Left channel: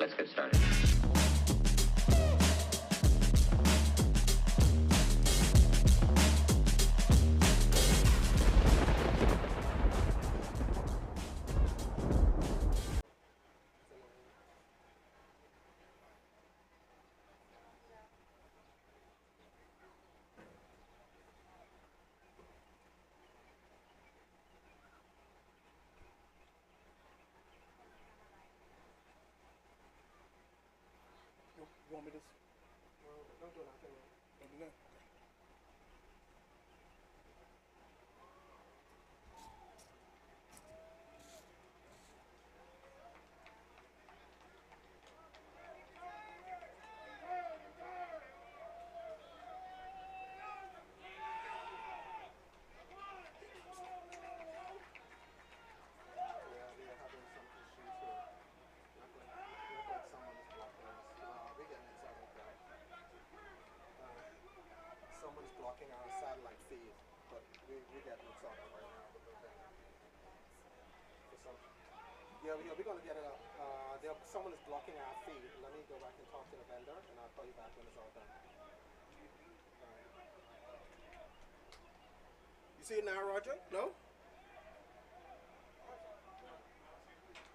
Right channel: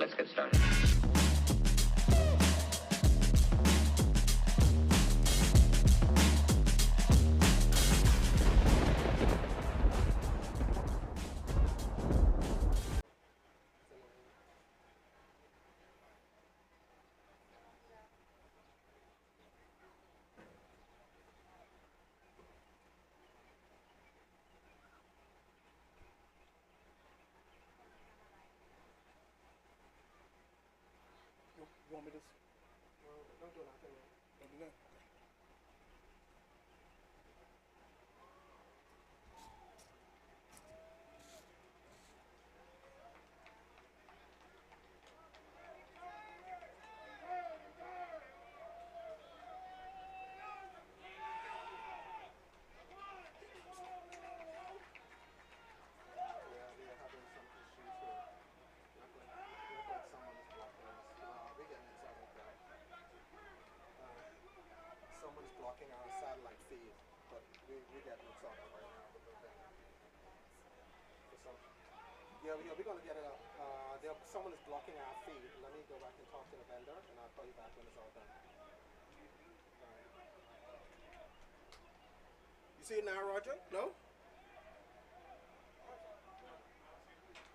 Let's get started. You want me to? Don't do nothing. Don't do that. Someone's blocking our satellite feed, but we get it sorted right now. We're gonna get it up. Someone is blocking our feed. Let me go back and talk to the vendor, and I'll call you back when it's all done. All right. You see it now, Roger? No?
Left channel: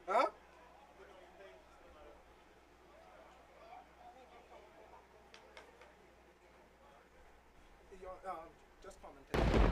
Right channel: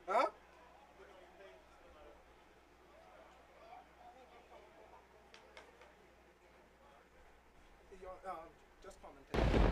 Huh? Just commentate.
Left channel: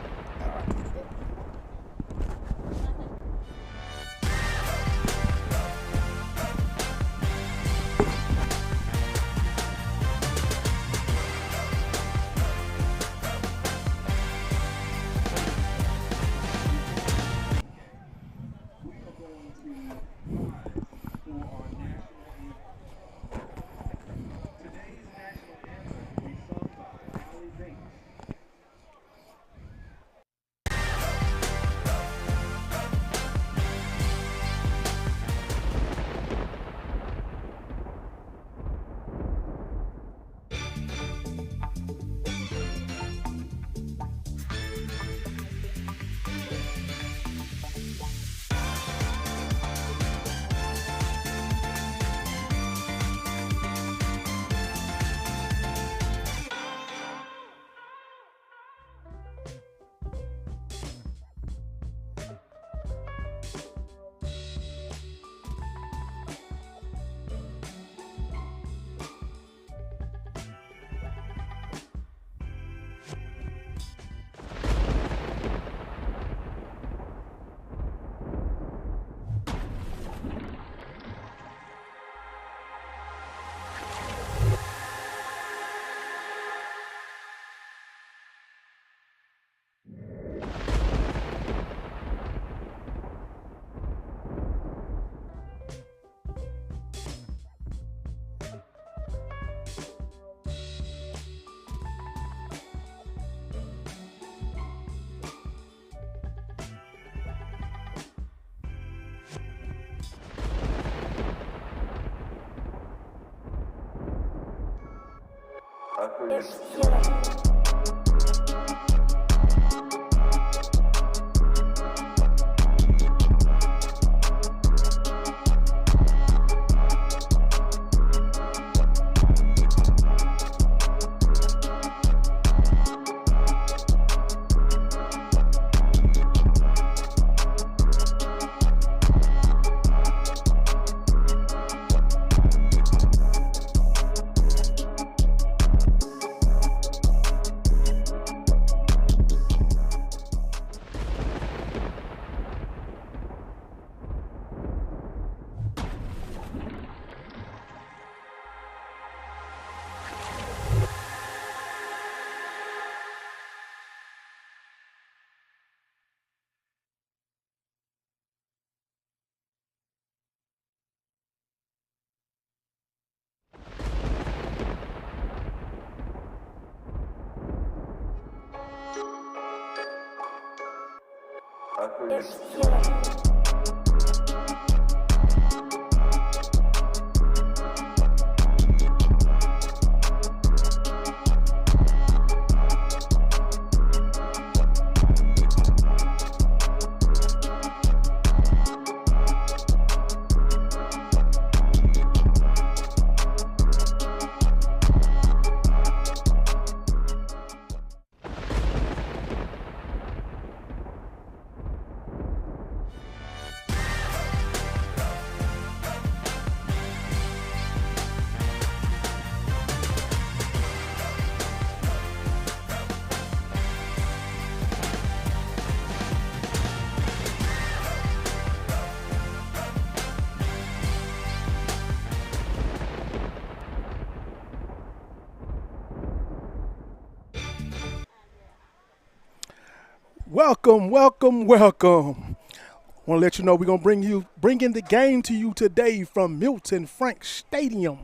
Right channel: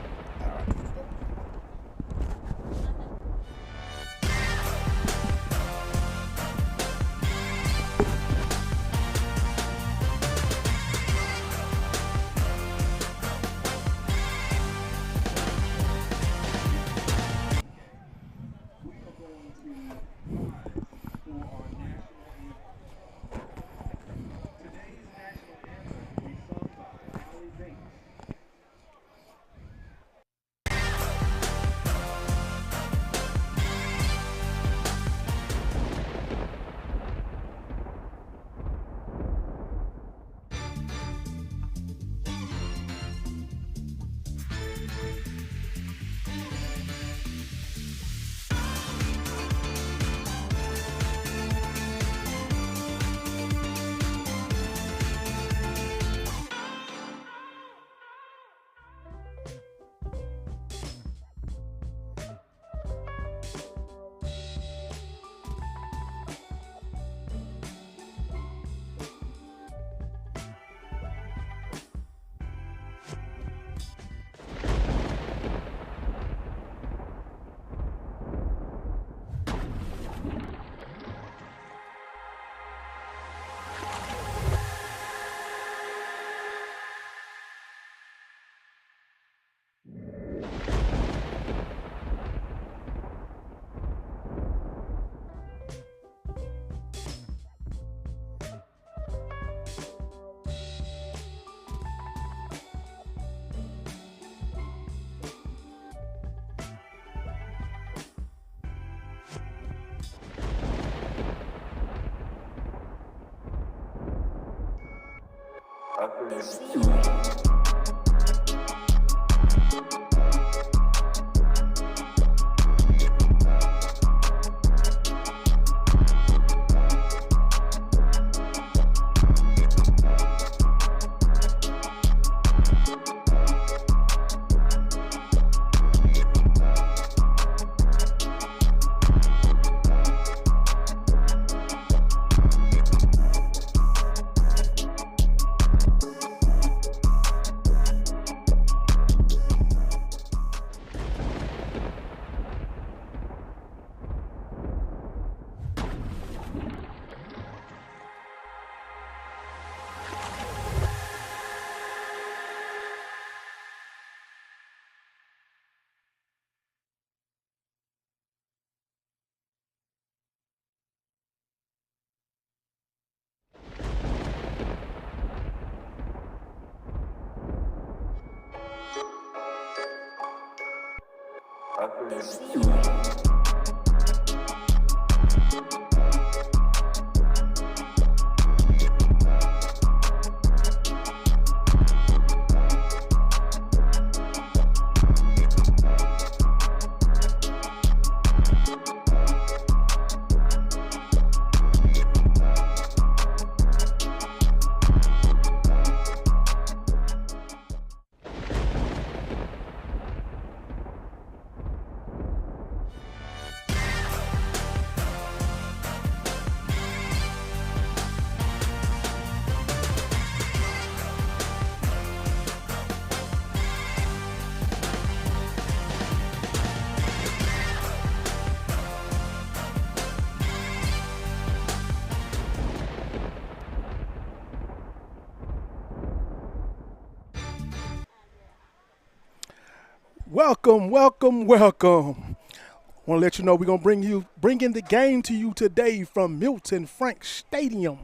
Welcome, welcome, welcome. I want to let you know we're going to bring in the game to you today from Milton Frank Stadium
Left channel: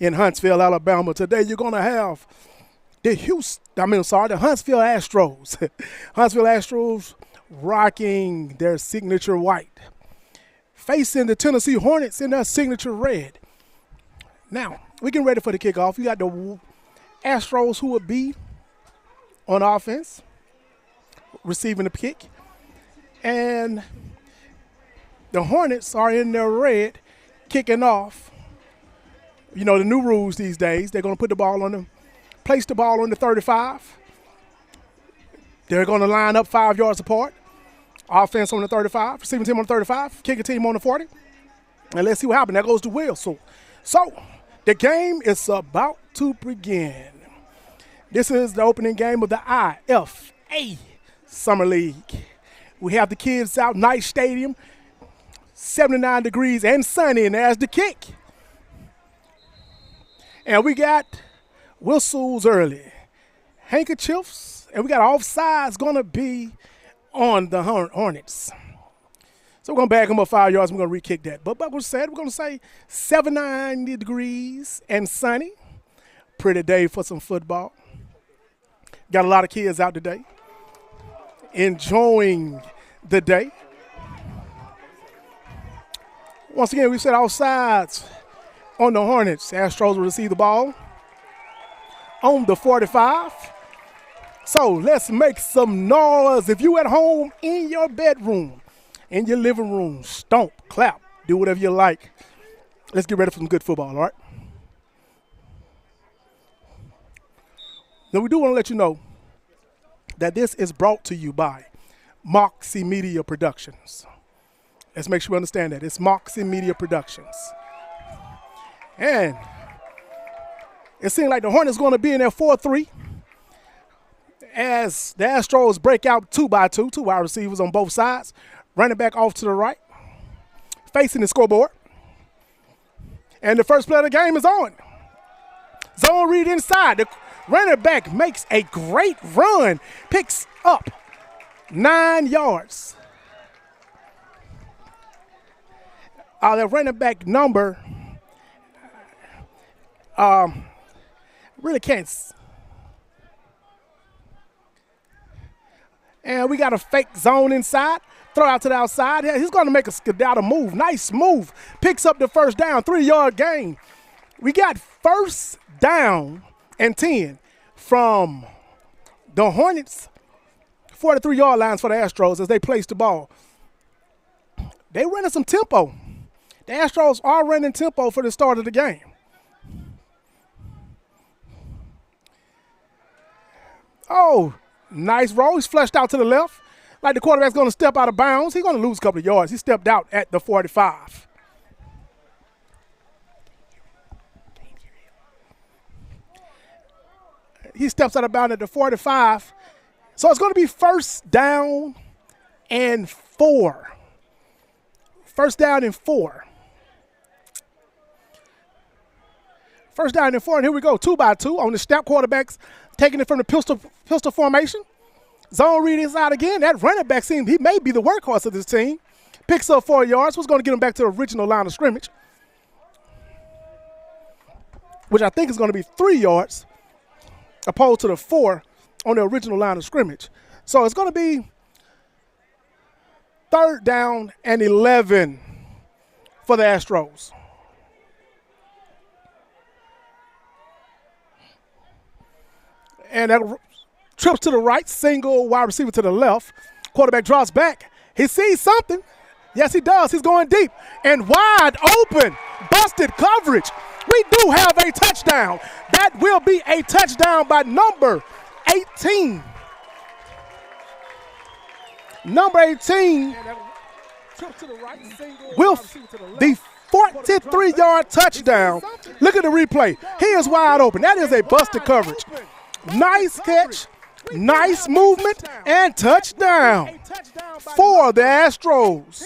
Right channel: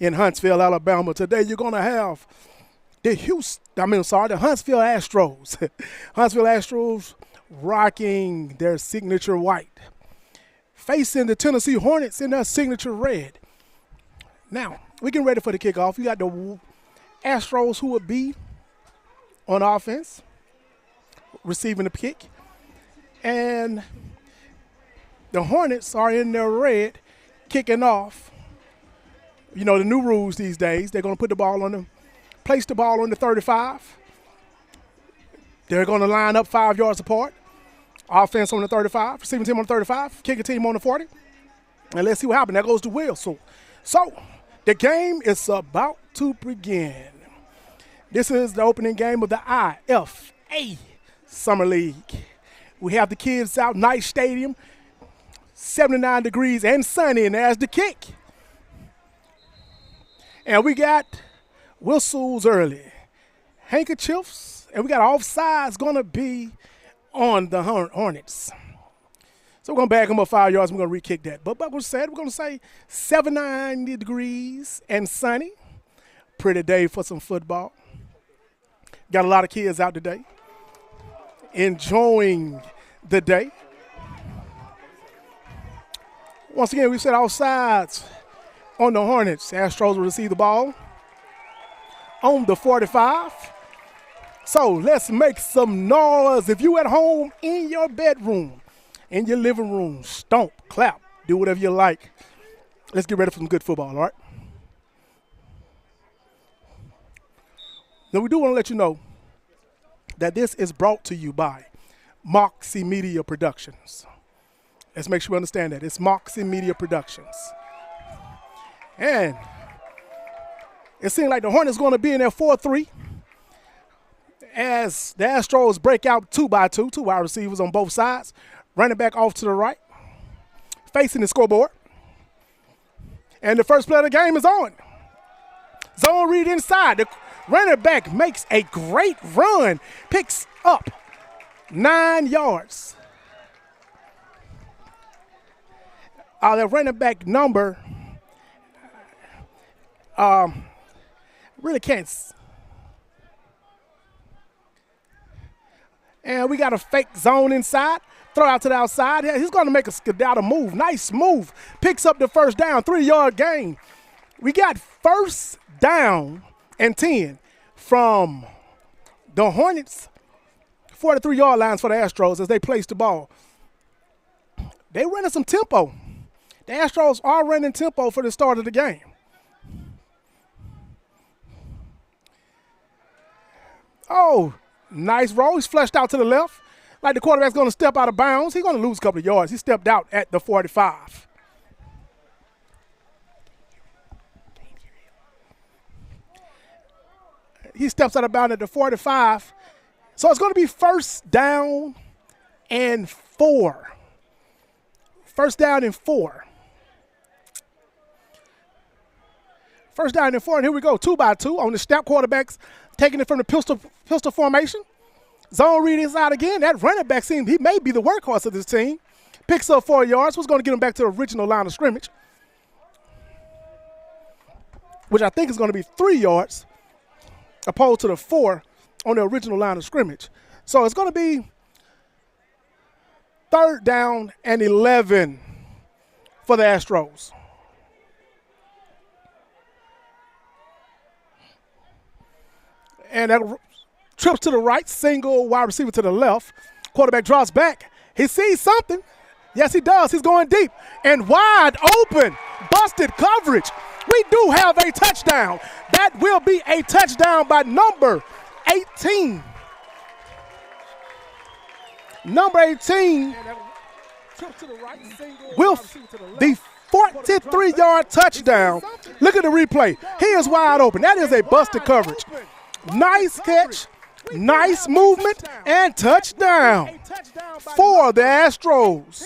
in Huntsville, Alabama. Today you're going to have the Huntsville Astros. Huntsville Astros rocking their signature white, facing the Tennessee Hornets in their signature red. Now, we're getting ready for the kickoff. You got the Astros who will be on offense, receiving the kick, and the Hornets are in their red, kicking off. You know the new rules these days. They're going to place the ball on the 35. They're going to line up 5 yards apart. Offense on the 35, receiving team on the 35, kicking team on the 40. And let's see what happens. There goes the whistle. So the game is about to begin. This is the opening game of the IFA Summer League. We have the kids out, nice stadium, 79 degrees and sunny, and there's the kick. And we got whistles early, handkerchiefs, and we got offsides going to be on the Hornets. So we're going to back them up 5 yards. We're going to re-kick that. But like we said, we're going to say 79 degrees and sunny. Pretty day for some football. Got a lot of kids out today enjoying the day. Once again, we said offsides on the Hornets. Astros will receive the ball on the 45. So let's make some noise. If you at home, in your bedroom, in your living room, stomp, clap, do whatever you like. Let's get ready for some good football, all right? Now, we do want to let you know that this is brought to you by Moxie Media Productions. Let's make sure we understand that. It's Moxie Media Productions. And it seems like the Hornets going to be in there 4-3 as the Astros break out 2-2, 2 wide receivers on both sides, running back off to the right, facing the scoreboard. And the first play of the game is on. Zone read inside. The running back makes a great run, picks up 9 yards. The running back number really can't. And we got a fake zone inside. Throw out to the outside. Yeah, he's going to make a skedaddle move. Nice move. Picks up the first down, 3-yard gain. We got first down and 10 from the Hornets. 43-yard lines for the Astros as they place the ball. They running some tempo. The Astros are running tempo for the start of the game. Oh, nice roll. He's flushed out to the left. Like the quarterback's going to step out of bounds. He's going to lose a couple of yards. He stepped out at the 45. He steps out of bounds at the 45. So it's going to be first down and 4. First down and 4. First down and 4, and here we go, 2-2 on the step. Quarterbacks taking it from the pistol formation. Zone read inside again. That running back seems he may be the workhorse of this team. Picks up 4 yards. What's going to get him back to the original line of scrimmage, which I think is going to be 3 yards opposed to the 4 on the original line of scrimmage. So it's going to be third down and 11 for the Astros. And that trips to the right, single wide receiver to the left. Quarterback drops back. He sees something. Yes, he does. He's going deep and wide open. Busted coverage. We do have a touchdown. That will be a touchdown by number 18. Number 18 with the 43-yard touchdown. Look at the replay. He is wide open. That is a busted coverage. Nice catch, nice movement, and touchdown for the Astros.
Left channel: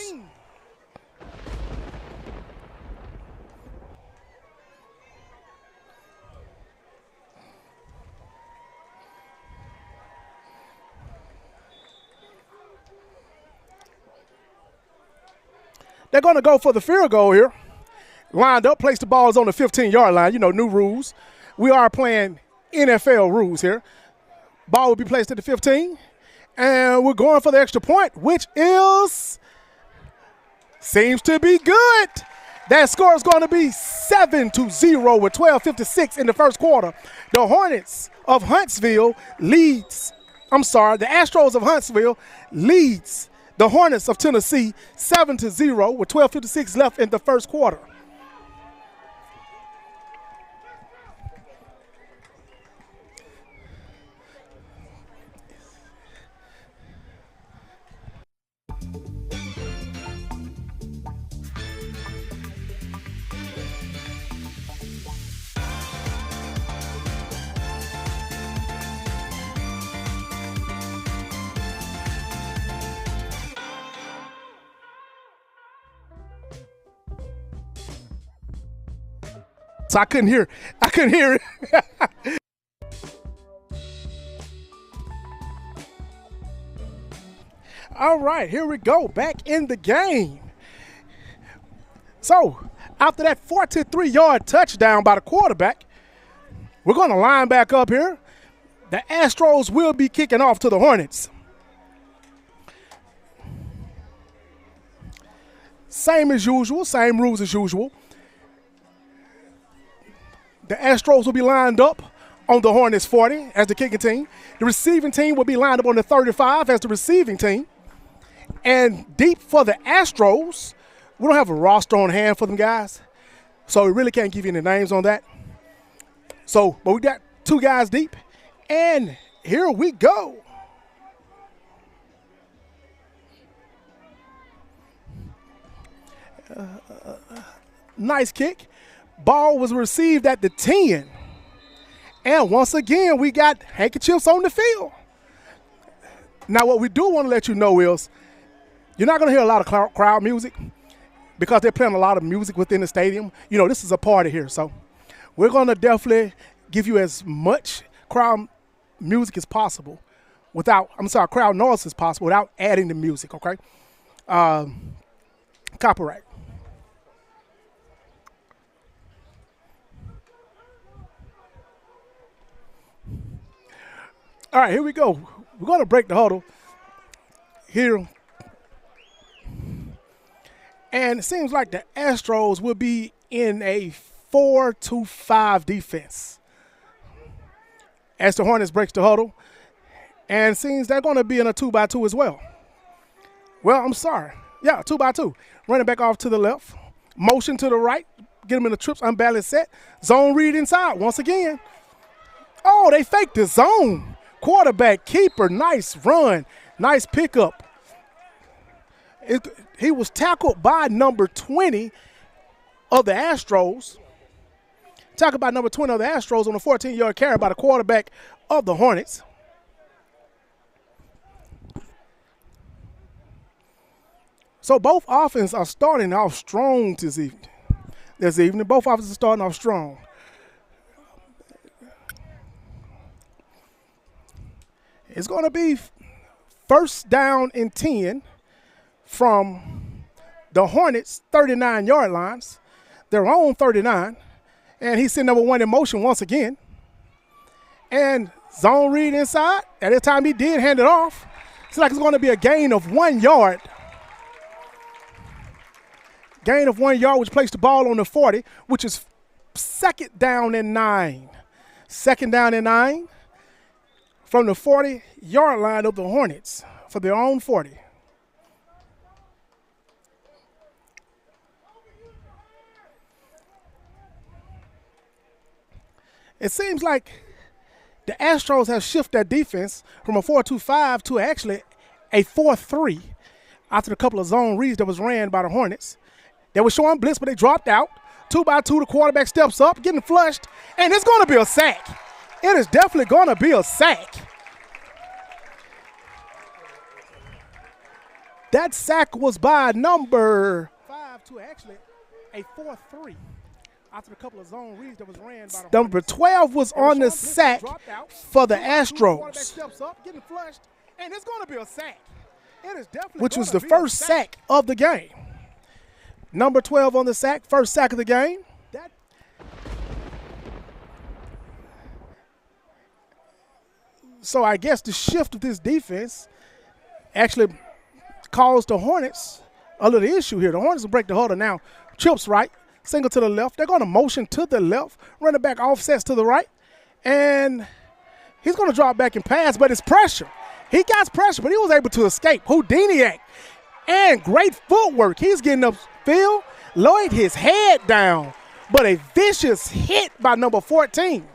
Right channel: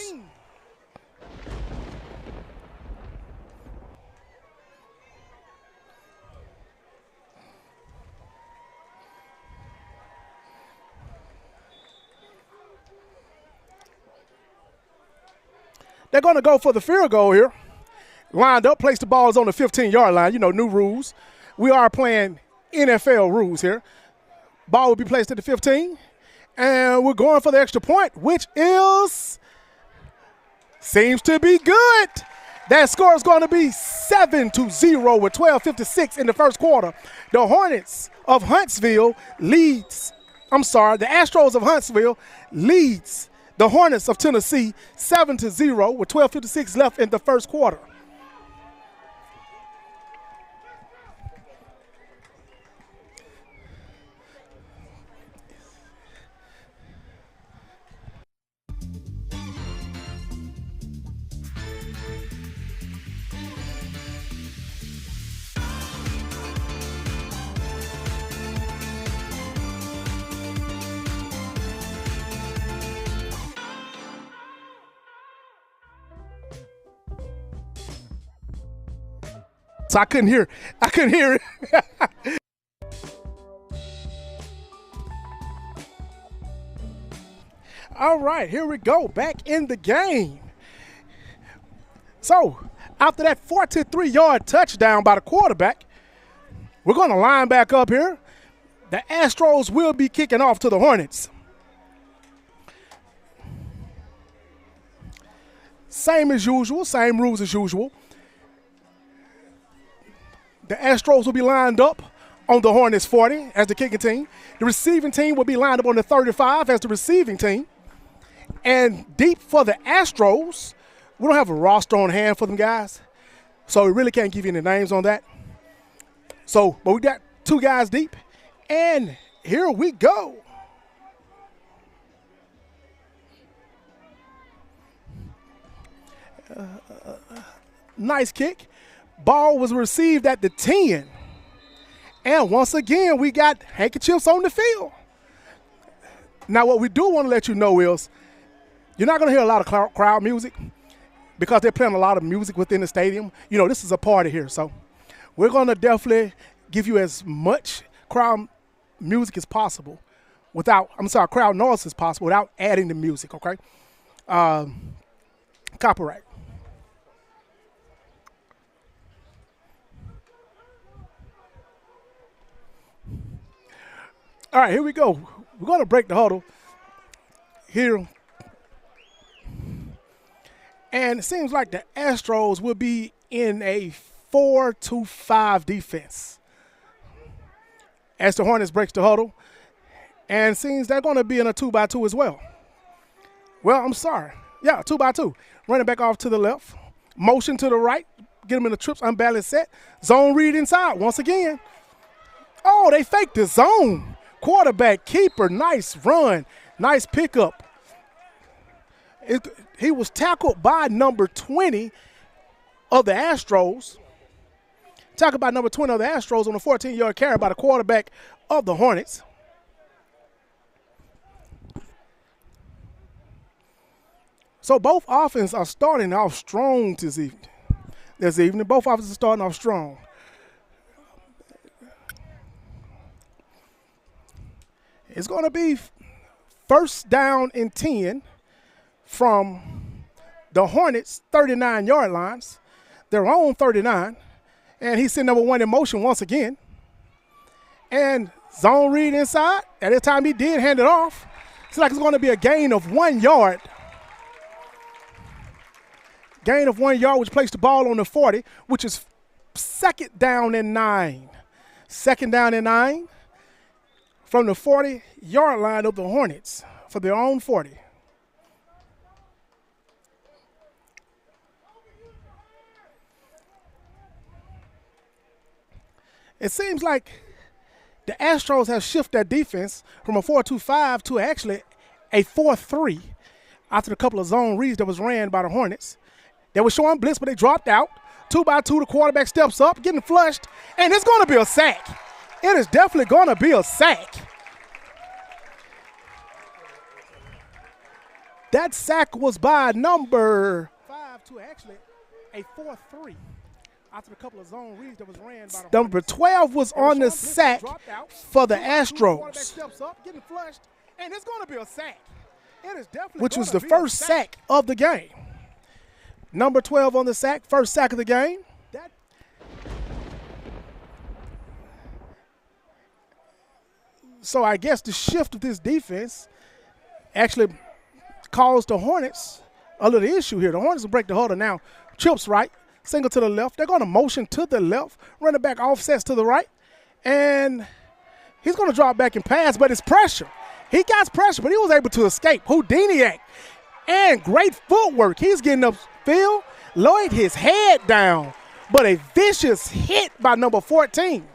They're going to go for the field goal here. Lined up, place the balls on the 15-yard line. You know, new rules. We are playing NFL rules here. Ball will be placed at the 15. And we're going for the extra point, which seems to be good. That score is going to be 7-0 with 12:56 in the first quarter. The Astros of Huntsville leads the Hornets of Tennessee 7-0 with 12:56 left in the first quarter. So I couldn't hear it. All right, here we go, back in the game. So after that 43-yard touchdown by the quarterback, we're going to line back up here. The Astros will be kicking off to the Hornets. Same as usual, same rules as usual. The Astros will be lined up on the Hornets 40 as the kicking team. The receiving team will be lined up on the 35 as the receiving team. And deep for the Astros, we don't have a roster on hand for them guys, so we really can't give you any names on that. But we got two guys deep, and here we go. Nice kick. Ball was received at the 10. And once again, we got handkerchiefs on the field. Now, what we do want to let you know is you're not going to hear a lot of crowd music because they're playing a lot of music within the stadium. You know, this is a party here. So we're going to definitely give you as much crowd music as possible crowd noise as possible without adding the music, okay? Copyright. All right, here we go. We're going to break the huddle here. And it seems like the Astros will be in a 4-5 defense as the Hornets breaks the huddle. And it seems they're going to be in a 2-by-2 as well. Well, I'm sorry. Yeah, 2-by-2. Running back off to the left. Motion to the right. Get him in the trips, unbalanced set. Zone read inside once again. Oh, they faked the zone. Quarterback, keeper, nice run, nice pickup. He was tackled by number 20 of the Astros. Tackled by number 20 of the Astros on a 14-yard carry by the quarterback of the Hornets. So both offenses are starting off strong this evening. Both offenses are starting off strong. It's going to be first down and 10 from the Hornets' 39-yard lines. Their own 39. And he's sitting number 1 in motion once again. And zone read inside. At the time he did hand it off. It's like it's going to be a gain of 1 yard. Gain of 1 yard, which placed the ball on the 40, which is second down and 9. Second down and 9. From the 40-yard line of the Hornets for their own 40. It seems like the Astros have shifted their defense from a 4-2-5 to actually a 4-3 after a couple of zone reads that was ran by the Hornets. They were showing blitz, but they dropped out. 2-by-2, the quarterback steps up, getting flushed, and it's going to be a sack. It is definitely going to be a sack. That sack was by number 5 to actually a 4-3 after a couple of zone reads that was ran by the number 12 was on the sack for the Astros. Steps up, getting flushed, and it's going to be a sack. It is definitely which was the first sack of the game. Number 12 on the sack, first sack of the game. So I guess the shift of this defense actually caused the Hornets a little issue here. The Hornets will break the huddle now. Trips right, single to the left. They're going to motion to the left, running back offsets to the right, and he's going to drop back and pass, but it's pressure. He got pressure, but he was able to escape. Houdiniac, and great footwork. He's getting upfield, lowered his head down, but a vicious hit by number 14.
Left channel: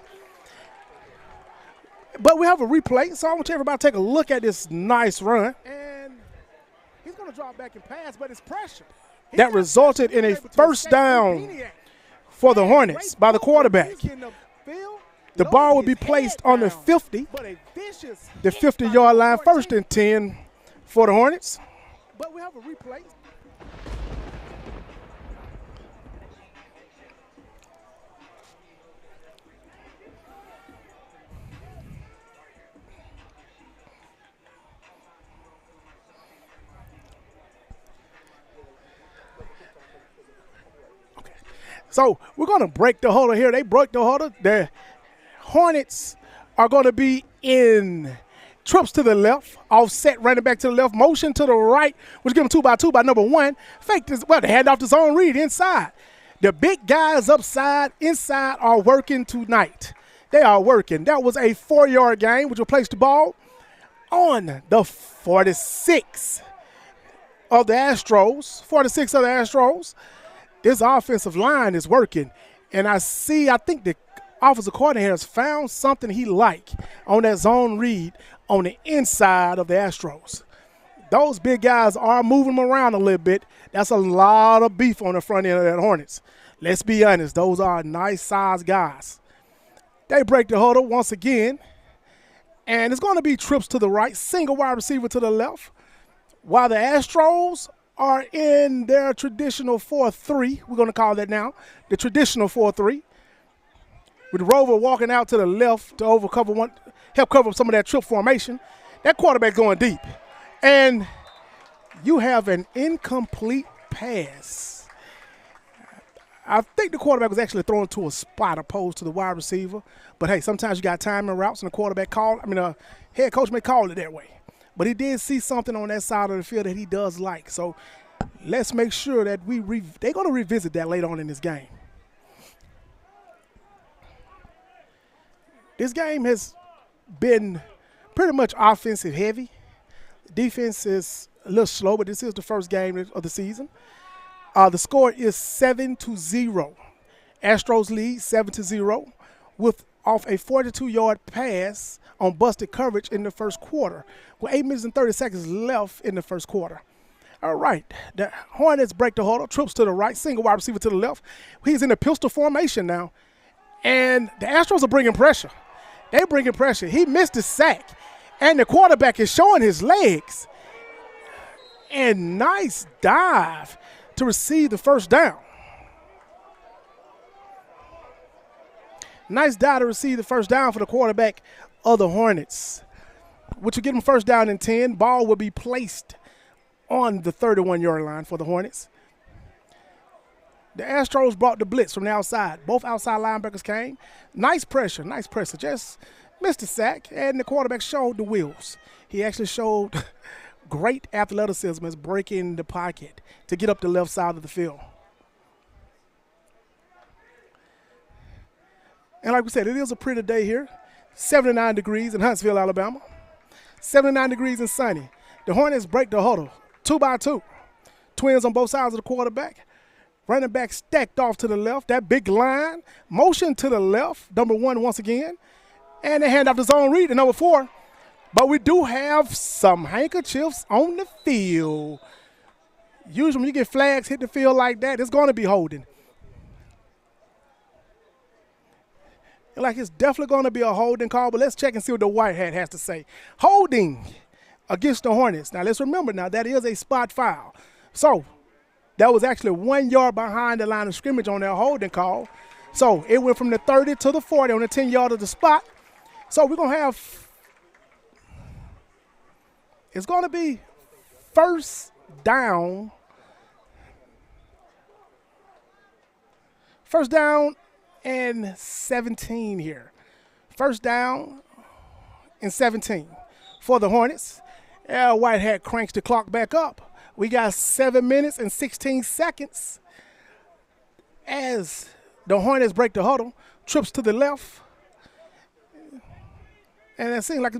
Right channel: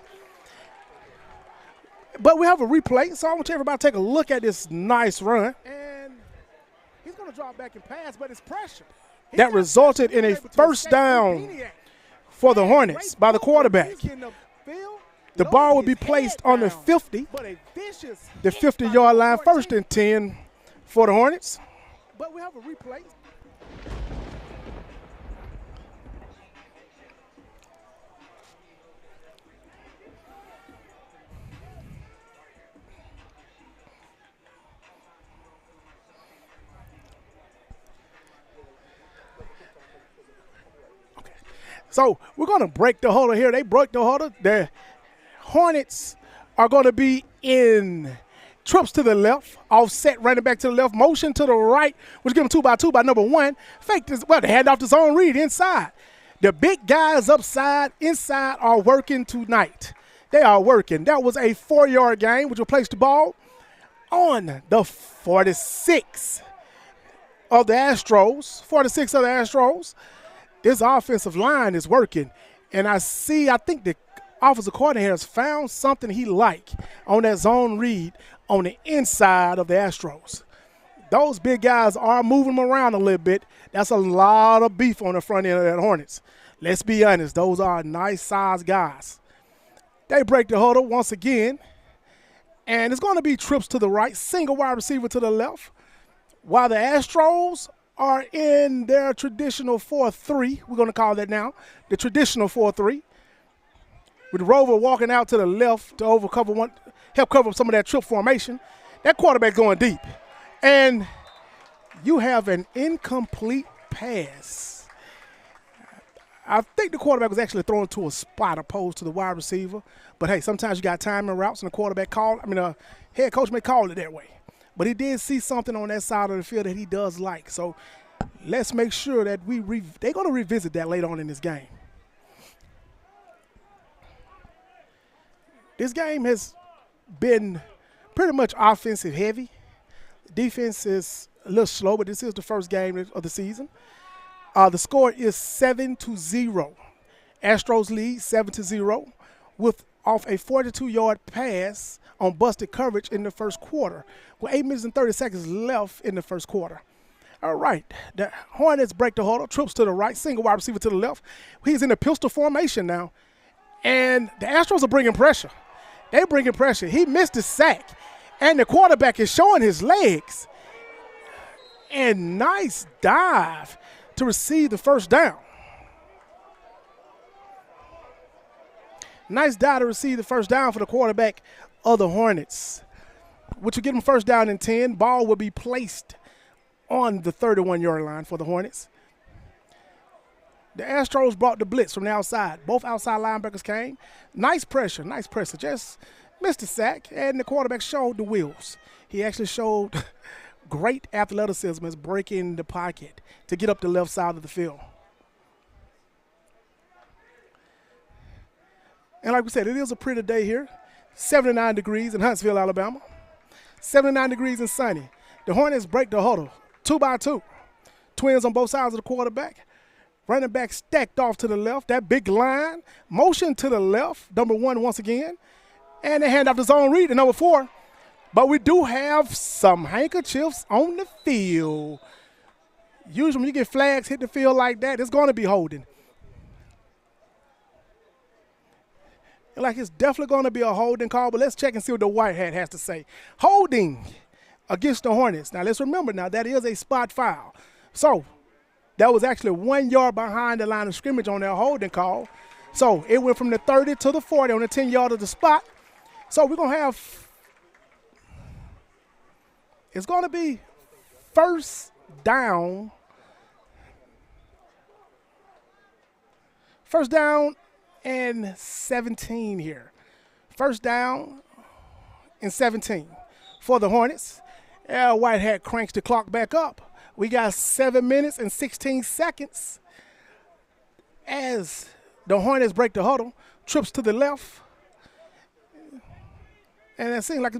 But we have a replay, so I want everybody to take a look at this nice run. And he's going to drop back and pass, but it's pressure. That resulted in a first down for the Hornets by the quarterback. The ball will be placed on the 50, the 50-yard line, first and 10 for the Hornets. But we have a replay. So we're going to break the huddle here. They broke the huddle. The Hornets are going to be in trips to the left, offset running back to the left, motion to the right, which give them 2x2 by number 1. Fake this, well, they hand off the zone read inside. The big guys upside, inside are working tonight. They are working. That was a 4-yard gain, which will place the ball on the 46 of the Astros. 46 of the Astros. This offensive line is working, and I think the offensive coordinator has found something he likes on that zone read on the inside of the Astros. Those big guys are moving them around a little bit. That's a lot of beef on the front end of that Hornets. Let's be honest, those are nice-sized guys. They break the huddle once again, and it's going to be trips to the right, single wide receiver to the left, while the Astros are in their traditional 4-3. We're going to call that now the traditional 4-3. With Rover walking out to the left to help cover some of that trip formation. That quarterback going deep. And you have an incomplete pass. I think the quarterback was actually thrown to a spot opposed to the wide receiver. But, hey, sometimes you got timing routes and the head coach may call it that way. But he did see something on that side of the field that he does like. So let's make sure that they're going to revisit that later on in this game. This game has been pretty much offensive heavy. Defense is a little slow, but this is the first game of the season. The score is 7-0. Astros lead 7-0 off a 42-yard pass on busted coverage in the first quarter, with 8 minutes and 30 seconds left in the first quarter. All right, the Hornets break the huddle, trips to the right, single wide receiver to the left. He's in the pistol formation now, and the Astros are bringing pressure. They're bringing pressure. He missed the sack, and the quarterback is showing his legs. And nice dive to receive the first down. Nice dive to receive the first down for the quarterback of the Hornets, which will give them first down and 10. Ball will be placed on the 31-yard line for the Hornets. The Astros brought the blitz from the outside. Both outside linebackers came. Nice pressure. Just missed the sack, and the quarterback showed the wheels. He actually showed great athleticism as breaking the pocket to get up the left side of the field. And like we said, it is a pretty day here. 79 degrees in Huntsville, Alabama. 79 degrees and sunny. The Hornets break the huddle, 2x2. Twins on both sides of the quarterback. Running back stacked off to the left. That big line, motion to the left, number 1 once again. And they hand off the zone read to number 4. But we do have some handkerchiefs on the field. Usually when you get flags hit the field like that, it's going to be holding. Like it's definitely going to be a holding call, but let's check and see what the white hat has to say. Holding against the Hornets. Now, let's remember now, that is a spot foul. So, that was actually 1 yard behind the line of scrimmage on their holding call. So, it went from the 30 to the 40 on the 10-yard of the spot. So, we're going to have – it's going to be first down First down and 17 here. First down and 17 for the Hornets. Whitehead cranks the clock back up. We got 7 minutes and 16 seconds as the Hornets break the huddle. Trips to the left. And it seems like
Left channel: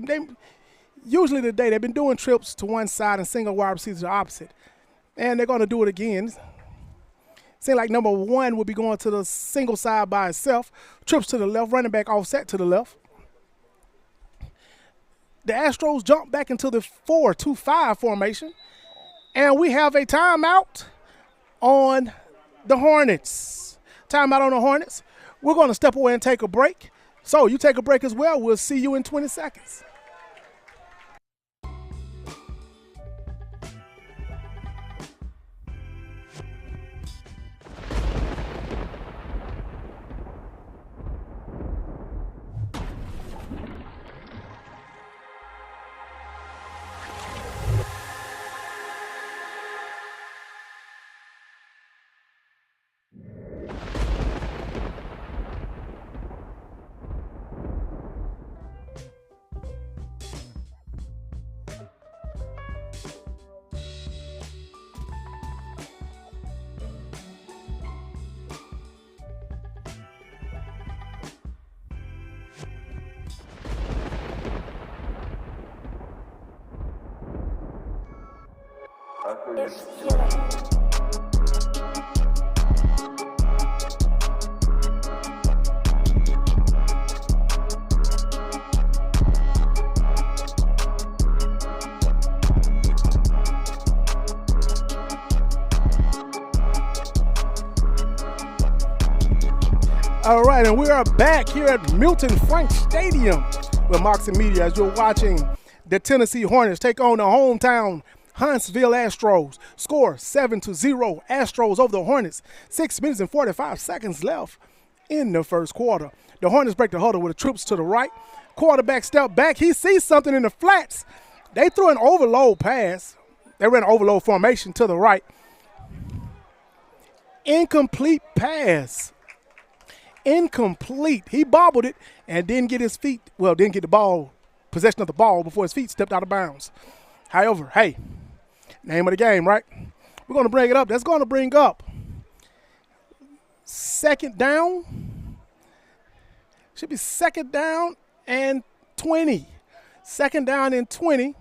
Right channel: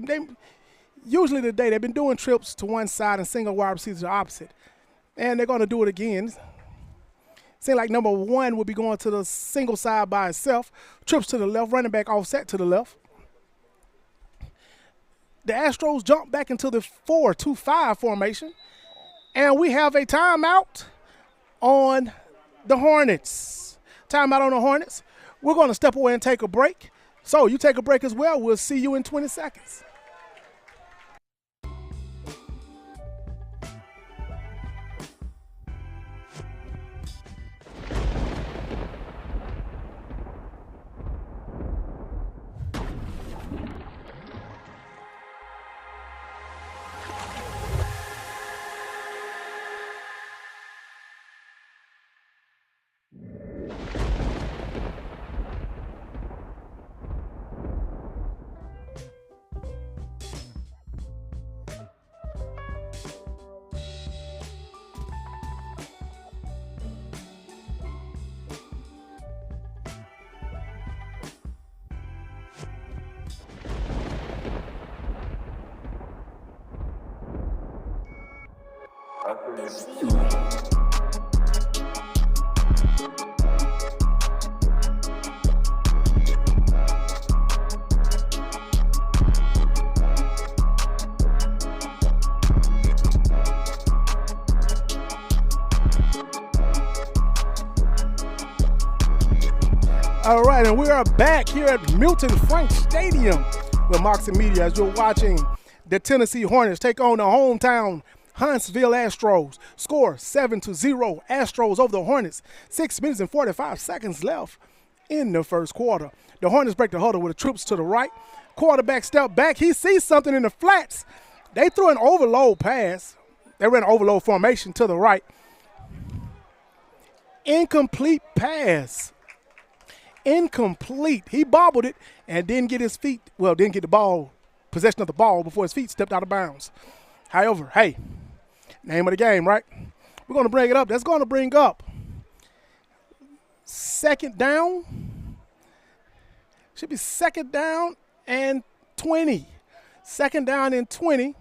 usually today they've been doing trips to one side and single wide receivers to the opposite. And they're going to do it again. Seems like number 1 would be going to the single side by itself. Trips to the left, running back offset to the left. The Astros jump back into the 4-2-5 formation. And we have a timeout on the Hornets. Timeout on the Hornets. We're going to step away and take a break. So you take a break as well. We'll see you in 20 seconds. All right, and we are back here at Milton Frank Stadium with Moxie Media as you're watching the Tennessee Hornets take on the hometown Huntsville Astros. Score 7-0 Astros over the Hornets. 6 minutes and 45 seconds left in the first quarter. The Hornets break the huddle with the troops to the right. Quarterback step back. He sees something in the flats. They threw an overload pass. They ran an overload formation to the right. Incomplete pass. Incomplete. He bobbled it and didn't get the ball, possession of the ball before his feet stepped out of bounds. However, hey, name of the game, right? We're going to bring it up. That's going to bring up second down. Should be second down and 20. Second down and 20.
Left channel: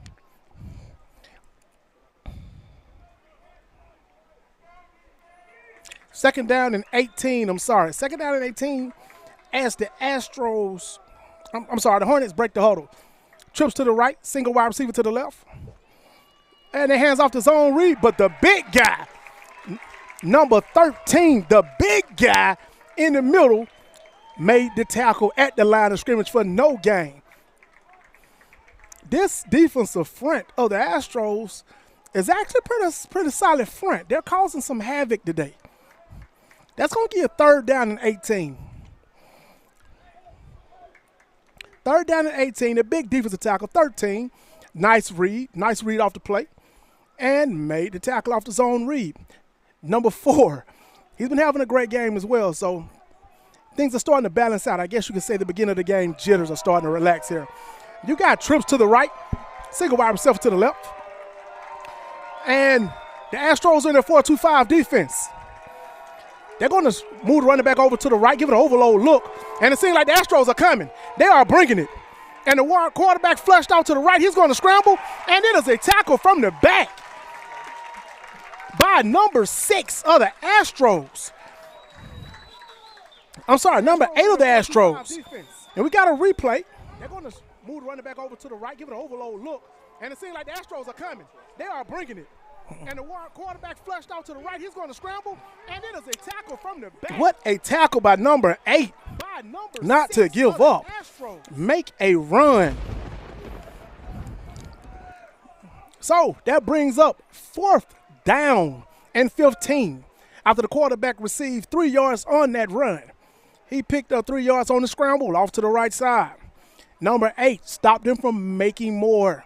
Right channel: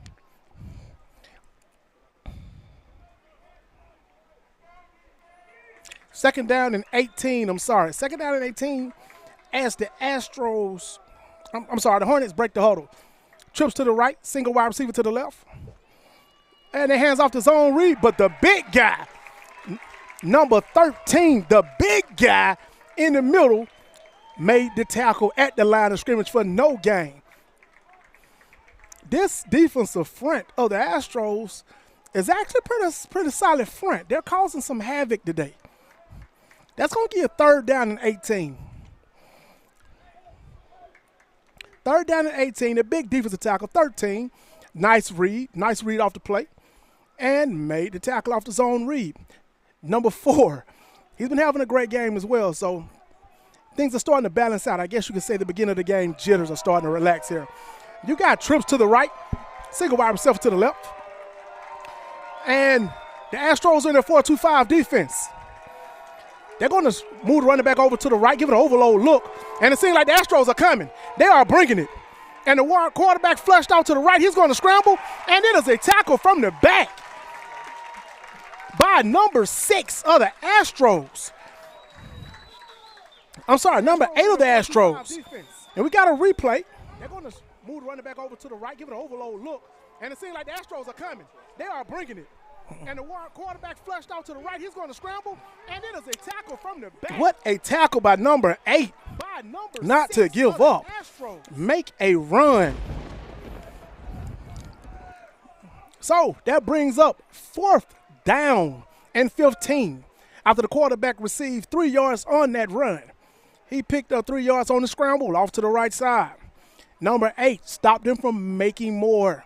Second down and 18, I'm sorry. Second down and 18 as the Astros, the Hornets break the huddle. Trips to the right, single wide receiver to the left. And they hands off the zone read, but the big guy, number 13, the big guy in the middle made the tackle at the line of scrimmage for no gain. This defensive front of the Astros is actually pretty solid front. They're causing some havoc today. That's going to give you a third down and 18. Third down and 18, a big defensive tackle, 13. Nice read off the plate, and made the tackle off the zone read. Number 4, he's been having a great game as well, so things are starting to balance out. I guess you could say the beginning of the game jitters are starting to relax here. You got trips to the right, single wide receiver to the left, and the Astros are in their 4-2-5 defense. They're going to move the running back over to the right, give it an overload look, and it seems like the Astros are coming. They are bringing it. And the quarterback flushed out to the right. He's going to scramble, and it is a tackle from the back by number 6 of the Astros. Number 8 of the Astros. And we got a replay. They're going to move the running back over to the right, give it an overload look, and it seems like the Astros are coming. They are bringing it. And the quarterback flushed out to the right. He's going to scramble, and it is a tackle from the back. What a tackle by number 8. Not to give up. Make a run. So that brings up 4th down and 15 after the quarterback received 3 yards on that run. He picked up 3 yards on the scramble off to the right side. Number 8 stopped him from making more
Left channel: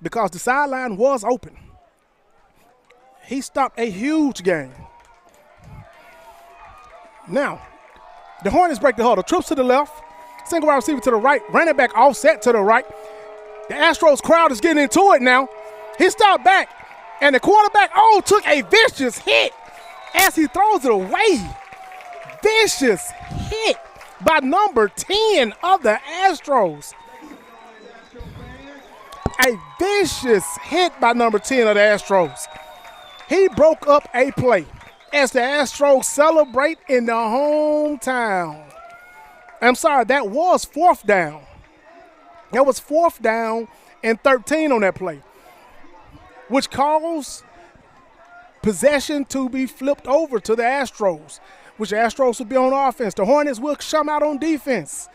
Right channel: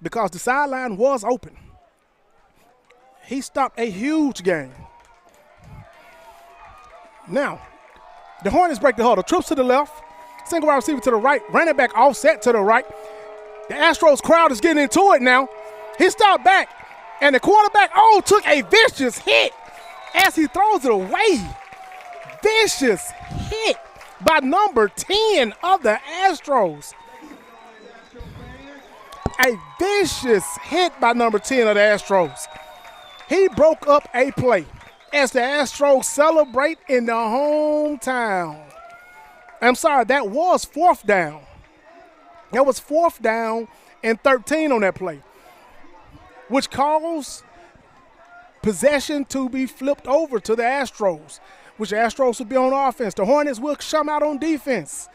because the sideline was open. He stopped a huge gain. Now, The Hornets break the huddle. Trips to the left. Single wide receiver to the right. Running back offset to the right. The Astros crowd is getting into it now. He stopped back. And the quarterback, took a vicious hit as he throws it away. Vicious hit by number 10 of the Astros. A vicious hit by number 10 of the Astros. He broke up a play as the Astros celebrate in the hometown. I'm sorry, that was fourth down. That was 4th down and 13 on that play, which caused possession to be flipped over to the Astros, which the Astros will be on offense. The Hornets will come out on defense.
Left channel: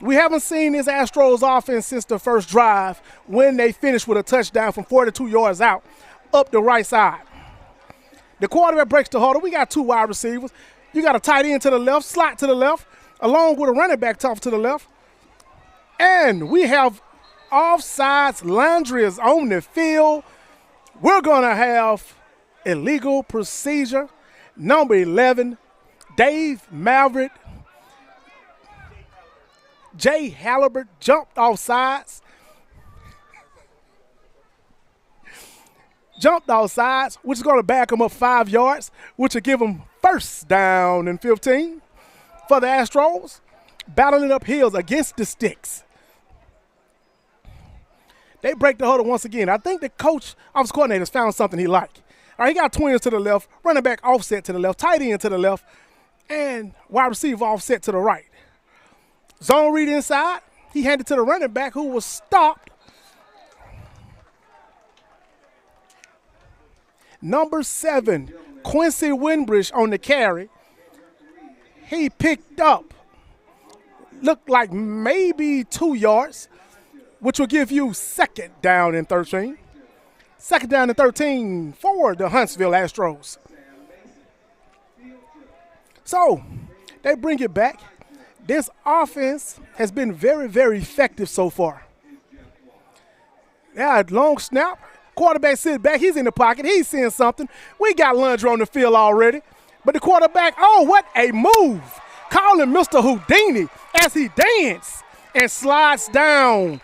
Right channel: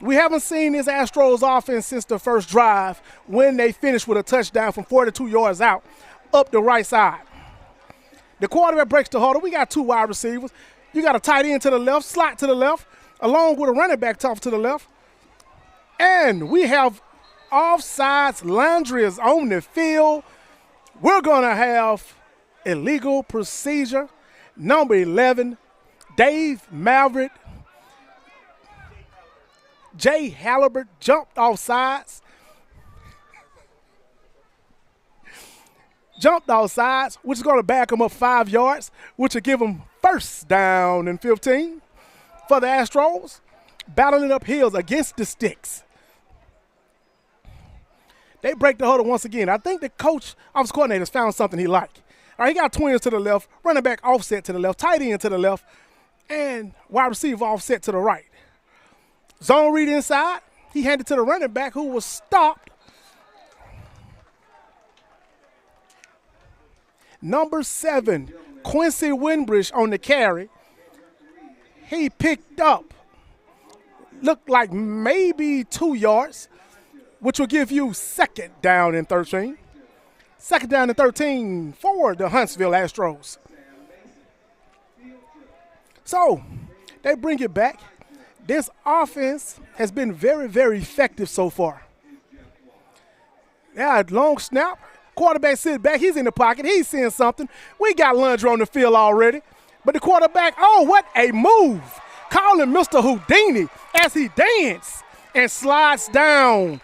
We haven't seen this Astros offense since the first drive when they finished with a touchdown from 42 yards out up the right side. The quarterback breaks the huddle. We got 2 wide receivers. You got a tight end to the left, slot to the left, along with a running back off to the left. And we have offsides. Landry is on the field. We're going to have illegal procedure. Number 11, Dave Maverick. Jay Halibert jumped off sides. Which is going to back him up 5 yards, which will give him 1st down and 15 for the Astros, battling up hills against the sticks. They break the huddle once again. I think the coach, offensive coordinator, found something he liked. All right, he got twins to the left, running back offset to the left, tight end to the left, and wide receiver offset to the right. Zone read inside. He handed to the running back who was stopped. Number 7, Quincy Winbridge on the carry. He picked up, looked like maybe 2 yards, which will give you 2nd down and 13. 2nd down and 13 for the Huntsville Astros. So they bring it back. This offense has been very, very effective so far. Yeah, long snap. Quarterback sits back. He's in the pocket. He's seeing something. We got Landry on the field already. But the quarterback, what a move. Calling Mr. Houdini as he dances and slides down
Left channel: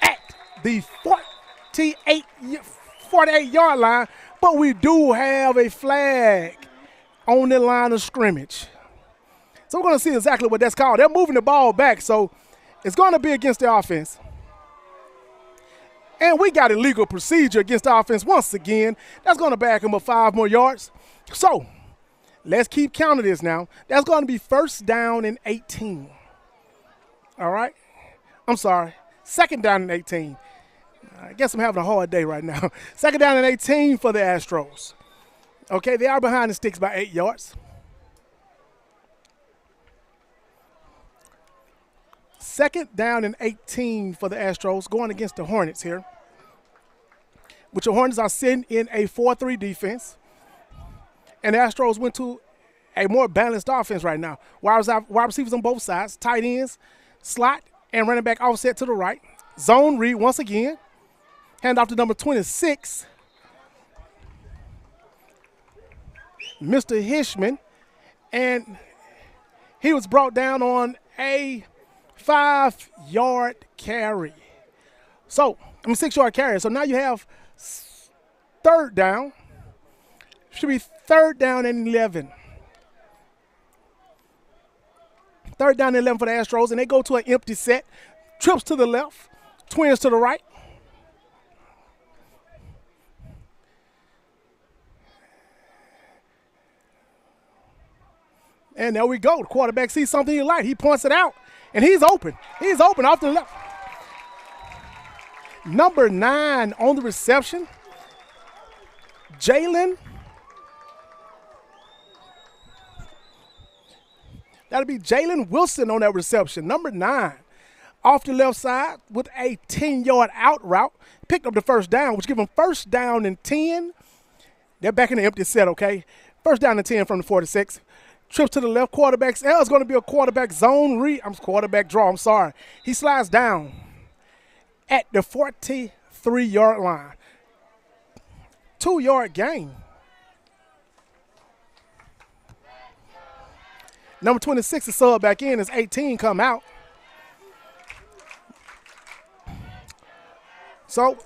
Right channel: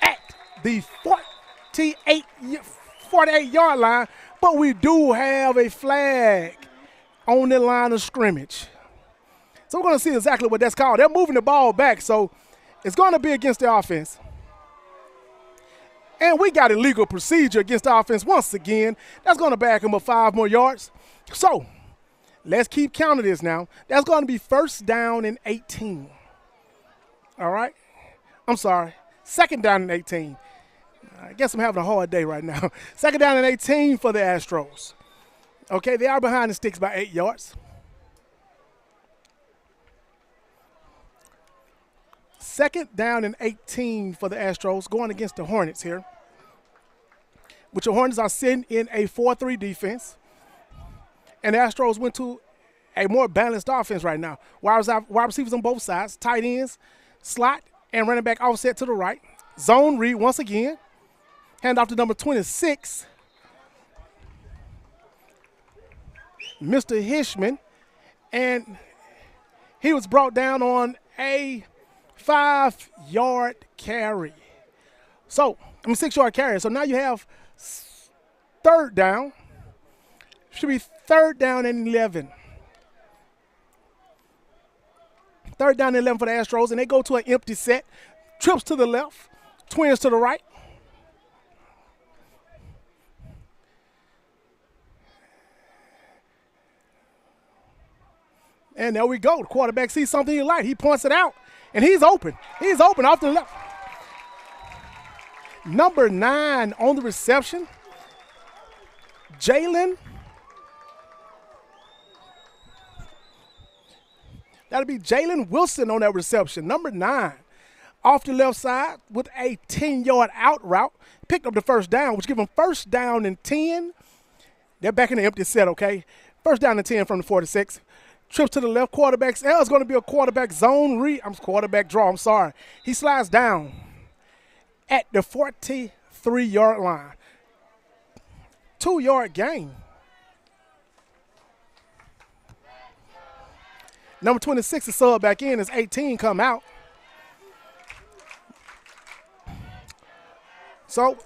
at the 48-yard line. But we do have a flag on the line of scrimmage. So we're going to see exactly what that's called. They're moving the ball back, so it's going to be against the offense. And we got illegal procedure against the offense once again. That's going to back them up 5 more yards. So let's keep counting this now. That's going to be 1st down and 18. All right? I'm sorry. 2nd down and 18. I guess I'm having a hard day right now. 2nd down and 18 for the Astros. Okay, they are behind the sticks by 8 yards. 2nd down and 18 for the Astros going against the Hornets here, which the Hornets are sitting in a 4-3 defense. And the Astros went to a more balanced offense right now. Wide receivers on both sides, tight ends, slot, and running back offset to the right. Zone read once again. Hand off to number 26, Mr. Hishman. And he was brought down on a 5-yard carry. 6-yard carry. So now you have 3rd down. Should be 3rd down and 11. 3rd down and 11 for the Astros, and they go to an empty set. Trips to the left, twins to the right. And there we go. The quarterback sees something he likes. He points it out, and he's open. He's open off the left. Number 9 on the reception, Jalen. That'll be Jalen Wilson on that reception. Number 9 off the left side with a 10-yard out route. Picked up the 1st down, which gives them 1st down and 10. They're back in the empty set, okay? 1st down and 10 from the 46. Trips to the left. Quarterback. It's going to be a quarterback zone read. Quarterback draw. I'm sorry. He slides down at the 43-yard line. 2-yard gain. Number 26 is sub back in as 18 come out. So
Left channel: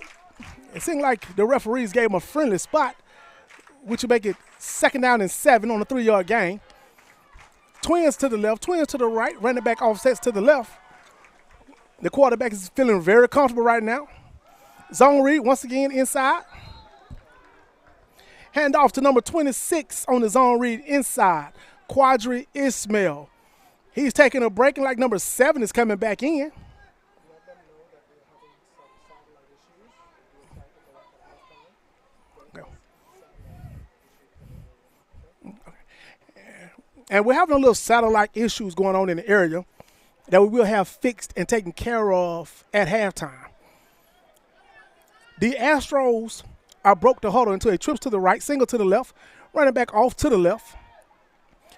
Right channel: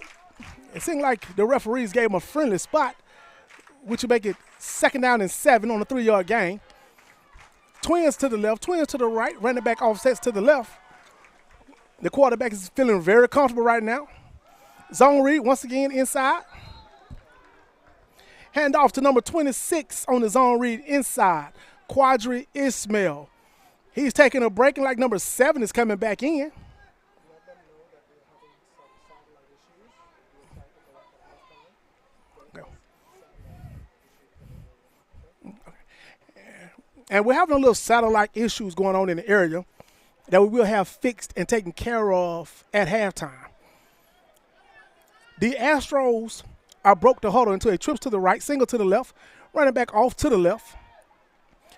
it seemed like the referees gave him a friendly spot, which would make it 2nd down and 7 on a 3-yard gain. Twins to the left, twins to the right, running back offsets to the left. The quarterback is feeling very comfortable right now. Zone read once again inside. Hand off to number 26 on the zone read inside, Quadri Ismail. He's taking a break, and like number 7 is coming back in. And we're having a little satellite issues going on in the area that we will have fixed and taken care of at halftime. The Astros are broke the huddle until he trips to the right, single to the left, running back off to the left.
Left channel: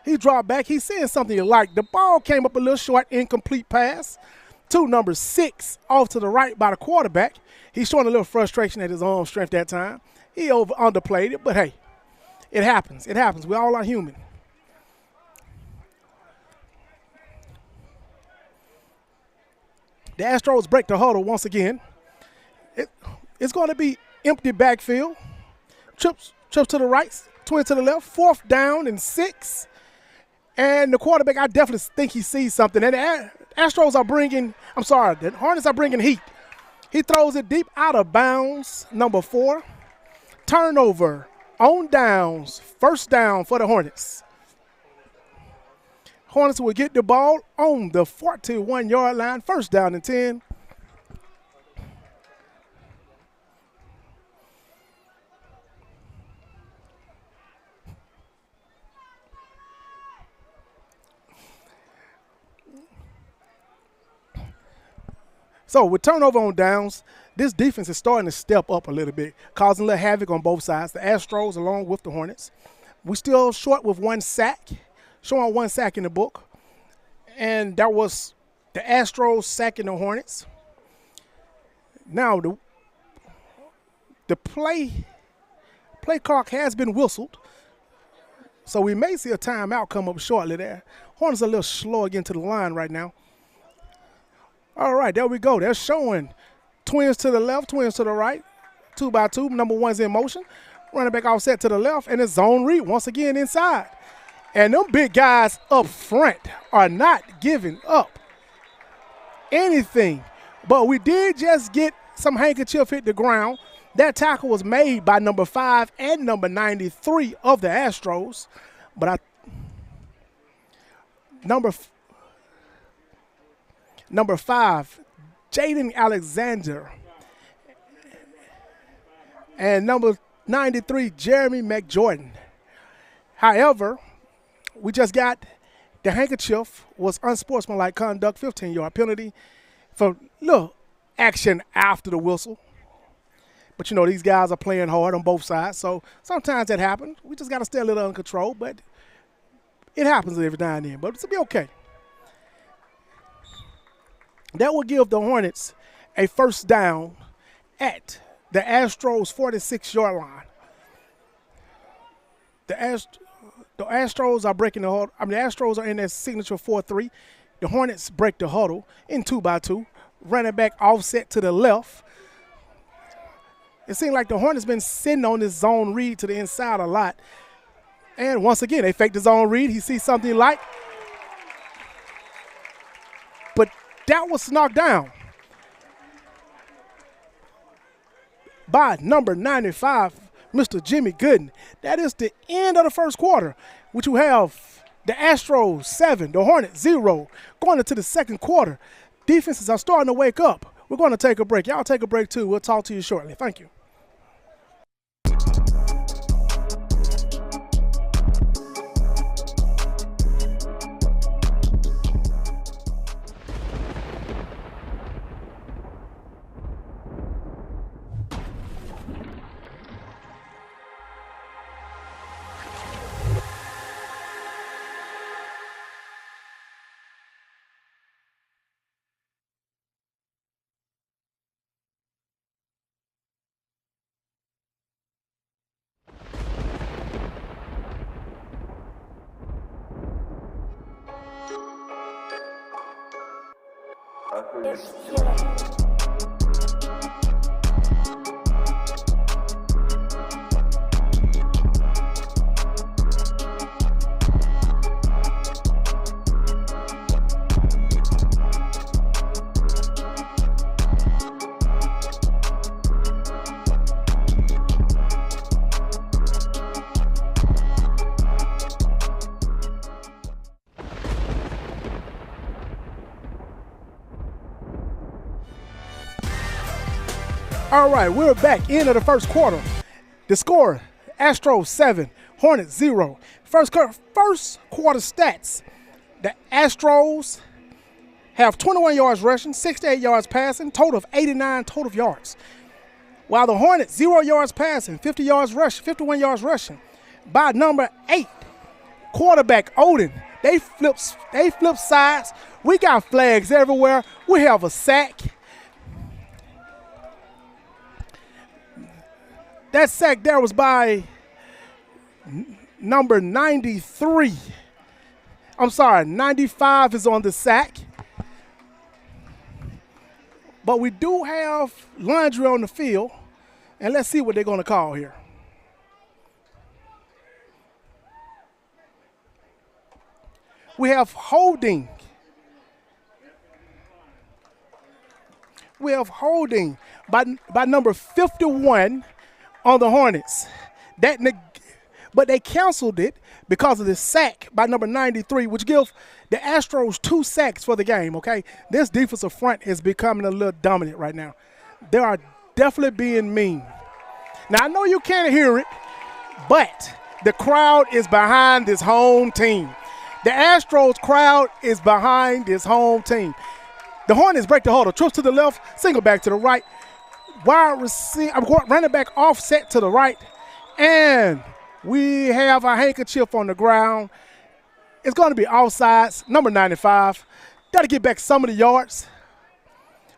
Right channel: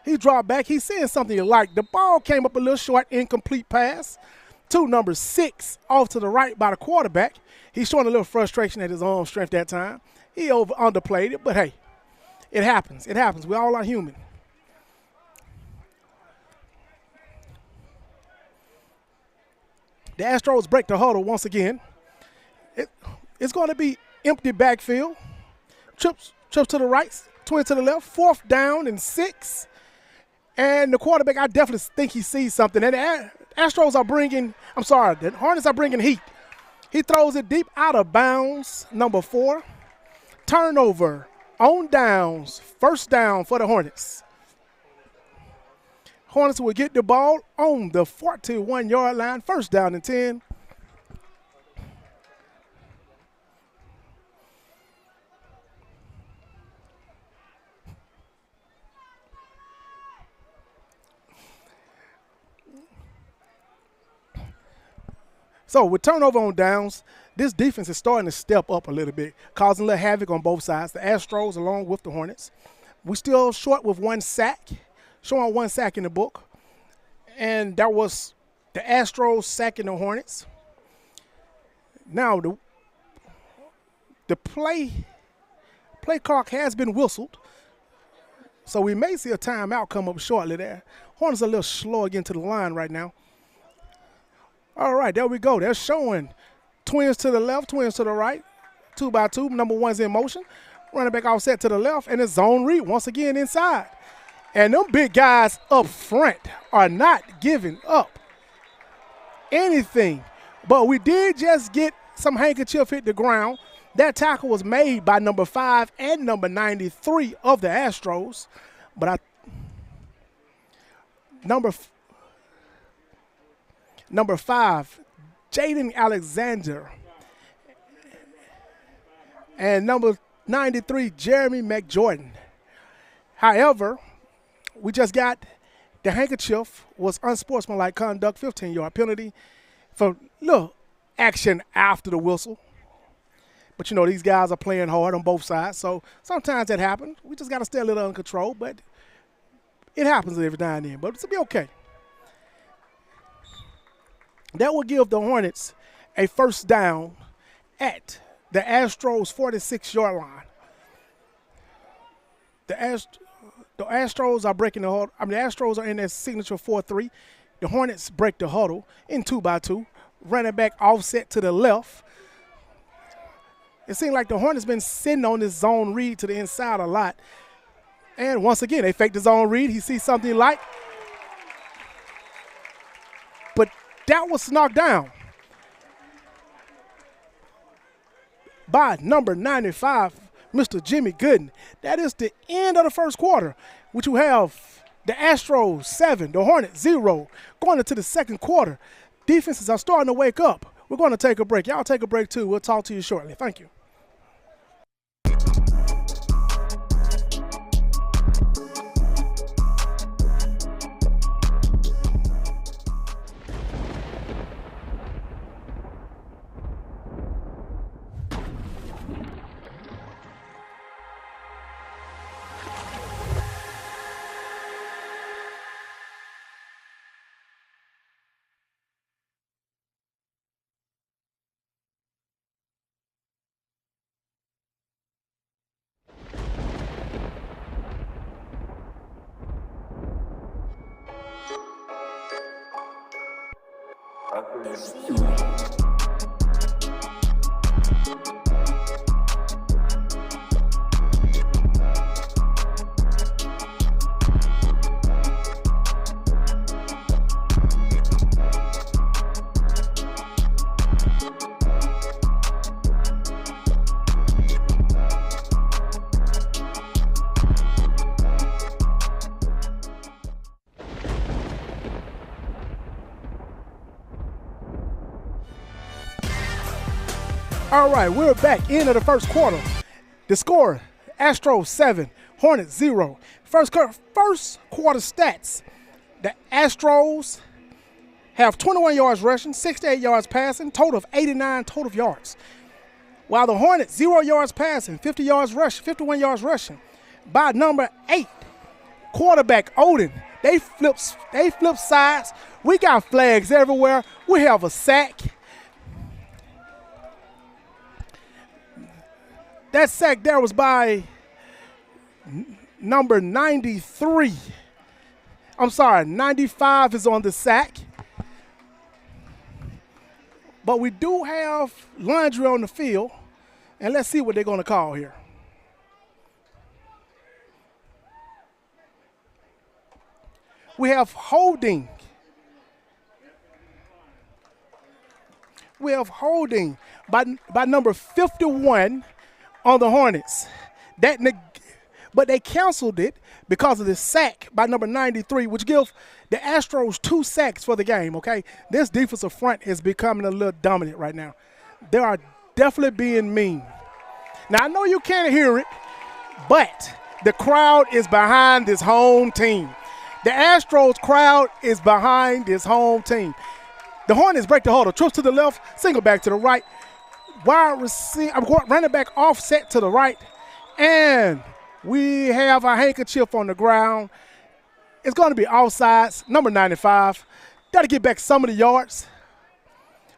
He dropped back. He's saying something you like. The ball came up a little short, incomplete pass to number 6 off to the right by the quarterback. He's showing a little frustration at his arm strength that time. He underplayed it, but hey, it happens. It happens. We all are human. The Astros break the huddle once again. It's going to be empty backfield. Trips to the right, twin to the left, 4th down and 6. And the quarterback, I definitely think he sees something. And the Hornets are bringing heat. He throws it deep out of bounds, number 4. Turnover on downs, 1st down for the Hornets. Hornets will get the ball on the 41-yard line, 1st down and 10. So with turnover on downs, this defense is starting to step up a little bit, causing a little havoc on both sides. The Astros along with the Hornets. We're still short with 1 sack. Showing 1 sack in the book. And that was the Astros sacking the Hornets. Now, the play clock has been whistled. So we may see a timeout come up shortly there. Hornets are a little slow again to the line right now. All right, there we go. They're showing twins to the left, twins to the right. 2 by 2, number 1's in motion. Running back offset to the left, and it's zone read once again inside. And them big guys up front are not giving up anything. But we did just get some handkerchief hit the ground. That tackle was made by number 5 and number 93 of the Astros. But number 5, Jaden Alexander. And number 93, Jeremy McJordan. However, we just got the handkerchief was unsportsmanlike conduct, 15-yard penalty for little action after the whistle. But, you know, these guys are playing hard on both sides, so sometimes that happens. We just got to stay a little under control, but it happens every now and then. But it'll be okay. That will give the Hornets a 1st down at the Astros' 46-yard line. The Astros are breaking the huddle. The Astros are in their signature 4-3. The Hornets break the huddle in 2 by 2. Running back offset to the left. It seems like the Hornets been sitting on this zone read to the inside a lot. And once again, they fake the zone read. He sees something like. But that was knocked down by number 95, Mr. Jimmy Gooden. That is the end of the 1st quarter, which you have the Astros 7, the Hornets 0, going into the 2nd quarter. Defenses are starting to wake up. We're going to take a break. Y'all take a break too. We'll talk to you shortly. Thank you. All right, we're back into the first quarter. The score, Astros 7, Hornets 0. First quarter stats, the Astros have 21 yards rushing, 68 yards passing, total of 89 total yards. While the Hornets, 0 yards passing, 50 yards rushing, 51 yards rushing. By number 8, quarterback Odin, they flip sides. We got flags everywhere. We have a sack. That sack there was by number 93. I'm sorry, 95 is on the sack. But we do have laundry on the field, and let's see what they're going to call here. We have holding. We have holding by number 51 on the Hornets. But they canceled it because of the sack by number 93, which gives the Astros 2 sacks for the game, okay? This defensive front is becoming a little dominant right now. They are definitely being mean. Now, I know you can't hear it, but the crowd is behind this home team. The Astros crowd is behind this home team. The Hornets break the huddle. Trips to the left, single back to the right. Wide receiver, running back offset to the right. And we have a handkerchief on the ground. It's going to be offsides, number 95. Got to get back some of the yards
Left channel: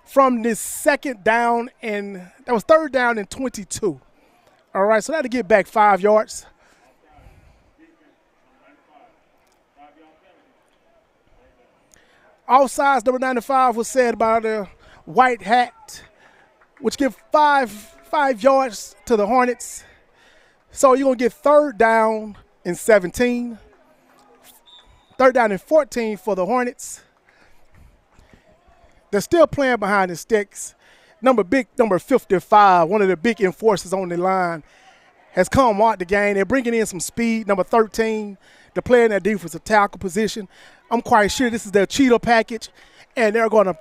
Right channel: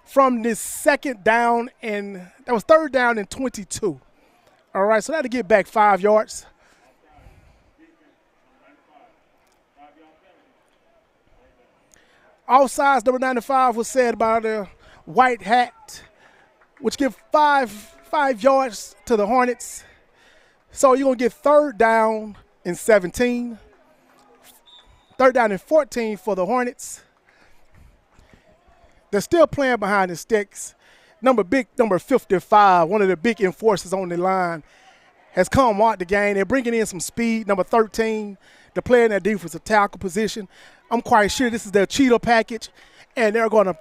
from this second down, and that was third down and 22. All right, so that'll get back 5 yards. Offsides, number 95 was said by the white hat, which give 5 yards to the Hornets. So you're going to get third down and 17. Third down and 14 for the Hornets. They're still playing behind the sticks. Number 55, one of the big enforcers on the line, has come out the game. They're bringing in some speed. Number 13, they're playing that defensive tackle position. I'm quite sure this is their cheetah package, and they're going to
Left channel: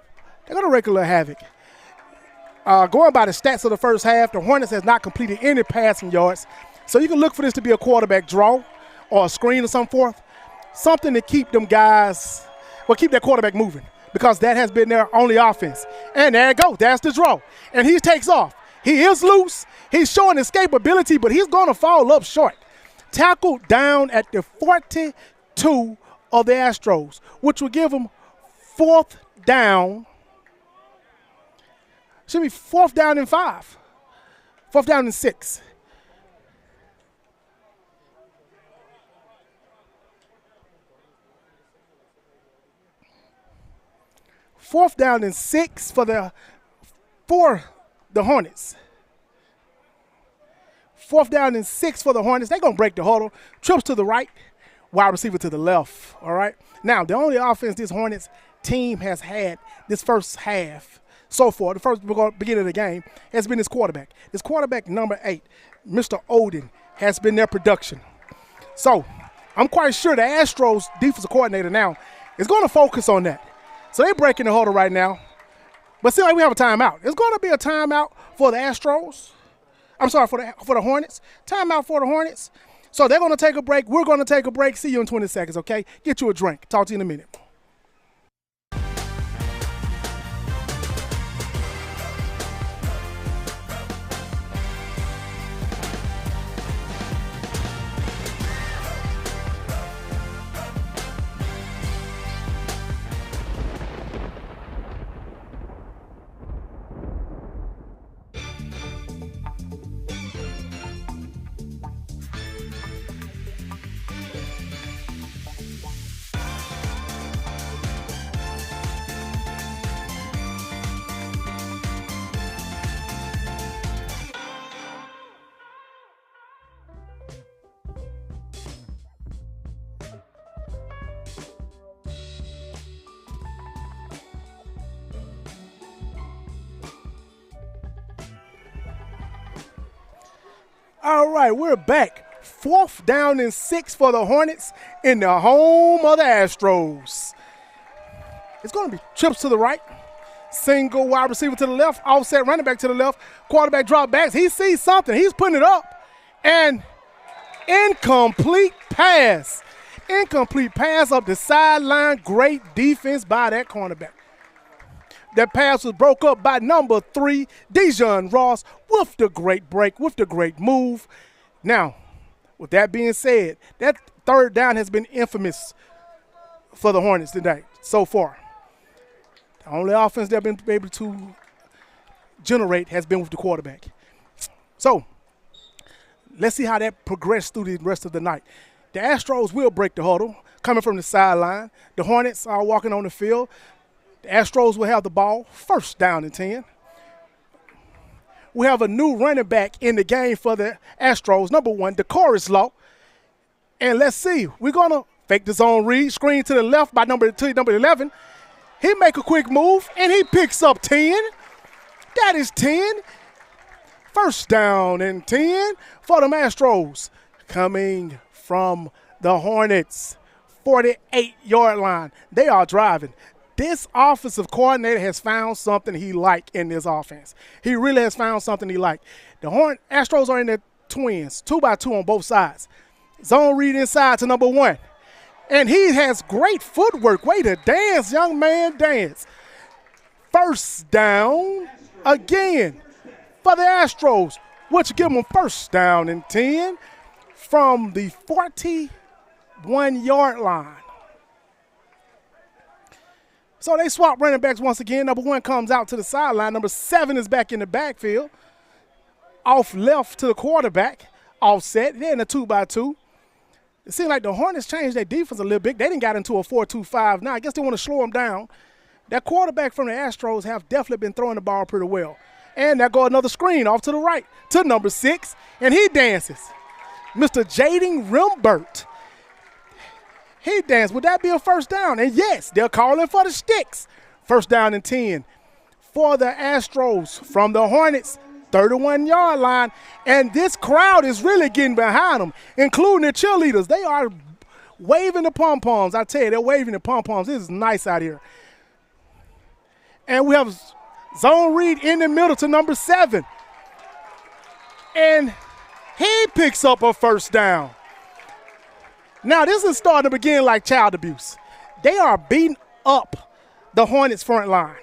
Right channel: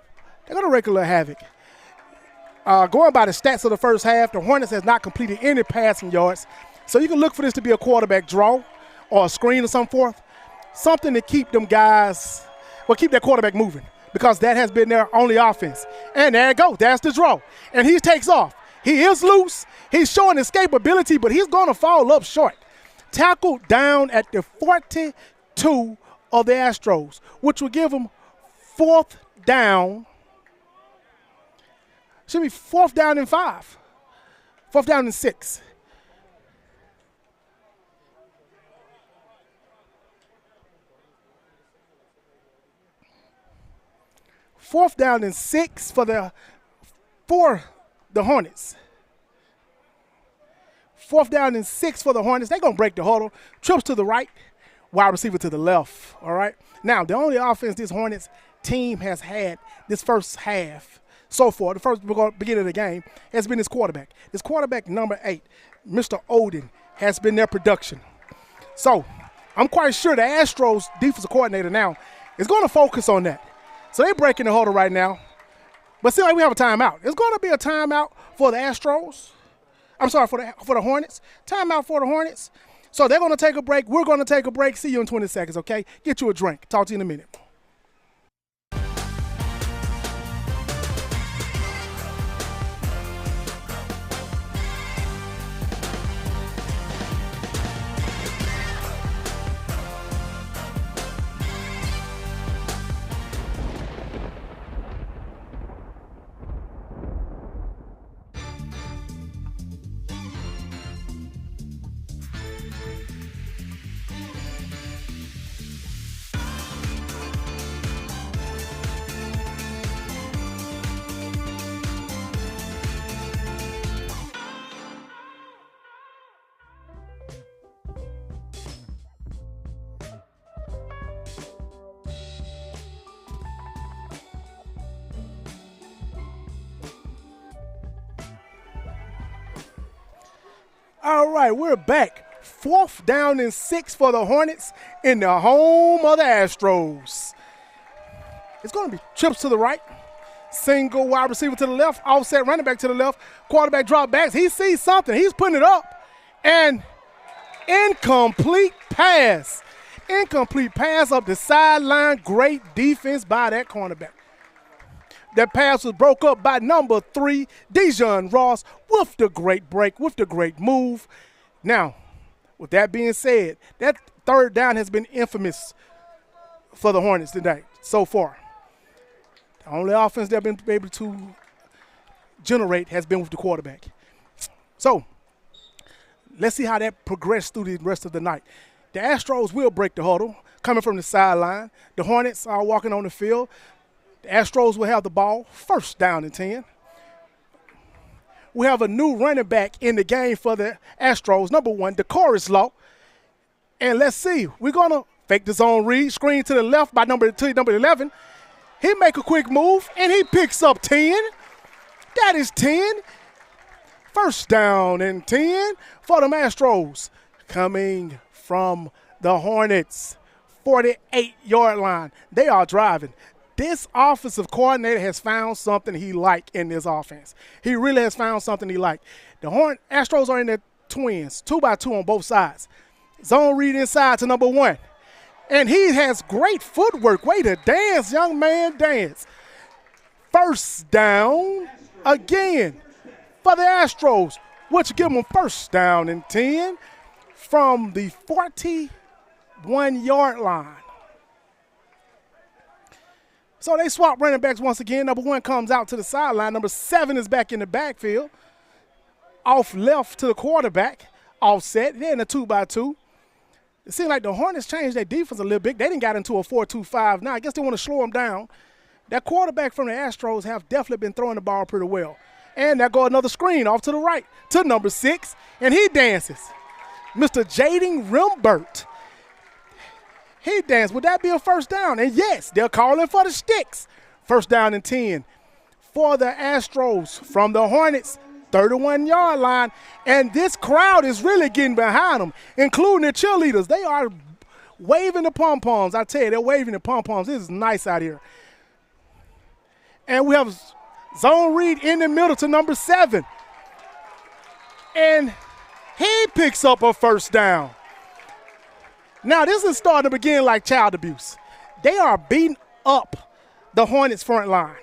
wreak a little havoc. Going by the stats of the first half, the Hornets has not completed any passing yards. So you can look for this to be a quarterback draw or a screen or some forth. Something to keep them guys, keep that quarterback moving, because that has been their only offense. And there you go. That's the draw. And he takes off. He is loose. He's showing escapability, but he's going to fall up short. Tackled down at the 42 of the Astros, which will give them fourth down. Should be fourth down and 5. Fourth down and 6. Fourth down and 6 for the Hornets. Fourth down and 6 for the Hornets. They're going to break the huddle. Trips to the right, wide receiver to the left, all right? Now, the only offense this Hornets team has had this first half so far, the first beginning of the game, has been this quarterback. This quarterback, number 8, Mr. Odin, has been their production. So I'm quite sure the Astros defensive coordinator now is going to focus on that. So they're breaking the huddle right now. But seems like we have a timeout. It's going to be a timeout for the Astros. I'm sorry, for the Hornets. Timeout for the Hornets. So they're going to take a break. We're going to take a break. See you in 20 seconds, okay? Get you a drink. Talk to you in a minute. All right, we're back. 4th down and 6 for the Hornets in the home of the Astros. It's going to be trips to the right. Single wide receiver to the left. Offset running back to the left. Quarterback drop backs. He sees something. He's putting it up. And incomplete pass. Incomplete pass up the sideline. Great defense by that cornerback. That pass was broke up by number 3, Dejon Ross, with the great break, with the great move. Now, with that being said, that 3rd down has been infamous for the Hornets today so far. The only offense they've been able to generate has been with the quarterback. So, let's see how that progressed through the rest of the night. The Astros will break the huddle, coming from the sideline. The Hornets are walking on the field. The Astros will have the ball, 1st down and 10. We have a new running back in the game for the Astros, number 1, DeCorus Law. And let's see, we're going to fake the zone read, screen to the left by number 11. He make a quick move, and he picks up 10. That is 10. 1st down and 10 for the Astros. Coming from the Hornets, 48-yard line. They are driving. This offensive coordinator has found something he like in this offense. He really has found something he like. The Astros are in the twins, 2x2 on both sides. Zone read inside to number 1. And he has great footwork. Way to dance, young man, dance. 1st down again for the Astros, which give them 1st down and 10 from the 41-yard line. So they swap running backs once again. Number 1 comes out to the sideline. Number 7 is back in the backfield. Off left to the quarterback. Offset. They're in a 2x2. It seems like the Hornets changed their defense a little bit. They didn't got into a 4-2-5. Now I guess they want to slow them down. That quarterback from the Astros have definitely been throwing the ball pretty well. And there go another screen off to the right to number 6. And he dances. Mr. Jaden Rimbert. He danced. Would that be a 1st down? And yes, they're calling for the sticks. 1st down and 10 for the Astros from the Hornets, 31-yard line. And this crowd is really getting behind them, including the cheerleaders. They are waving the pom-poms. I tell you, they're waving the pom-poms. This is nice out here. And we have zone read in the middle to number 7. And he picks up a 1st down. Now, this is starting to begin like child abuse. They are beating up the Hornets front line.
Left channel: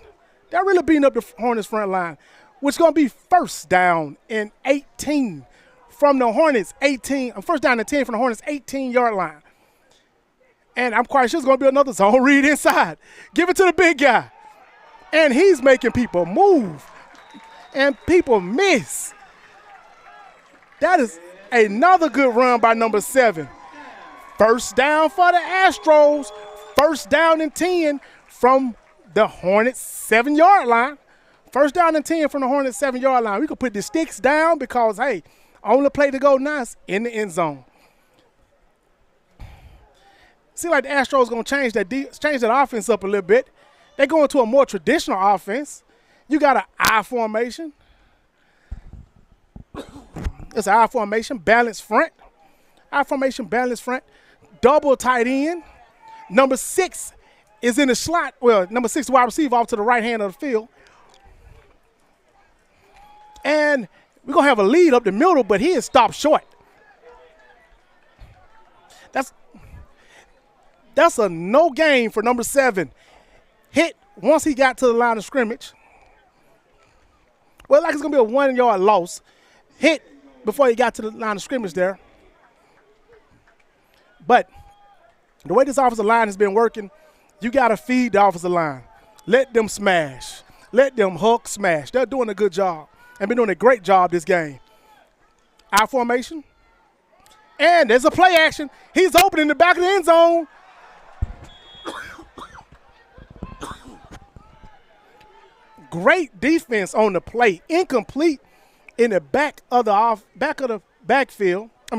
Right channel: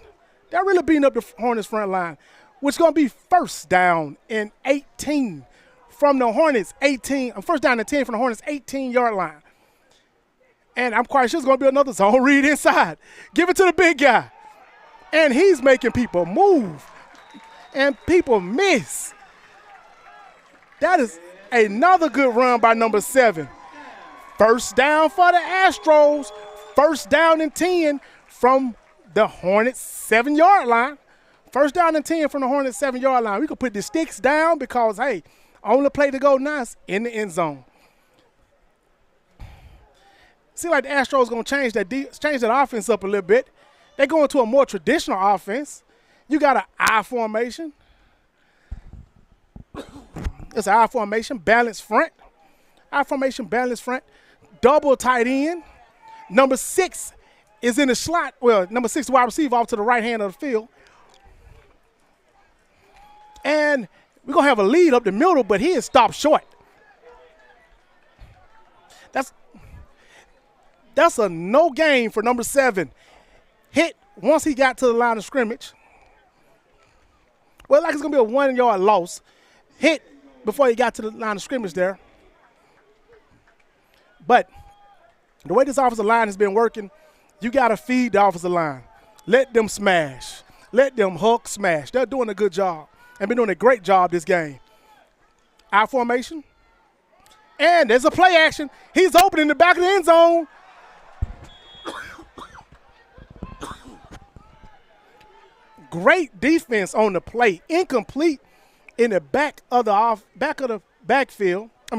They're really beating up the Hornets front line, which is going to be 1st down and 18 from the Hornets 18. 1st down and 10 from the Hornets 18-yard line. And I'm quite sure it's going to be another zone read inside. Give it to the big guy. And he's making people move. And people miss. That is another good run by number 7. 1st down for the Astros. 1st down and 10 from the Hornets 7-yard line. 1st down and 10 from the Hornets 7-yard line. We could put the sticks down because, hey, on the play to go nice in the end zone. Seems like the Astros going to change that offense up a little bit. They go into a more traditional offense. You got an I formation. It's an I formation, balanced front. I formation, balanced front. Double tight end. Number 6 is in the slot. Well, number 6 wide receiver off to the right hand of the field. And we're going to have a lead up the middle, but he is stopped short. That's a no gain for number 7. Hit once he got to the line of scrimmage. Well, like it's going to be a 1-yard loss. Hit before he got to the line of scrimmage there. But the way this offensive line has been working, you got to feed the offensive line. Let them smash. Let them hook smash. They're doing a good job and been doing a great job this game. I formation. And there's a play action. He's open in the back of the end zone. Great defense on the play. Incomplete in the back of the backfield.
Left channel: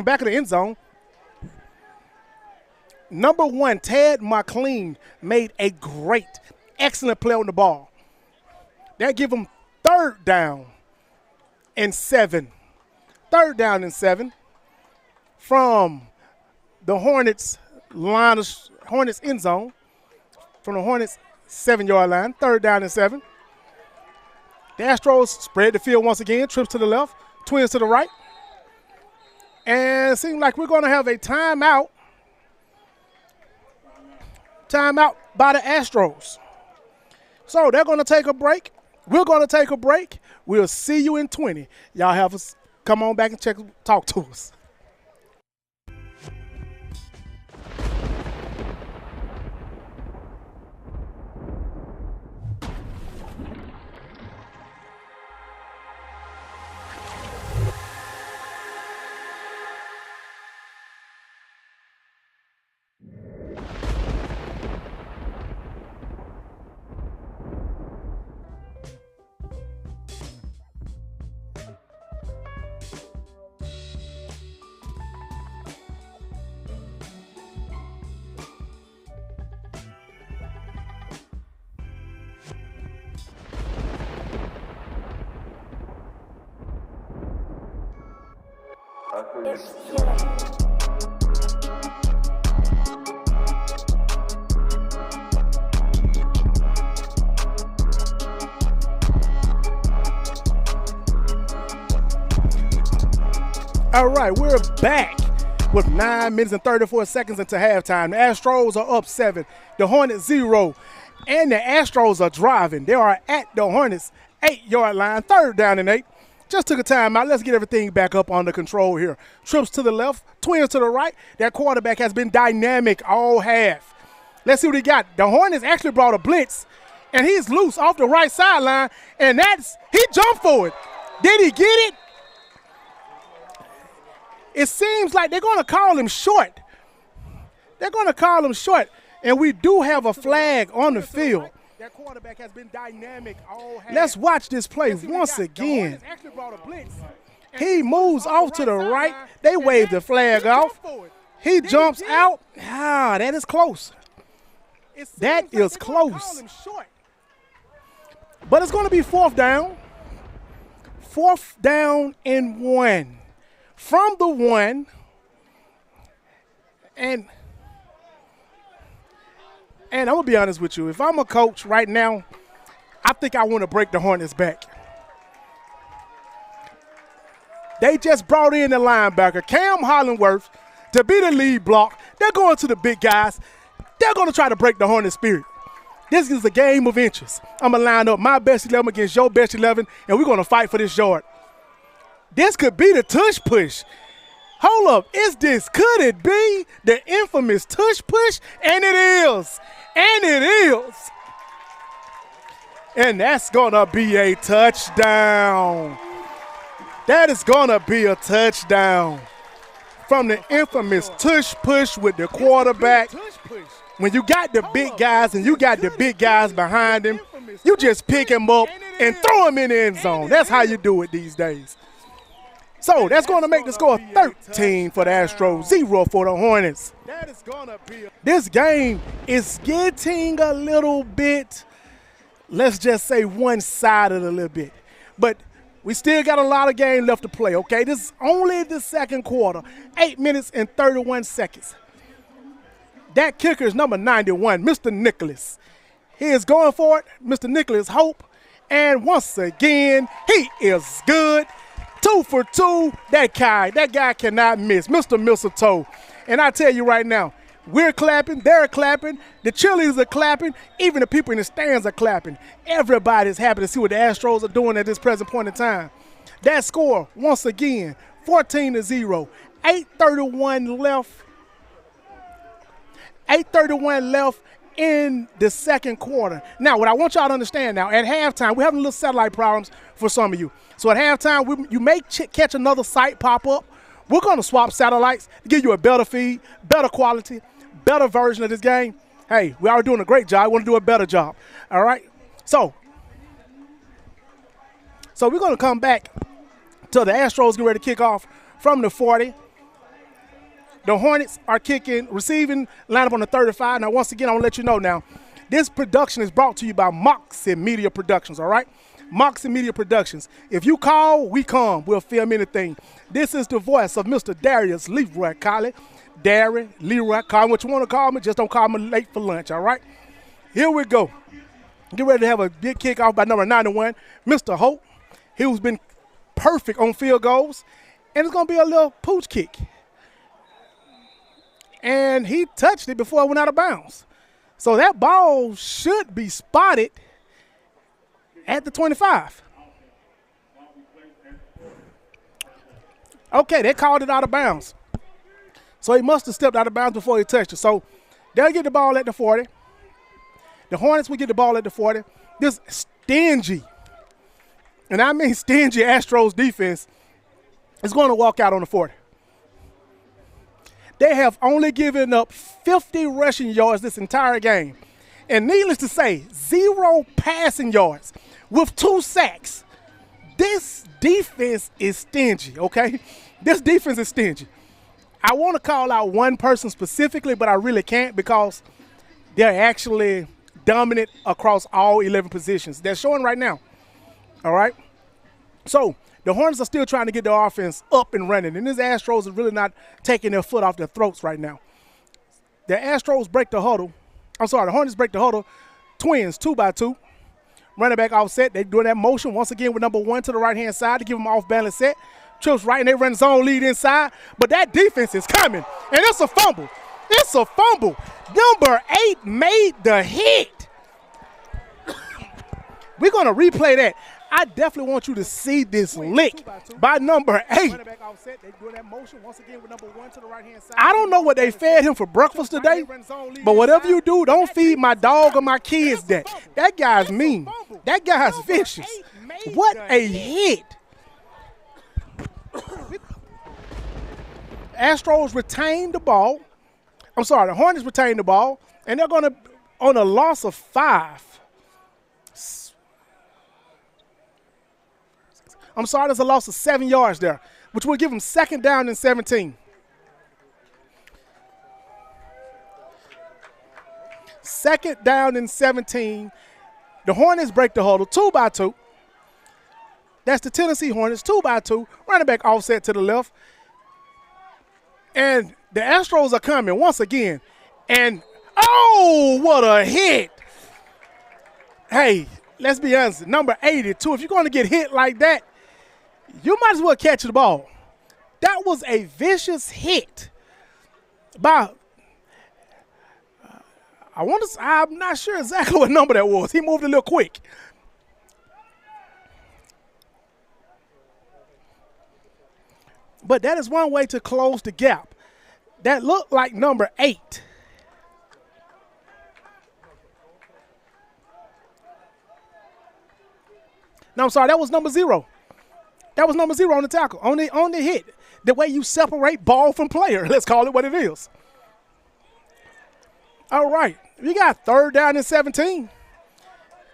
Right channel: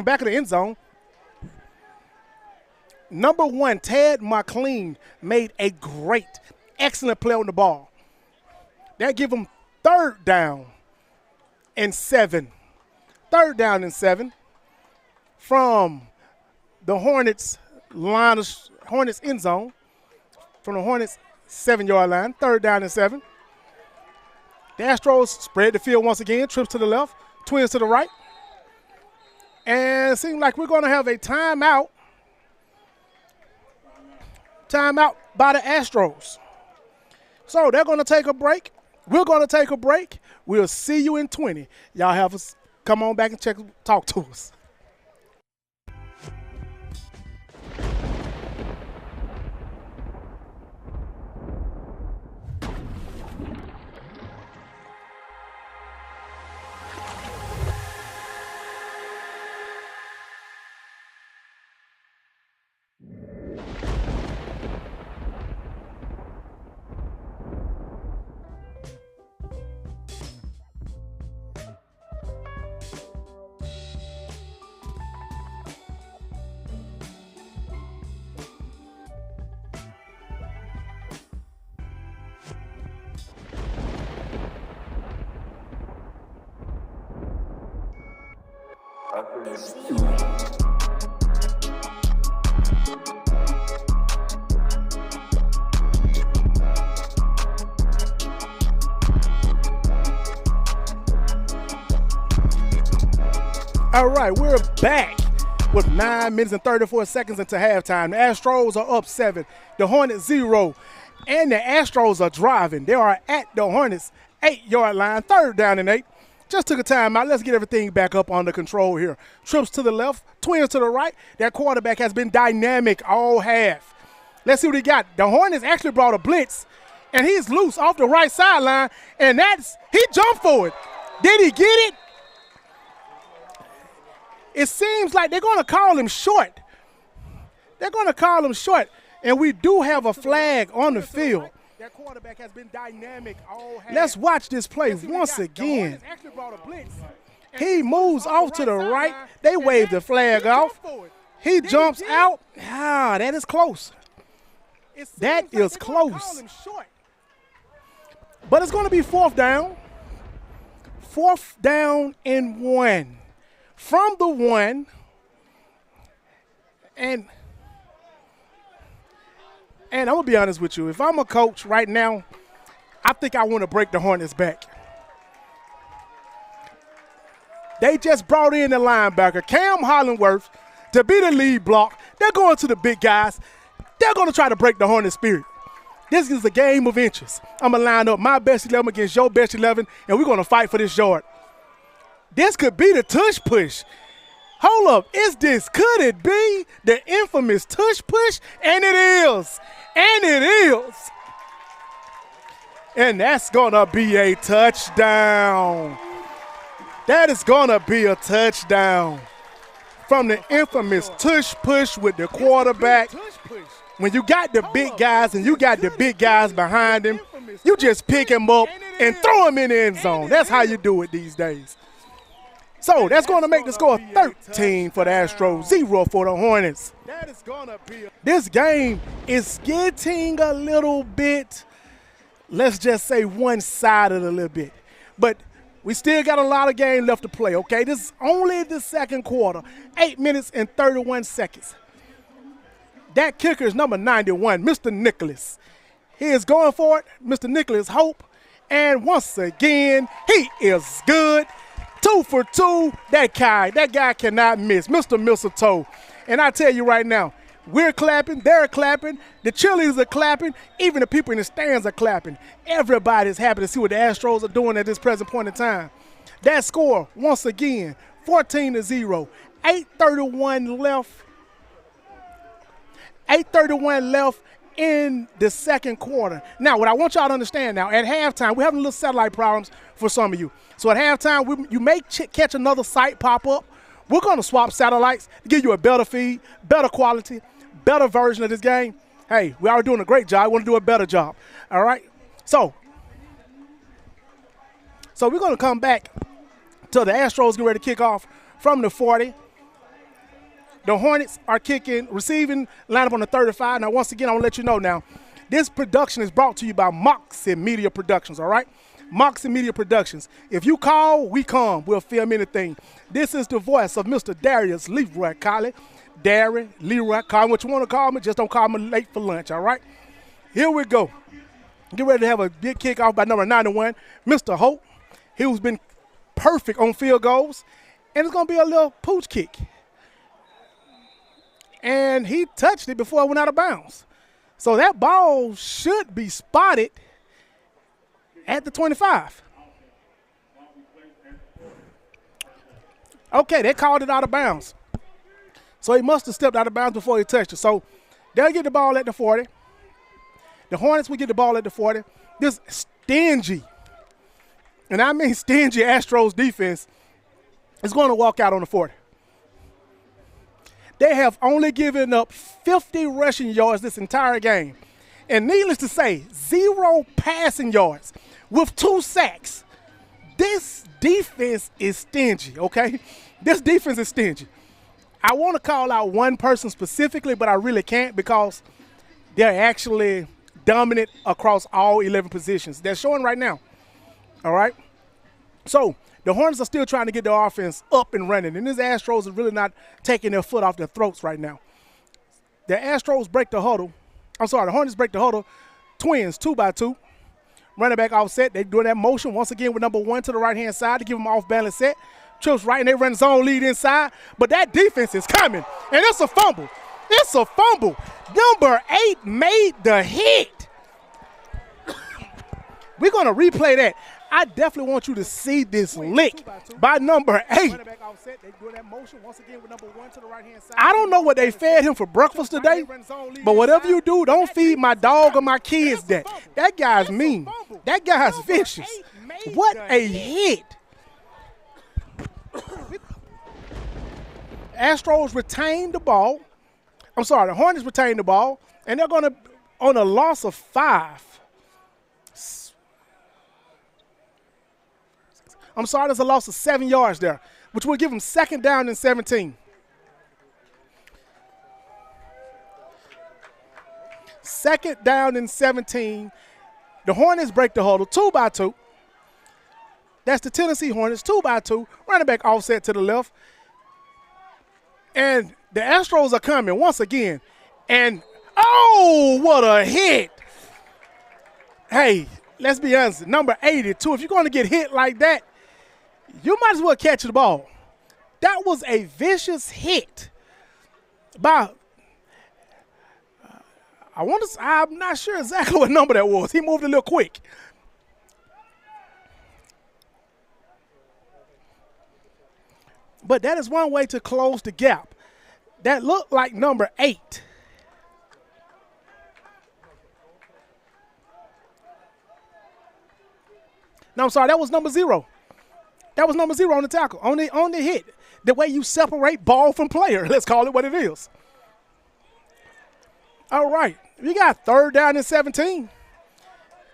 Back of the end zone. Number 1, Ted McLean made a great, excellent play on the ball. That give him 3rd down and 7 3rd down and 7 from the Hornets Hornets end zone, from the Hornets 7-yard line. 3rd down and 7. The Astros spread the field once again, trips to the left, twins to the right. And it seems like we're going to have a timeout. Timeout by the Astros. So they're going to take a break. We're going to take a break. We'll see you in 20. Y'all have us come on back and talk to us. All right, we're back with 9 minutes and 34 seconds into halftime. The Astros are up 7, the Hornets 0, and the Astros are driving. They are at the Hornets 8-yard line, 3rd down and 8. Just took a timeout. Let's get everything back up under control here. Trips to the left, twins to the right. That quarterback has been dynamic all half. Let's see what he got. The Hornets actually brought a blitz, and he's loose off the right sideline, and he jumped for it. Did he get it? It seems like they're going to call him short. They're going to call him short, and we do have a flag on the field. That quarterback has been dynamic all half. Let's watch this play once again. He moves off to the right. They wave the flag off. He jumps out. That is close. That is close. But it's going to be 4th down. 4th down and 1. From the 1. And I'm going to be honest with you. If I'm a coach right now, I think I want to break the Hornets back. They just brought in the linebacker, Cam Hollingworth, to be the lead block. They're going to the big guys. They're going to try to break the Hornets' spirit. This is a game of inches. I'm going to line up my best 11 against your best 11, and we're going to fight for this yard. This could be the tush push. Hold up. Could it be the infamous tush push? And it is. And it is. And that's going to be a touchdown. That is going to be a touchdown from the infamous tush push with the quarterback. When you got the big guys and you got the big guys behind him, you just pick him up and throw him in the end zone. That's how you do it these days. So that's going to make the score 13 for the Astros, 0 for the Hornets. This game is getting a little bit, let's just say, one-sided a little bit. But we still got a lot of game left to play, okay? This is only the second quarter, 8 minutes and 31 seconds. That kicker is number 91, Mr. Nicholas. He is going for it, Mr. Nicholas Hope. And once again, he is good. 2 for 2. That guy cannot miss. Mr. Mistletoe. And I tell you right now, we're clapping, they're clapping, the cheerleaders are clapping, even the people in the stands are clapping. Everybody's happy to see what the Astros are doing at this present point in time. That score, once again, 14-0. 8:31 left. 8:31 left in the second quarter. Now, what I want y'all to understand now, at halftime, we're having little satellite problems for some of you. So at halftime, you may catch another site pop up. We're going to swap satellites to give you a better feed, better quality, better version of this game. Hey, we are doing a great job. We want to do a better job. All right? So we're going to come back to the Astros get ready to kick off from the 40. The Hornets are receiving lineup on the 35. Now, once again, I want to let you know now, this production is brought to you by Moxie Media Productions, all right? Moxie Media Productions. If you call, we come. We'll film anything. This is the voice of Mr. Darius Leroy Colley. Darry, Leroy, call me what you want to call me. Just don't call me late for lunch, all right? Here we go. Get ready to have a big kickoff by number 91, Mr. Hope. He's been perfect on field goals. And it's going to be a little pooch kick. And he touched it before it went out of bounds. So that ball should be spotted at the 25. Okay, they called it out of bounds. So he must have stepped out of bounds before he touched it. So they'll get the ball at the 40. The Hornets will get the ball at the 40. This stingy, and I mean stingy Astros defense is going to walk out on the 40. They have only given up 50 rushing yards this entire game. And needless to say, 0 passing yards with 2 sacks. This defense is stingy, okay? This defense is stingy. I want to call out one person specifically, but I really can't because they're actually dominant across all 11 positions. They're showing right now, all right? So the Hornets are still trying to get their offense up and running, and these Astros are really not taking their foot off their throats right now. The Astros break the huddle. The Hornets break the huddle. Twins, 2-by-2. Running back offset. They're doing that motion once again with number 1 to the right-hand side to give them off-balance set. Trips right, and they run zone lead inside. But that defense is coming, and it's a fumble. It's a fumble. Number 8 made the hit. We're going to replay that. I definitely want you to see this lick by number 8. I don't know what they fed him for breakfast today, but whatever you do, don't feed my dog or my kids that. That guy's mean. That guy's vicious. What a hit. Astros retain the ball. The Hornets retain the ball, and they're going to, on a loss of 5. There's a loss of 7 yards there, which will give them 2nd down and 17. 2nd down and 17. The Hornets break the huddle, 2-by-2. That's the Tennessee Hornets, 2-by-2. Running back offset to the left. And the Astros are coming once again. And, oh, what a hit. Hey, let's be honest, number 82, if you're going to get hit like that, you might as well catch the ball. That was a vicious hit by, I'm not sure exactly what number that was. He moved a little quick. But that is one way to close the gap. That looked like number 8. No, that was number 0. That was number 0 on the tackle, on the hit. The way you separate ball from player. Let's call it what it is. All right. We got 3rd down and 17.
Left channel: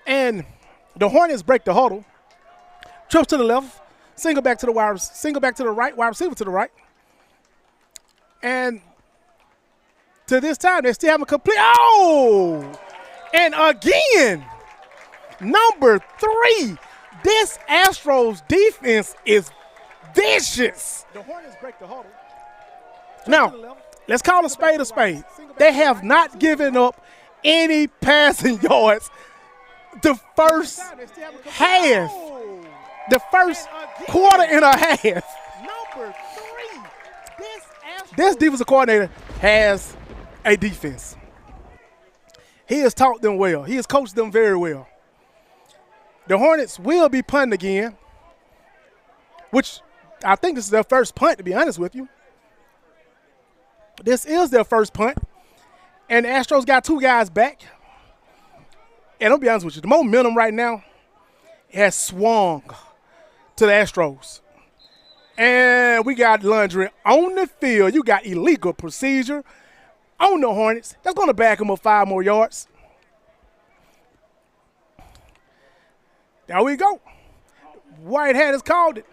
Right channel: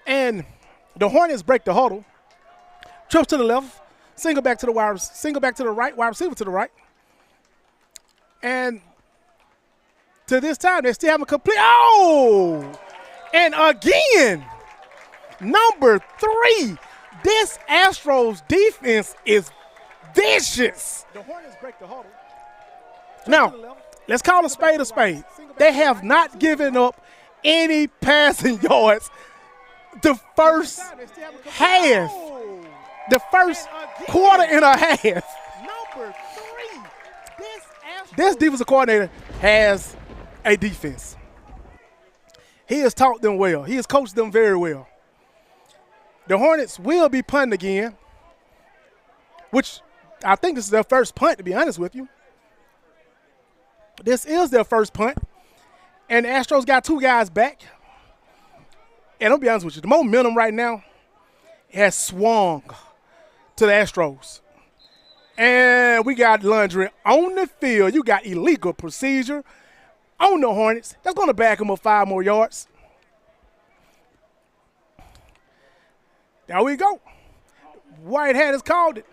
And the Hornets break the huddle. Trips to the left. Single back to the right. Wide receiver to the right. And to this time, they still haven't complete. Oh! And again, number 3. This Astros defense is vicious. The Hornets break the huddle. Now, let's call a spade a spade. They have not given up any passing yards the first half. The first quarter and a half. Number 3. This defensive coordinator has a defense. He has taught them well. He has coached them very well. The Hornets will be punting again, which I think this is their first punt, to be honest with you. This is their first punt, and the Astros got 2 guys back. And I'll be honest with you, the momentum right now has swung to the Astros. And we got laundry on the field. You got illegal procedure on the Hornets. That's going to back them up 5 more yards. There we go. Whitehead has called it.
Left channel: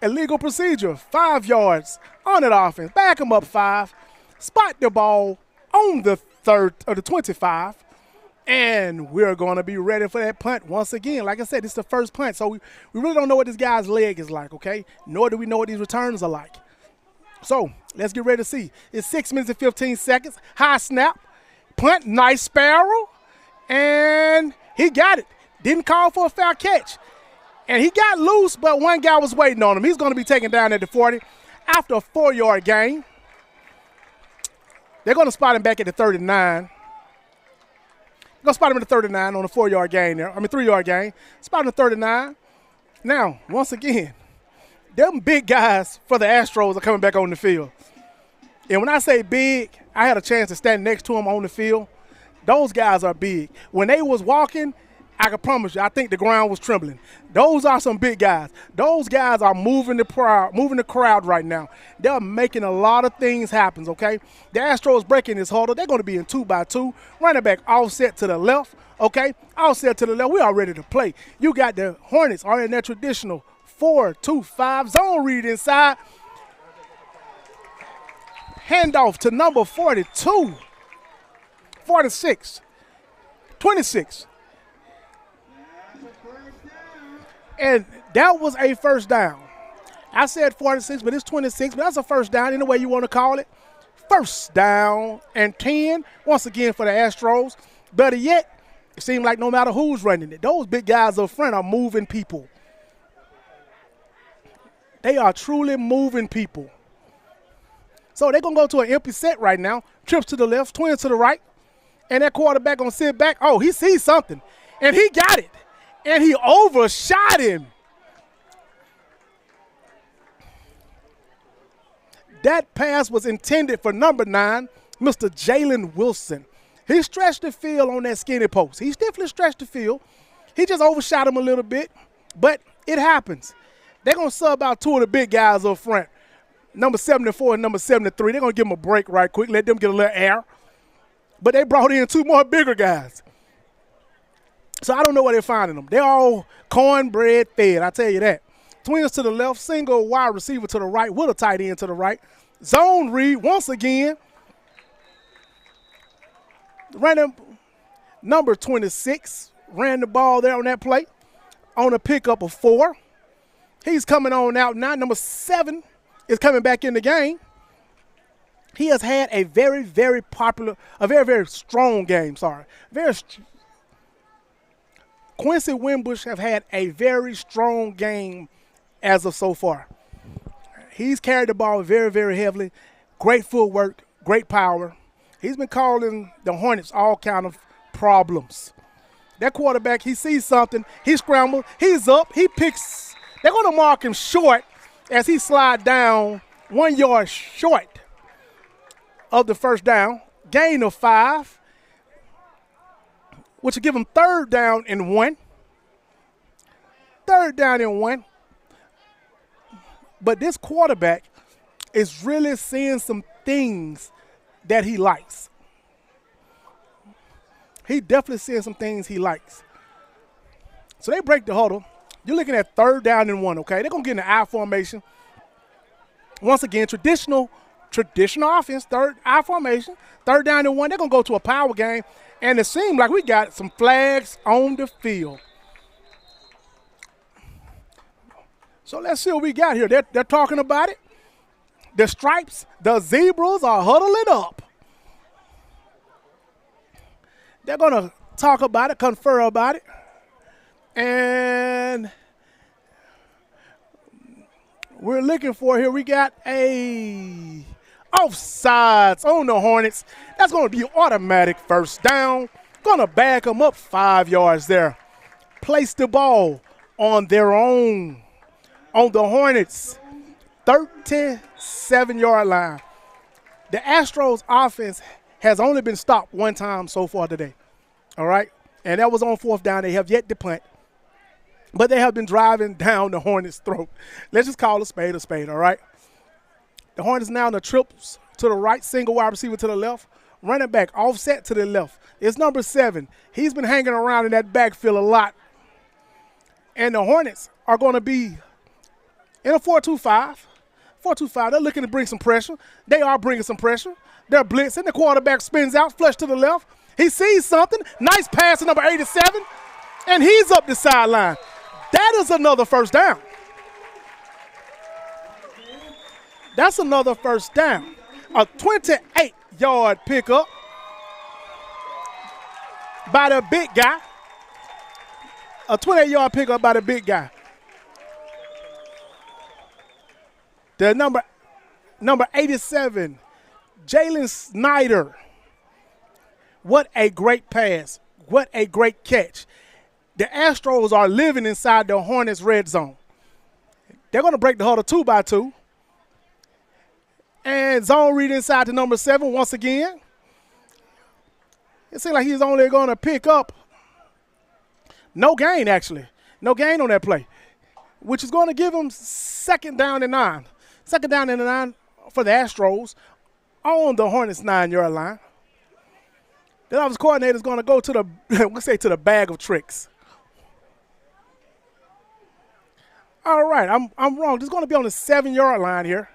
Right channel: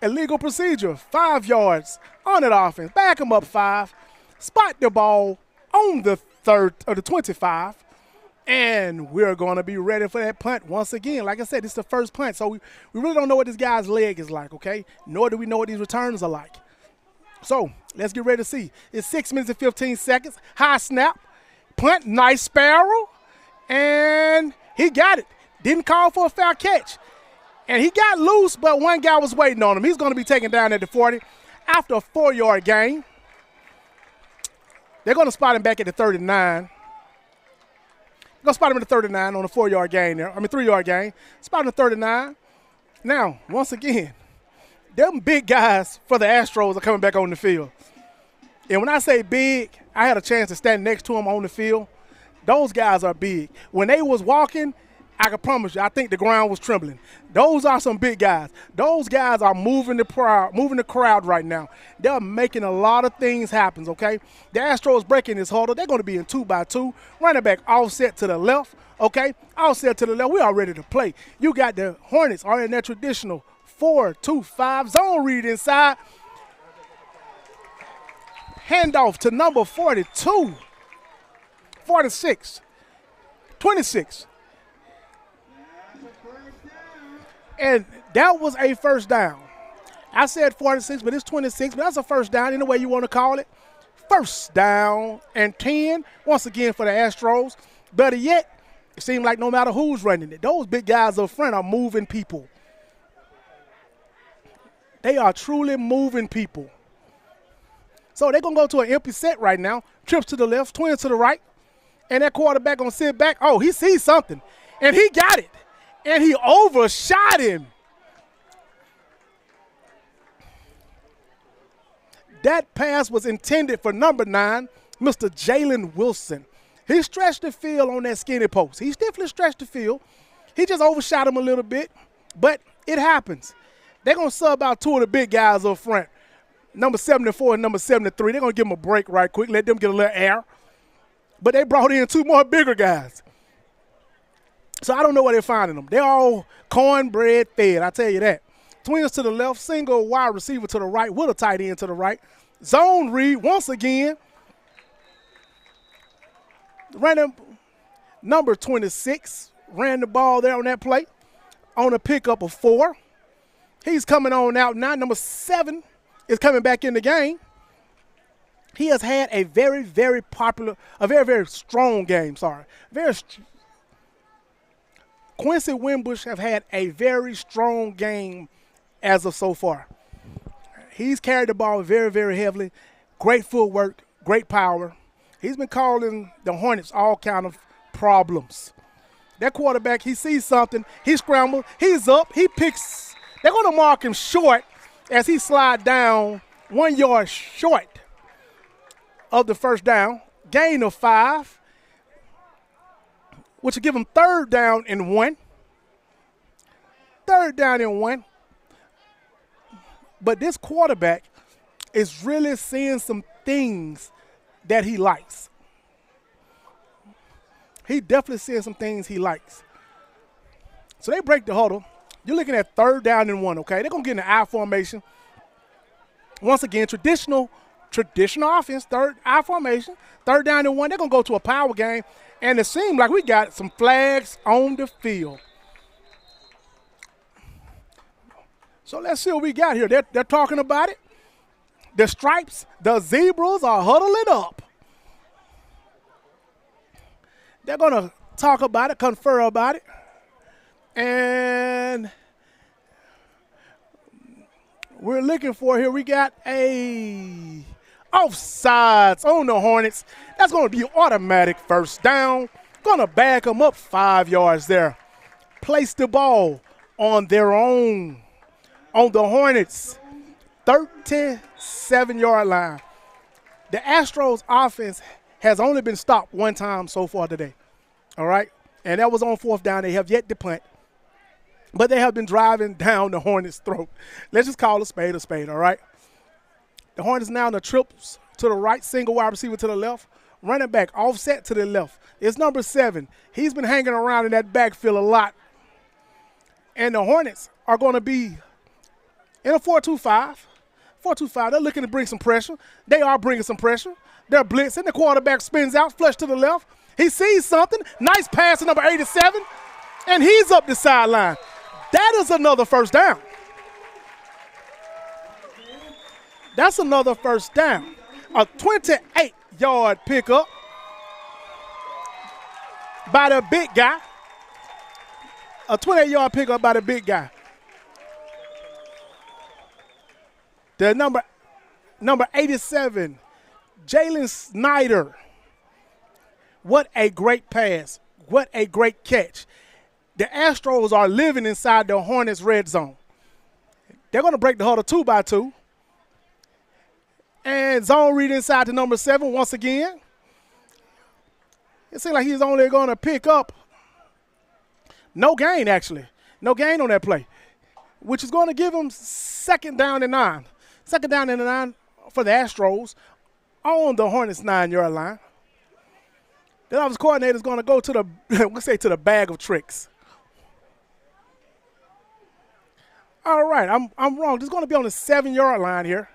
Illegal procedure, 5 yards on that offense. Back them up 5. Spot the ball on the 25. And we're going to be ready for that punt once again. Like I said, this is the first punt, so we really don't know what this guy's leg is like, okay? Nor do we know what these returns are like. So let's get ready to see. It's 6 minutes and 15 seconds. High snap. Punt, nice sparrow. And he got it. Didn't call for a foul catch. And he got loose, but one guy was waiting on him. He's going to be taken down at the 40 after a 4-yard gain. They're going to spot him back at the 39. They're going to spot him at the 39 on a 4-yard gain there. 3-yard gain. Spot him at 39. Now, once again, them big guys for the Astros are coming back on the field. And when I say big, I had a chance to stand next to them on the field. Those guys are big. When they was walking, I can promise you, I think the ground was trembling. Those are some big guys. Those guys are moving the crowd right now. They're making a lot of things happen, okay? The Astros breaking this huddle. They're going to be in 2-by-2. Running back offset to the left, okay? Offset to the left. We are ready to play. You got the Hornets are in their traditional 4-2-5 zone read inside. Handoff to number 42, 46, 26. And that was a first down. I said 46, but it's 26, but that's a first down, any way you want to call it. First down and 10, once again for the Astros. Better yet, it seems like no matter who's running it, those big guys up front are moving people. They are truly moving people. So they're going to go to an empty set right now. Trips to the left, twins to the right. And that quarterback going to sit back. Oh, he sees something. And he got it. And he overshot him. That pass was intended for number 9, Mr. Jalen Wilson. He stretched the field on that skinny post. He definitely stretched the field. He just overshot him a little bit. But it happens. They're going to sub out 2 of the big guys up front. Number 74 and number 73. They're going to give them a break right quick, let them get a little air. But they brought in 2 more bigger guys. So I don't know where they're finding them. They're all cornbread fed, I tell you that. Twins to the left, single wide receiver to the right with a tight end to the right. Zone read once again. Random number 26 ran the ball there on that play on a pickup of 4. He's coming on out now. Number 7 is coming back in the game. He has had a very, very very strong game, Quincy Wimbush have had a very strong game as of so far. He's carried the ball very, very heavily. Great footwork, great power. He's been calling the Hornets all kind of problems. That quarterback, he sees something. He scrambles. He's up. He picks. They're going to mark him short as he slides down 1 yard short of the first down. Gain of 5, which will give him 3rd down and 1. 3rd down and 1. But this quarterback is really seeing some things that he likes. He definitely seeing some things he likes. So they break the huddle. You're looking at 3rd down and 1, okay? They're going to get in the I formation. Once again, traditional offense, I formation, 3rd down and 1. They're going to go to a power game, and it seems like we got some flags on the field. So let's see what we got here. They're talking about it. The stripes, the zebras are huddling up. They're going to talk about it, confer about it. And we're looking for here, we got a offsides on the Hornets. That's going to be automatic first down. Going to back them up 5 yards there. Place the ball on their own, on the Hornets' 37-yard line. The Astros offense has only been stopped 1 time so far today, all right? And that was on 4th down. They have yet to punt. But they have been driving down the Hornets' throat. Let's just call a spade, all right? The Hornets now in the trips to the right, single wide receiver to the left, running back offset to the left. It's number 7. He's been hanging around in that backfield a lot. And the Hornets are going to be in a 4-2-5. 4-2-5, they're looking to bring some pressure. They are bringing some pressure. They're blitzing. The quarterback spins out, flush to the left. He sees something. Nice pass to number 87, and he's up the sideline. That is another first down. That's another first down. A 28-yard pickup by the big guy. A 28-yard pickup by the big guy. The number 87, Jalen Snyder. What a great pass. What a great catch. The Astros are living inside the Hornets red zone. They're going to break the huddle 2-by-2. And zone read inside to number 7 once again. It seems like he's only going to pick up no gain, actually. No gain on that play, which is going to give him second down and 9. Second down and 9 for the Astros on the Hornets 9-yard line. The offensive coordinator is going to go to the bag of tricks. All right, I'm wrong. This is going to be on the 7-yard line here.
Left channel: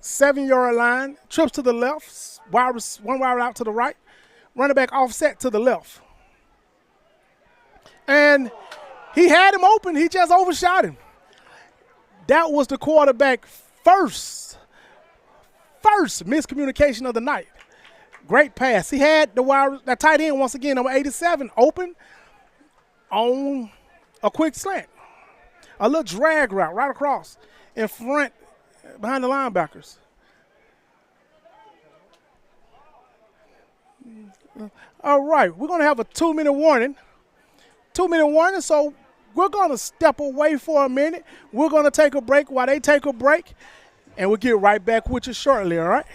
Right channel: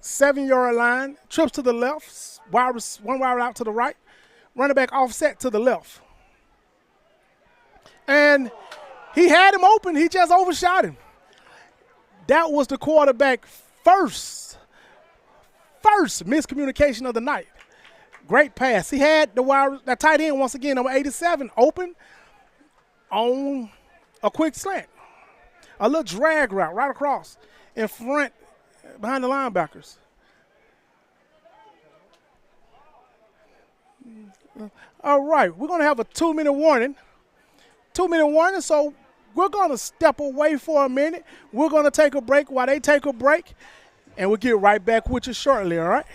7-yard line, trips to the left, one wide out to the right, running back offset to the left. And he had him open. He just overshot him. That was the quarterback first miscommunication of the night. Great pass. He had that tight end once again, number 87, open on a quick slant. A little drag route right across in front behind the linebackers. All right, we're going to have a 2-minute warning. 2-minute warning, so we're going to step away for a minute. We're going to take a break while they take a break, and we'll get right back with you shortly, all right?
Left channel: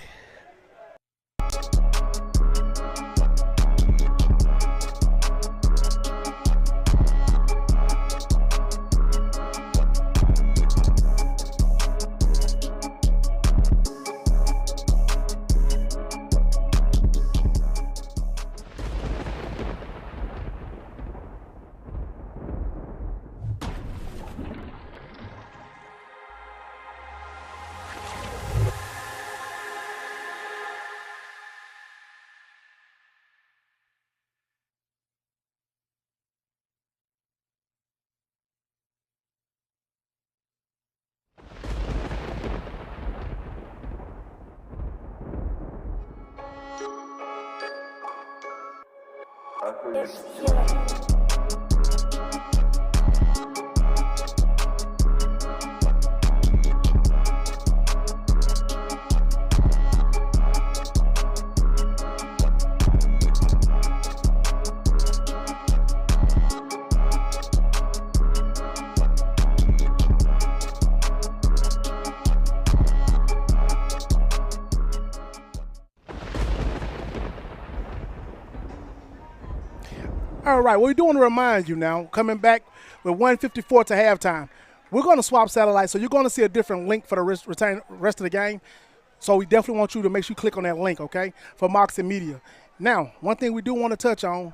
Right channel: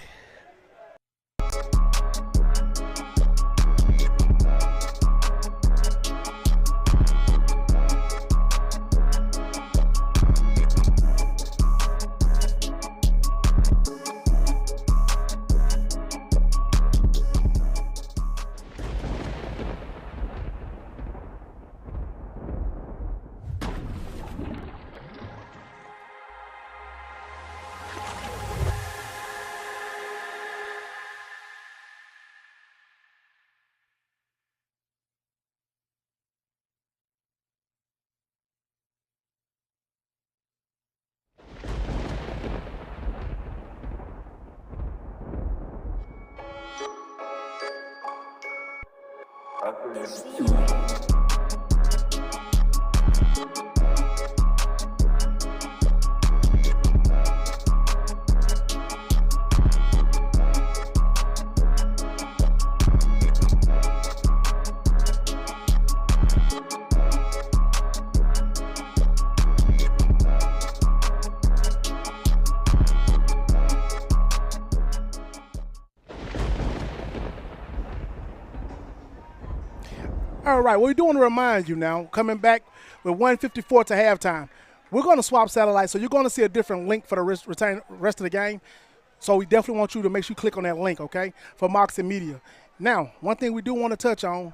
All right, what we do want to remind you now, coming back with 1:54 to halftime, we're going to swap satellites, so you're going to see a different link for the rest of the game. So we definitely want you to make sure you click on that link, okay, for Mox and Media. Now, one thing we do want to touch on,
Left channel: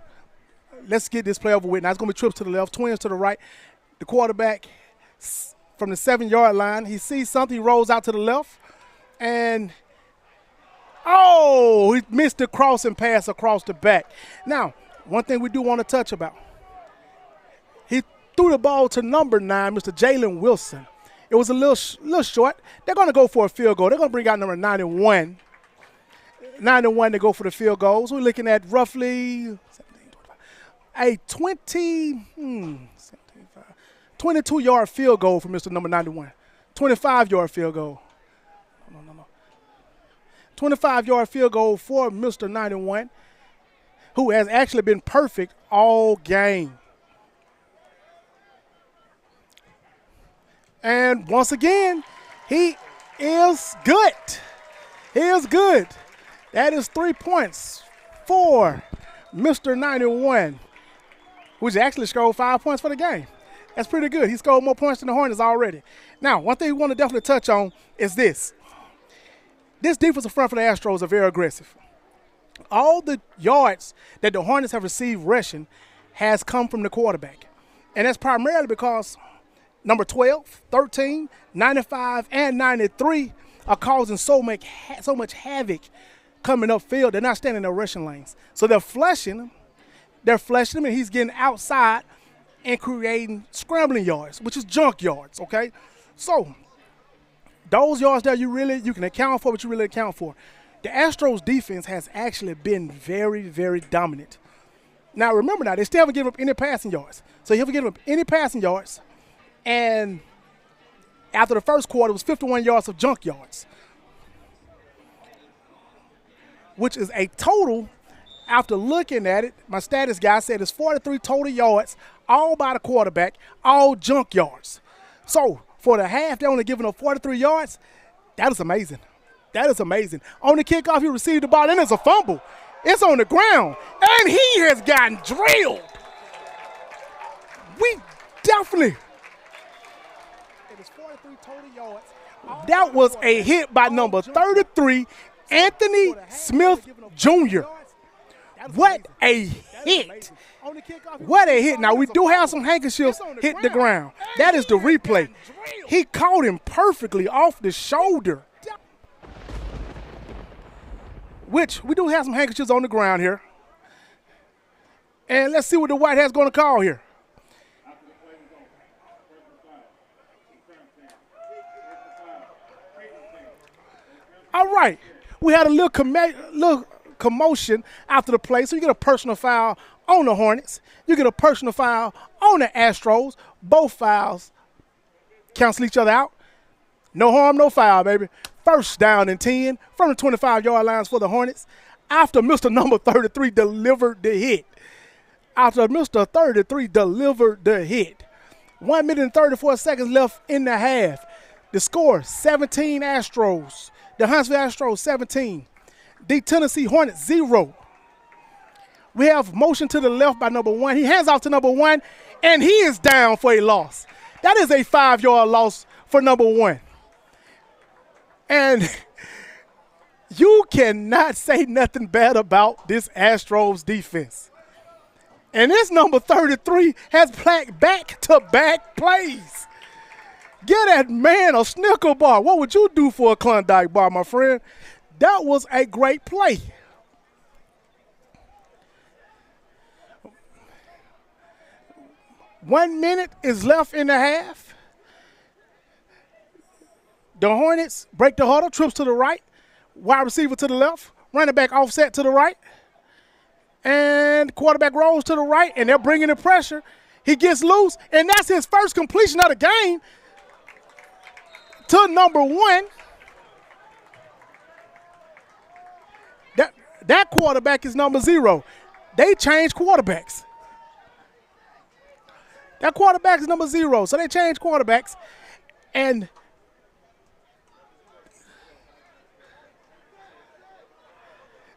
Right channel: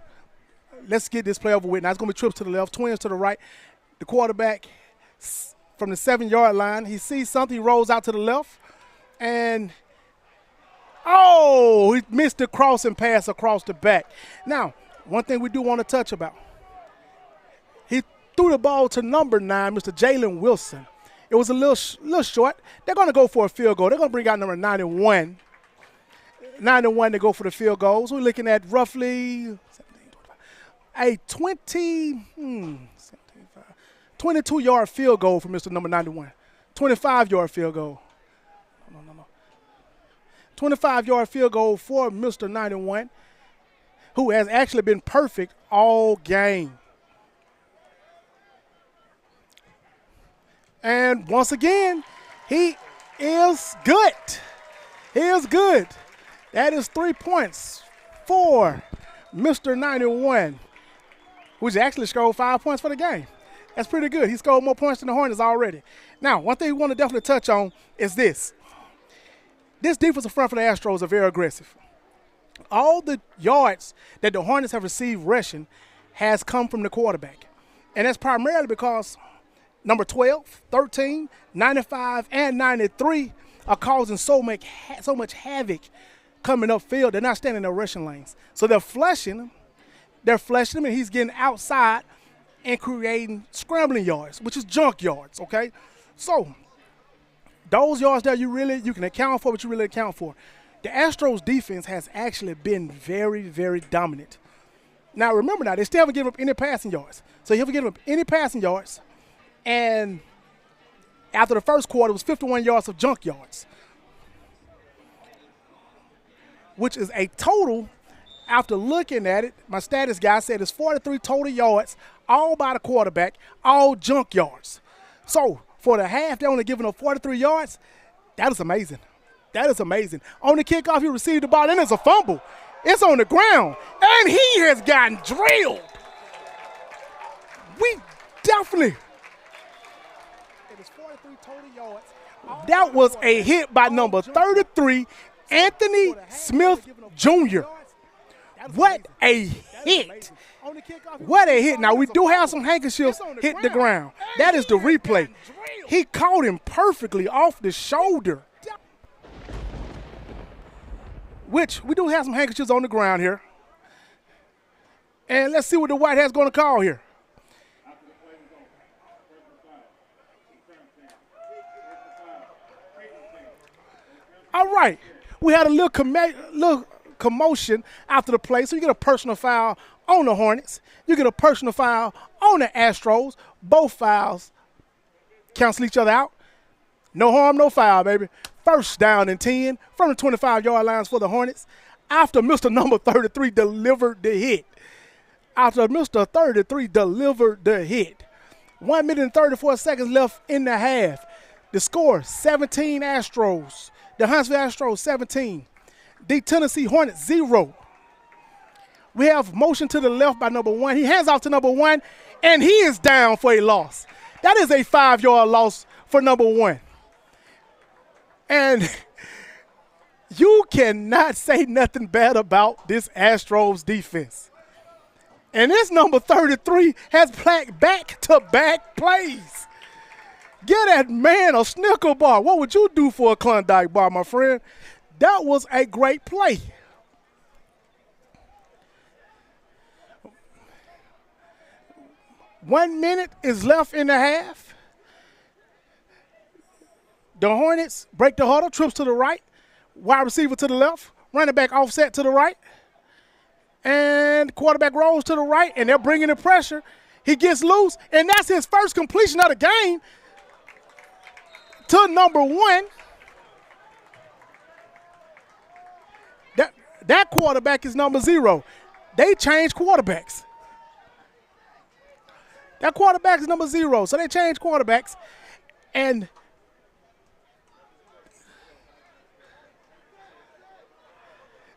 let's get this play over with. Now, it's going to be trips to the left, twins to the right. The quarterback from the 7-yard line, he sees something, he rolls out to the left, and he missed the crossing pass across the back. Now, one thing we do want to touch about, he threw the ball to number 9, Mr. Jalen Wilson. It was a little short. They're going to go for a field goal. They're going to bring out number 91. 91 to go for the field goals. We're looking at roughly a 22-yard field goal for Mr. number 91. 25-yard field goal. No. 25-yard field goal for Mr. 91. Who has actually been perfect all game. And once again, he is good. He is good. That is 3 points for Mr. 91, which actually scored 5 points for the game. That's pretty good. He scored more points than the Hornets already. Now, one thing we want to definitely touch on is this. This defensive front for the Astros are very aggressive. All the yards that the Hornets have received rushing has come from the quarterback. And that's primarily because number 12, 13, 95, and 93 are causing so much havoc coming upfield. They're not standing in their rushing lanes. So they're flushing him. They're flushing him, and he's getting outside and creating scrambling yards, which is junk yards, okay? So those yards that you can account for what you really account for. The Astros defense has actually been very, very dominant. Now, remember now, they still haven't given up any passing yards. So you haven't given up any passing yards, and after the first quarter, it was 51 yards of junk yards, which is a total, after looking at it, my status guy said it's 43 total yards, all by the quarterback, all junk yards. So for the half, they're only giving up 43 yards. That is amazing. That is amazing. On the kickoff, he received the ball, and it's a fumble. It's on the ground, and he has gotten drilled. We definitely. It is 43 total yards. That was a hit by number 33, Anthony Smith Jr. What a hit. What a hit. Now, we do have some handkerchiefs hit the ground. That is the replay. He caught him perfectly off the shoulder. Which we do have some handkerchiefs on the ground here. And let's see what the White Hat's going to call here. All right. We had a little commotion after the play, so you get a personal foul on the Hornets. You get a personal foul on the Astros. Both fouls cancel each other out. No harm, no foul, baby. First down and 10 from the 25-yard lines for the Hornets after Mr. Number 33 delivered the hit. 1 minute and 34 seconds left in the half. The score, 17 Astros. The Huntsville Astros, 17. The Tennessee Hornets, 0. We have motion to the left by number 1. He hands off to number 1, and he is down for a loss. That is a 5-yard loss for number 1. And you cannot say nothing bad about this Astros defense. And this number 33 has back-to-back plays. Get that man a Snicker bar. What would you do for a Klondike bar, my friend? That was a great play. One minute is left in the half. The Hornets break the huddle, trips to the right, wide receiver to the left, running back offset to the right, and quarterback rolls to the right, and they're bringing the pressure. He gets loose, and that's his first completion of the game to number 1. That quarterback is number 0. They changed quarterbacks. That quarterback is number 0, so they changed quarterbacks, and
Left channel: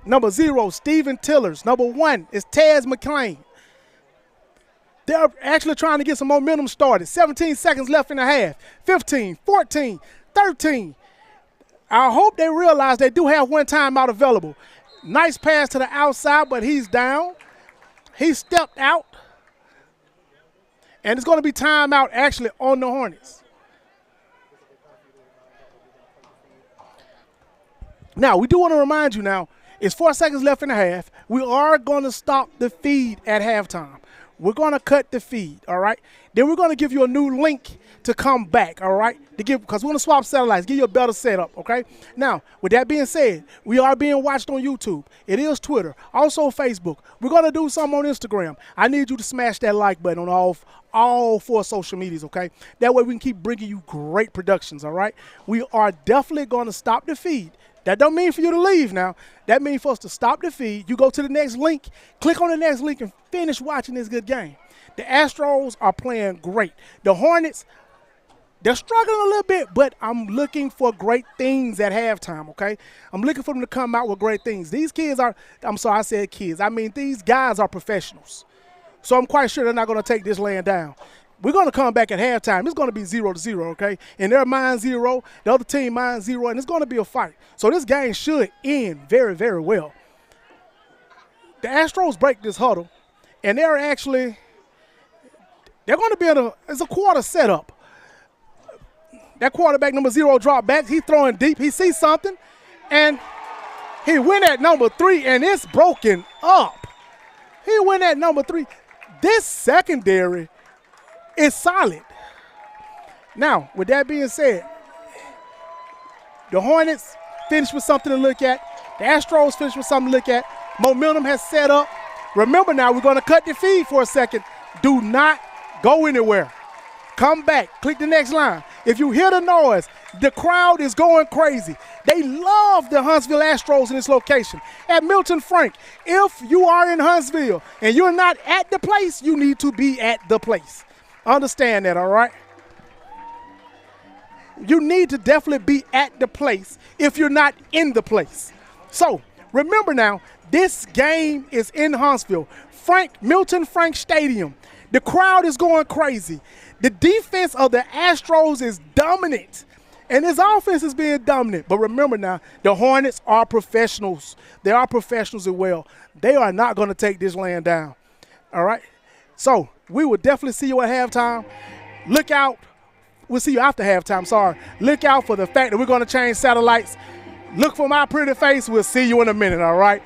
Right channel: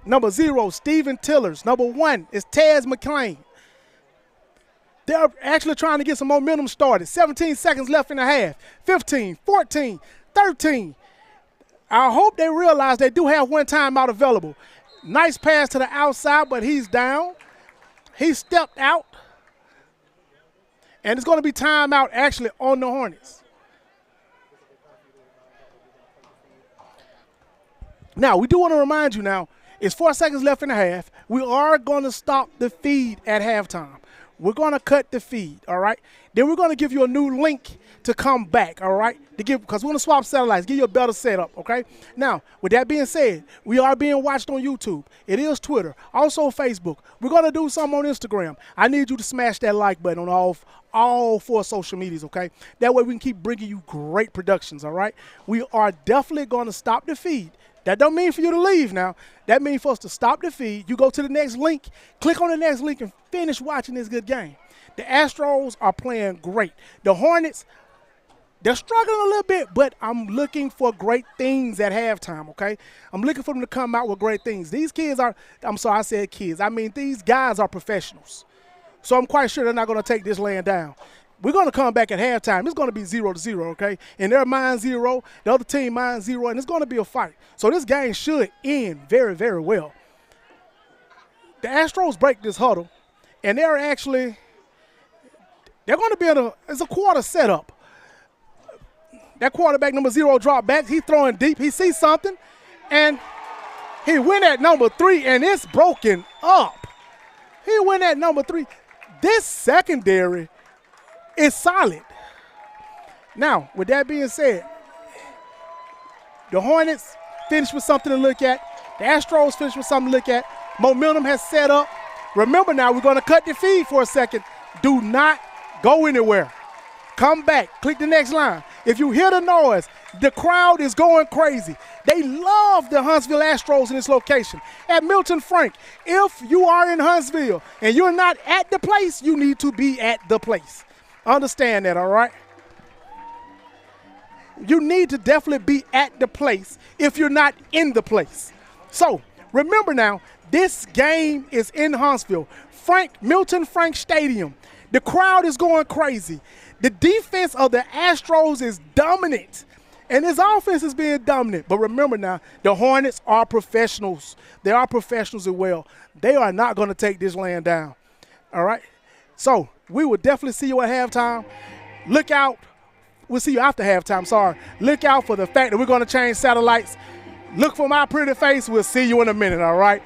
number 0, Steven Tillers. Number 1 is Taz McClain. They're actually trying to get some momentum started. 17 seconds left in the half. 15, 14, 13. I hope they realize they do have one timeout available. Nice pass to the outside, but he's down. He stepped out. And it's going to be timeout actually on the Hornets. Now, we do want to remind you now, it's 4 seconds left in the half. We are going to stop the feed at halftime. We're going to cut the feed, all right? Then we're going to give you a new link to come back, all right? Because we're going to swap satellites, give you a better setup, okay? Now, with that being said, we are being watched on YouTube. It is Twitter, also Facebook. We're going to do something on Instagram. I need you to smash that like button on all 4 social medias, okay? That way we can keep bringing you great productions, all right? We are definitely going to stop the feed. That don't mean for you to leave now. That means for us to stop the feed. You go to the next link, click on the next link, and finish watching this good game. The Astros are playing great. The Hornets, they're struggling a little bit, but I'm looking for great things at halftime, okay? I'm looking for them to come out with great things. These kids are, I'm sorry, I said kids. I mean, these guys are professionals. So I'm quite sure they're not going to take this laying down. We're going to come back at halftime. It's going to be 0-0, okay? And their mind 0, the other team mind 0, and it's going to be a fight. So this game should end very, very well. The Astros break this huddle, and they're going to be it's a quarter setup. That quarterback number 0 drop back. He's throwing deep. He sees something, and He went at number 3, and it's broken up. He went at number 3. This secondary is solid. Now, with that being said, the Hornets finished with something to look at. The Astros finished with something to look at. Momentum has set up. Remember now, we're going to cut the feed for a second. Do not go anywhere. Come back. Click the next line. If you hear the noise, the crowd is going crazy. They love the Huntsville Astros in this location. At Milton Frank, if you are in Huntsville and you're not at the place, you need to be at the place. Understand that, all right? You need to definitely be at the place if you're not in the place. So, remember now, this game is in Huntsville. Milton Frank Stadium. The crowd is going crazy. The defense of the Astros is dominant, and his offense is being dominant. But remember now, the Hornets are professionals. They are professionals as well. They are not going to take this land down. All right? So we will definitely see you at halftime. Look out. We'll see you after halftime, sorry. Look out for the fact that we're going to change satellites. Look for my pretty face. We'll see you in a minute, all right?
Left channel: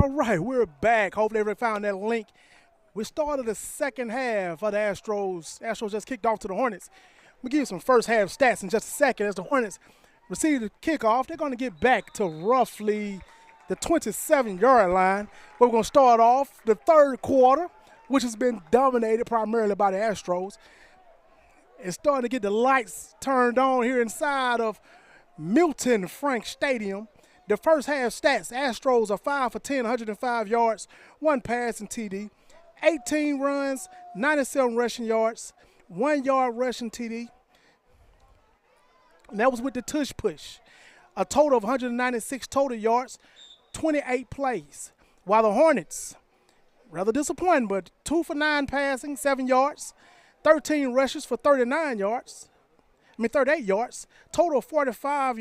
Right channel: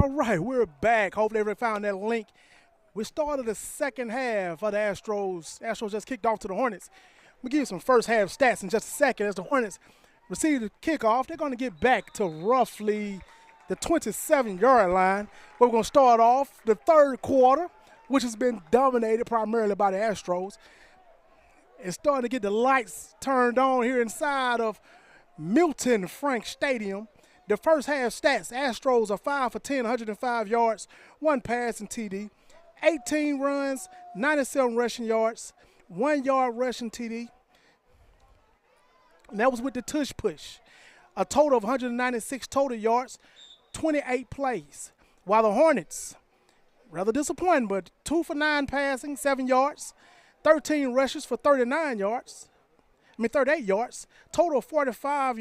All right, we're back. Hopefully everybody found that link. We started the second half of the Astros. Astros just kicked off to the Hornets. We'll give you some first half stats in just a second. As the Hornets receive the kickoff, they're going to get back to roughly the 27-yard line. We're going to start off the third quarter, which has been dominated primarily by the Astros. It's starting to get the lights turned on here inside of Milton Frank Stadium. The first half stats, Astros are 5 for 10, 105 yards, 1 pass and TD, 18 runs, 97 rushing yards, 1 yard rushing TD. And that was with the tush push. A total of 196 total yards, 28 plays. While the Hornets, rather disappointing, but 2 for 9 passing, 7 yards, 13 rushes for 38 yards, total of 45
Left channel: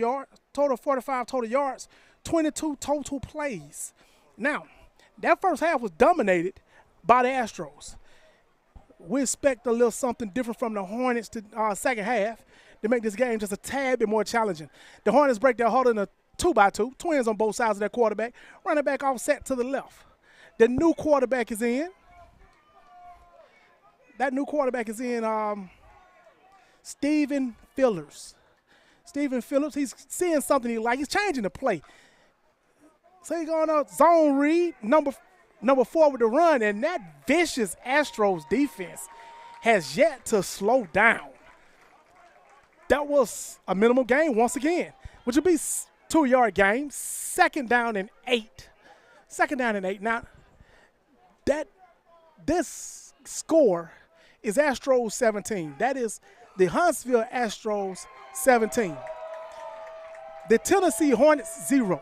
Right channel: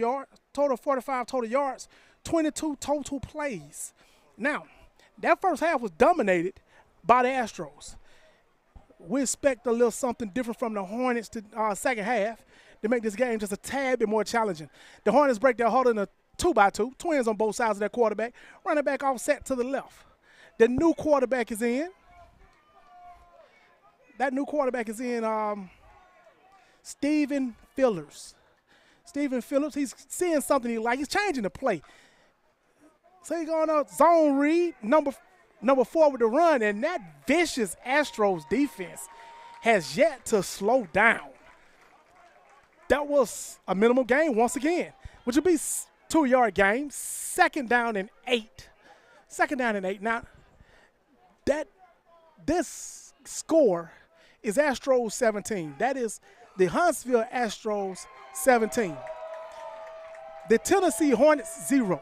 total yards, 22 total plays. Now, that first half was dominated by the Astros. We expect a little something different from the Hornets to second half to make this game just a tad bit more challenging. The Hornets break their huddle in a 2-by-2, twins on both sides of their quarterback, running back offset to the left. The new quarterback is in. That new quarterback is in Stephen Phillips. Stephen Phillips, he's seeing something he likes. He's changing the play. So he's going to zone read, number 4 with the run, and that vicious Astros defense has yet to slow down. That was a minimal gain once again, which would be 2-yard game, second down and 8. Now, this score is Astros 17. That is the Huntsville Astros 17. The Tennessee Hornets 0.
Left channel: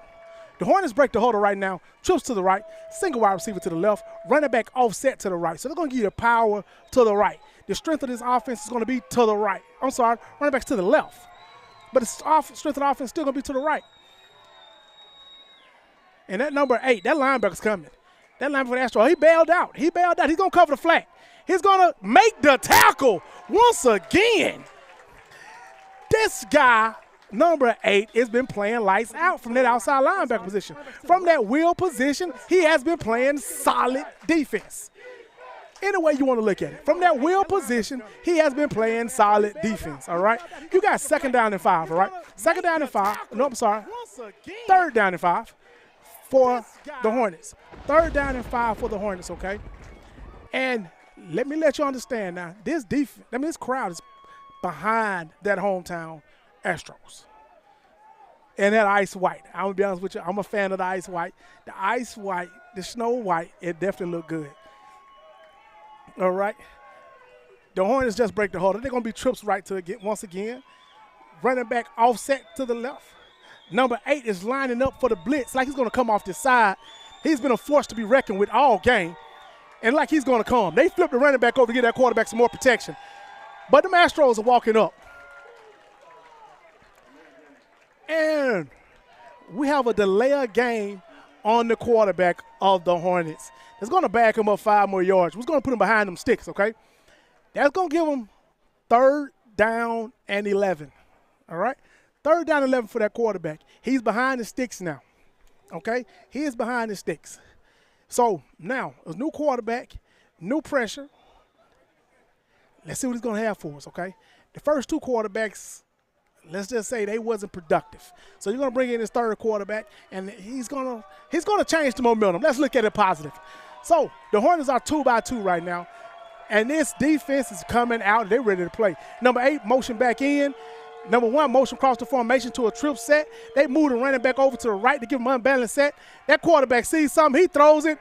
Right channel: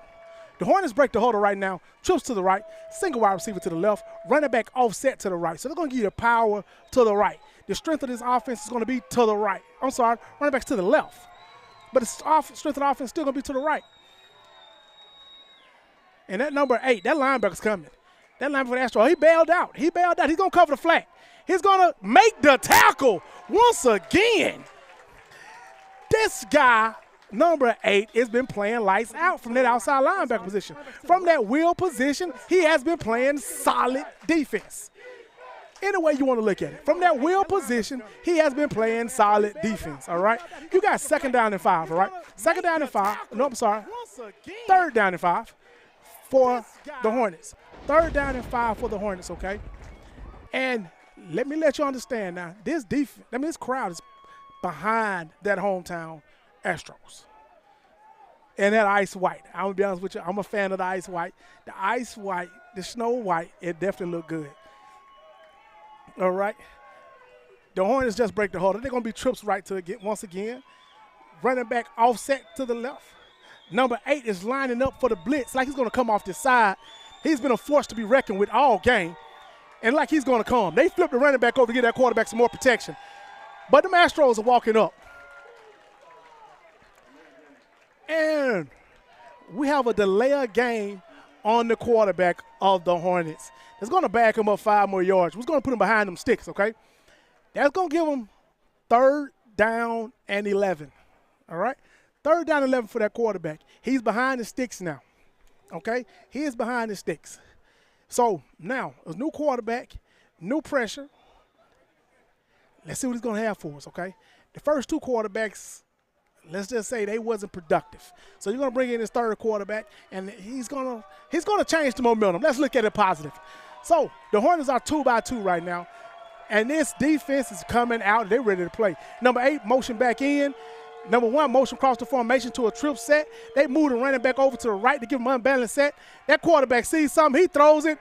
The Hornets break the huddle right now, trips to the right, single wide receiver to the left, running back offset to the right. So they're going to give you the power to the right. The strength of this offense is going to be to the right. I'm sorry, running back's to the left. But the strength of the offense is still going to be to the right. And that number 8, that linebacker's coming. That lineman for the Astros, he bailed out. He's going to cover the flat. He's going to make the tackle once again. This guy, number 8, has been playing lights out from that outside linebacker position. From that wheel position, he has been playing solid defense. Any way you want to look at it. From that wheel position, he has been playing solid defense, all right? You got 2nd down and 5, all right? 2nd down and 5. No, I'm sorry. 3rd down and 5 for the Hornets. 3rd down and 5 for the Hornets, okay? And let me let you understand now, this crowd is behind that hometown Astros. And that ice white. I'm going to be honest with you, I'm a fan of the ice white. The ice white, the snow white, it definitely look good. All right. The Hornets just break the huddle. They're going to be trips right to it once again. Running back offset to the left. Number 8 is lining up for the blitz like he's going to come off the side. He's been a force to be reckoned with all game. And like he's going to come. They flip the running back over to get that quarterback some more protection. But the Astros are walking up. And we have a delay of game on the quarterback of the Hornets. It's going to back him up 5 more yards. We're going to put him behind them sticks, okay? That's going to give him 3rd down and 11, all right? 3rd down and 11 for that quarterback. He's behind the sticks now, okay? He is behind the sticks. So now, a new quarterback, new pressure. Let's see what he's going to have for us, okay? The first 2 quarterbacks, let's just say they wasn't productive. So you're going to bring in his 3rd quarterback, and he's going to change the momentum. Let's look at it positive. So the Hornets are 2-by-2 right now, and this defense is coming out. They're ready to play. Number 8, motion back in. Number 1, motion across the formation to a trip set. They move the running back over to the right to give him an unbalanced set. That quarterback sees something. He throws it,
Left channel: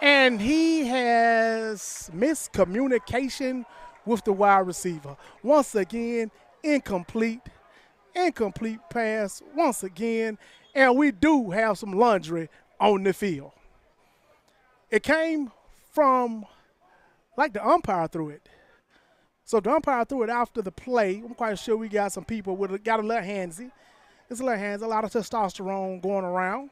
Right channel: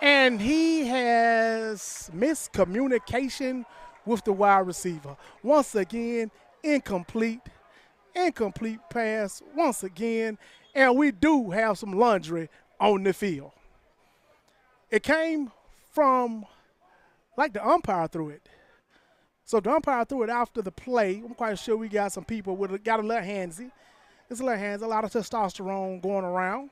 and he has miscommunication with the wide receiver. Once again, incomplete pass once again, and we do have some laundry on the field. It came from, like the umpire threw it. So the umpire threw it after the play. I'm quite sure we got some people got a little handsy. It's a little handsy, a lot of testosterone going around.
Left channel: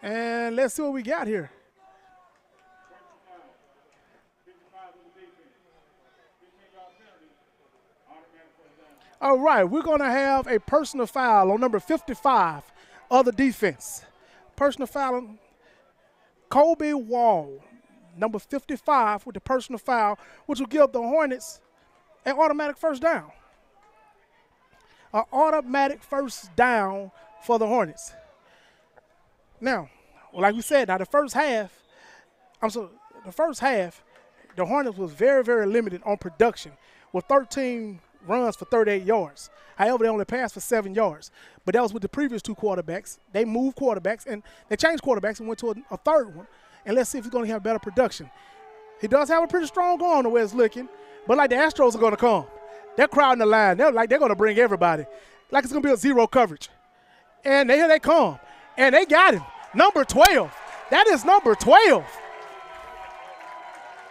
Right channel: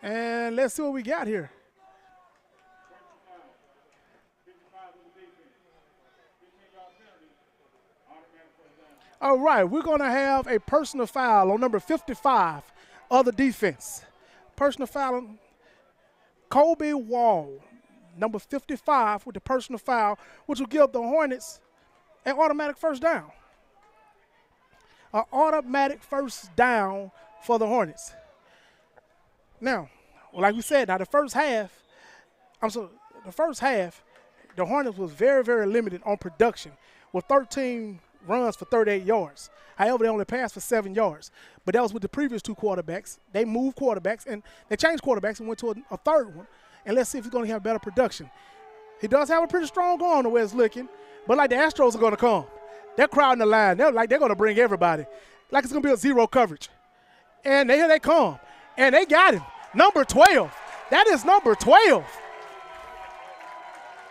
And let's see what we got here. All right, we're going to have a personal foul on number 55 of the defense. Personal foul on Kobe Wall, number 55 with the personal foul, which will give the Hornets an automatic 1st down. An automatic 1st down for the Hornets. Now, like we said, the first half, the Hornets was very, very limited on production with 13 runs for 38 yards. However, they only passed for 7 yards. But that was with the previous 2 quarterbacks. They moved quarterbacks, and they changed quarterbacks and went to a 3rd one. And let's see if he's going to have better production. He does have a pretty strong arm the way it's looking, but like the Astros are going to come. They're crowding the line. They're going to bring everybody. Like it's going to be a 0 coverage. And here they come. And they got him. Number 12. That is number 12.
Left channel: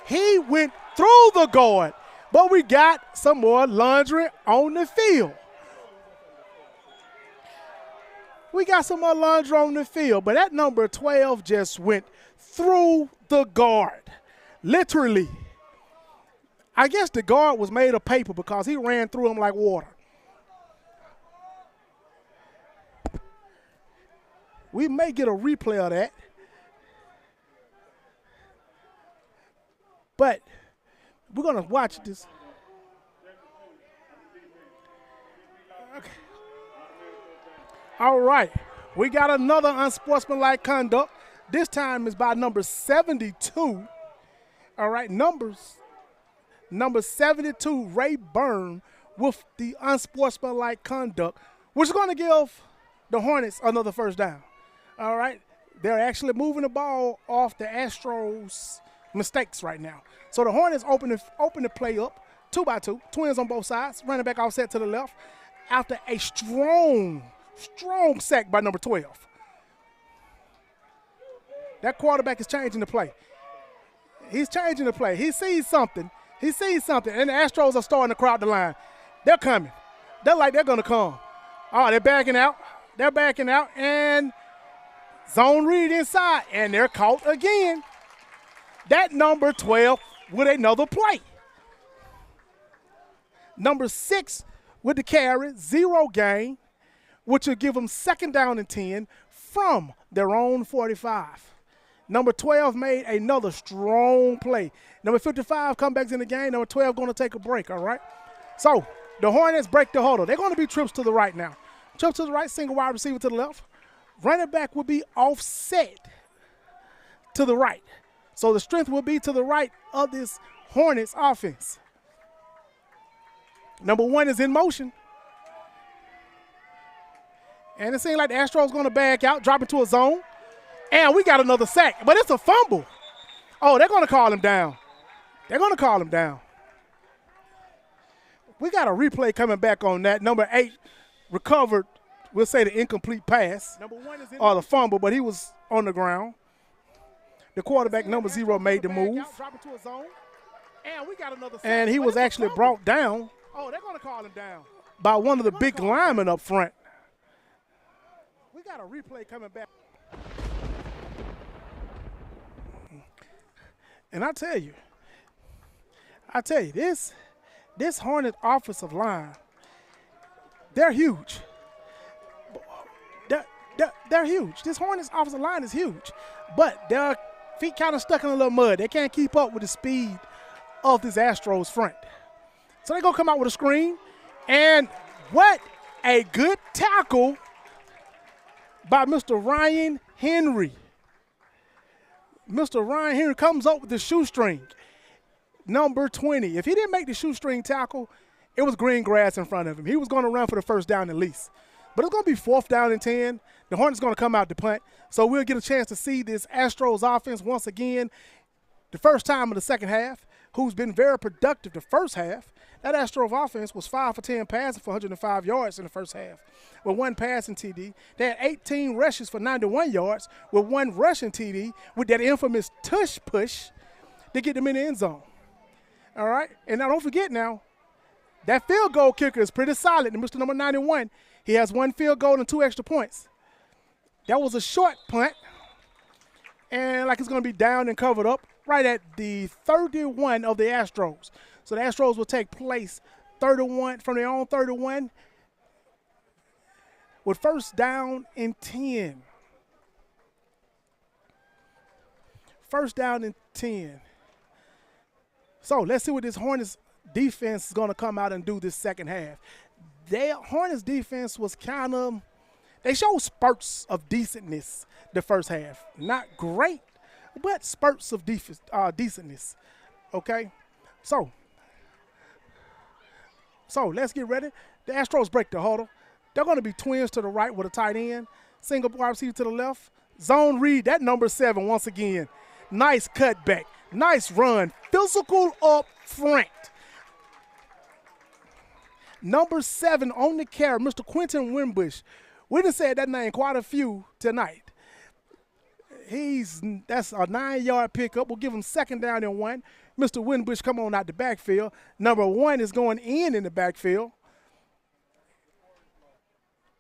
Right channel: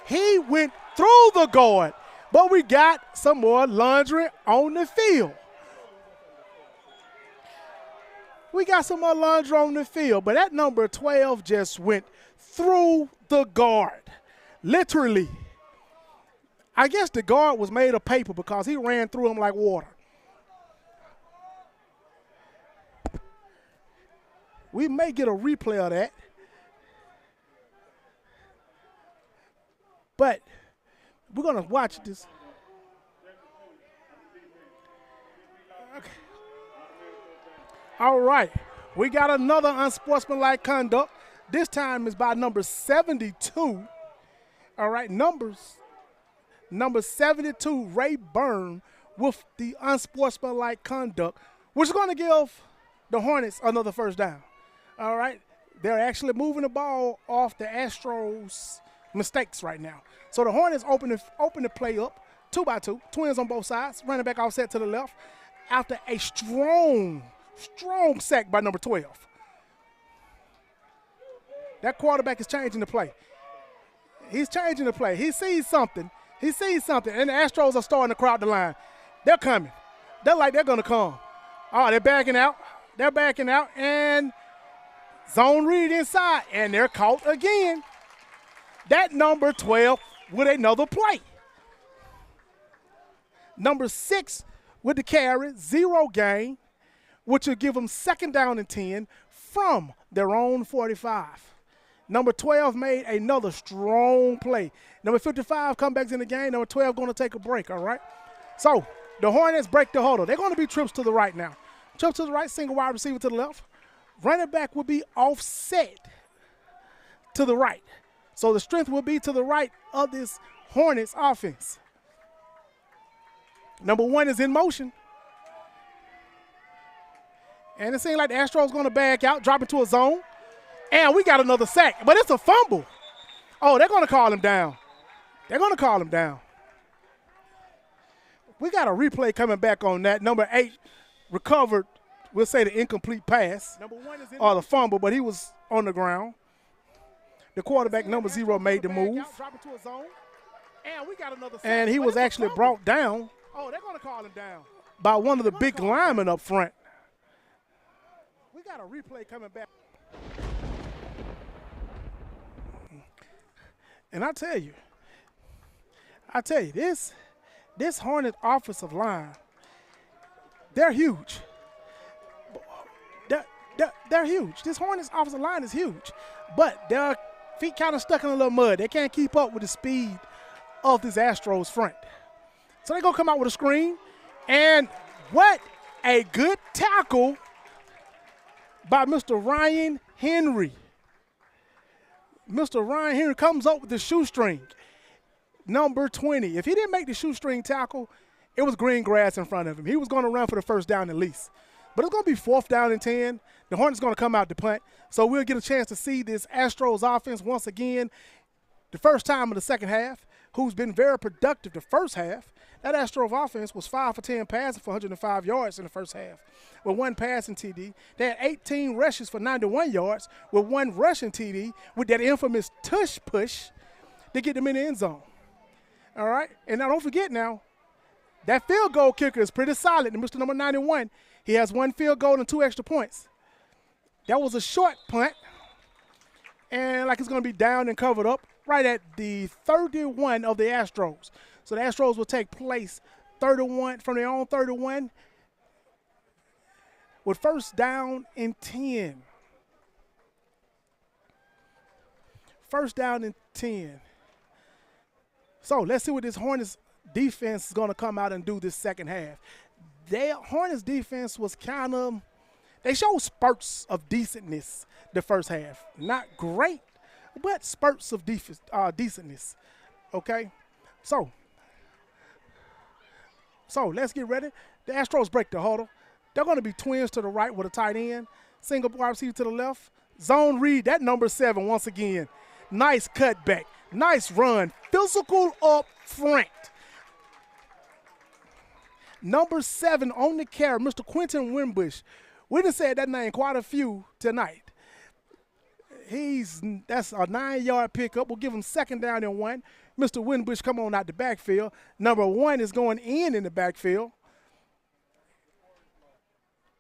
He went through the guard. But we got some more laundry on the field. We got some more laundry on the field, but that number 12 just went through the guard. Literally. I guess the guard was made of paper because he ran through him like water. We may get a replay of that. But we're going to watch this. Okay. All right. We got another unsportsmanlike conduct. This time is by number 72. All right. Number 72, Ray Byrne, with the unsportsmanlike conduct, which is going to give the Hornets another 1st down. All right. They're actually moving the ball off the Astros' mistakes right now. So the Hornets open the play up, 2-by-2, twins on both sides, running back offset to the left after a strong sack by number 12. That quarterback is changing the play. He's changing the play. He sees something, and the Astros are starting to crowd the line. They're coming. They're going to come. Oh, they're backing out, and Zone read inside, and they're caught again. That number 12 with another play. Number 6 with the carry, 0 gain, which will give them 2nd down and 10 from their own 45. Number 12 made another strong play. Number 55 comebacks in the game. Number 12 going to take a break, all right? So the Hornets break the huddle. They're going to be trips to the right now. Trips to the right, single wide receiver to the left. Running back will be offset to the right. So the strength will be to the right of this Hornets offense. Number 1 is in motion. And it seems like the Astros going to back out, drop into a zone. And we got another sack, but it's a fumble. Oh, they're going to call him down. They're going to call him down. We got a replay coming back on that. Number 8 recovered, we'll say the incomplete pass or the fumble, but he was on the ground. The quarterback, number 0, made the move. And he was actually brought down by one of the big linemen up front. We got a replay coming back. And I tell you, this Hornet offensive line, they're huge. They're huge. This Hornets offensive line is huge. But their feet kind of stuck in a little mud. They can't keep up with the speed of this Astros front. So they're going to come out with a screen. And what a good tackle by Mr. Ryan Henry. Mr. Ryan Henry comes up with the shoestring, number 20. If he didn't make the shoestring tackle, it was green grass in front of him. He was going to run for the 1st down at least. But it's going to be 4th down and 10. The Hornets going to come out to punt. So we'll get a chance to see this Astros offense once again, the first time in the second half, who's been very productive the first half. That Astros offense was 5 for 10 passing for 105 yards in the first half with 1 passing TD. They had 18 rushes for 91 yards with 1 rushing TD with that infamous tush push to get them in the end zone. All right? And now don't forget now, that field goal kicker is pretty solid. And Mr. Number 91, he has 1 field goal and 2 extra points. That was a short punt. And like it's going to be down and covered up right at the 31 of the Astros. So the Astros will take place 31 from their own 31 with 1st down and 10. 1st down and 10. So let's see what this Hornets defense is going to come out and do this second half. Their Hornets defense was kind of, they showed spurts of decentness the first half. Not great, but spurts of decentness. Okay? So let's get ready. The Astros break the huddle. They're going to be twins to the right with a tight end. Single wide receiver to the left. Zone read, that number 7 once again. Nice cutback. Nice run. Physical up front. Number 7 on the carry, Mr. Quentin Wimbush. We done said that name quite a few tonight. That's a 9-yard pickup. We'll give him 2nd down and 1. Mr. Wimbush come on out the backfield. Number 1 is going in the backfield.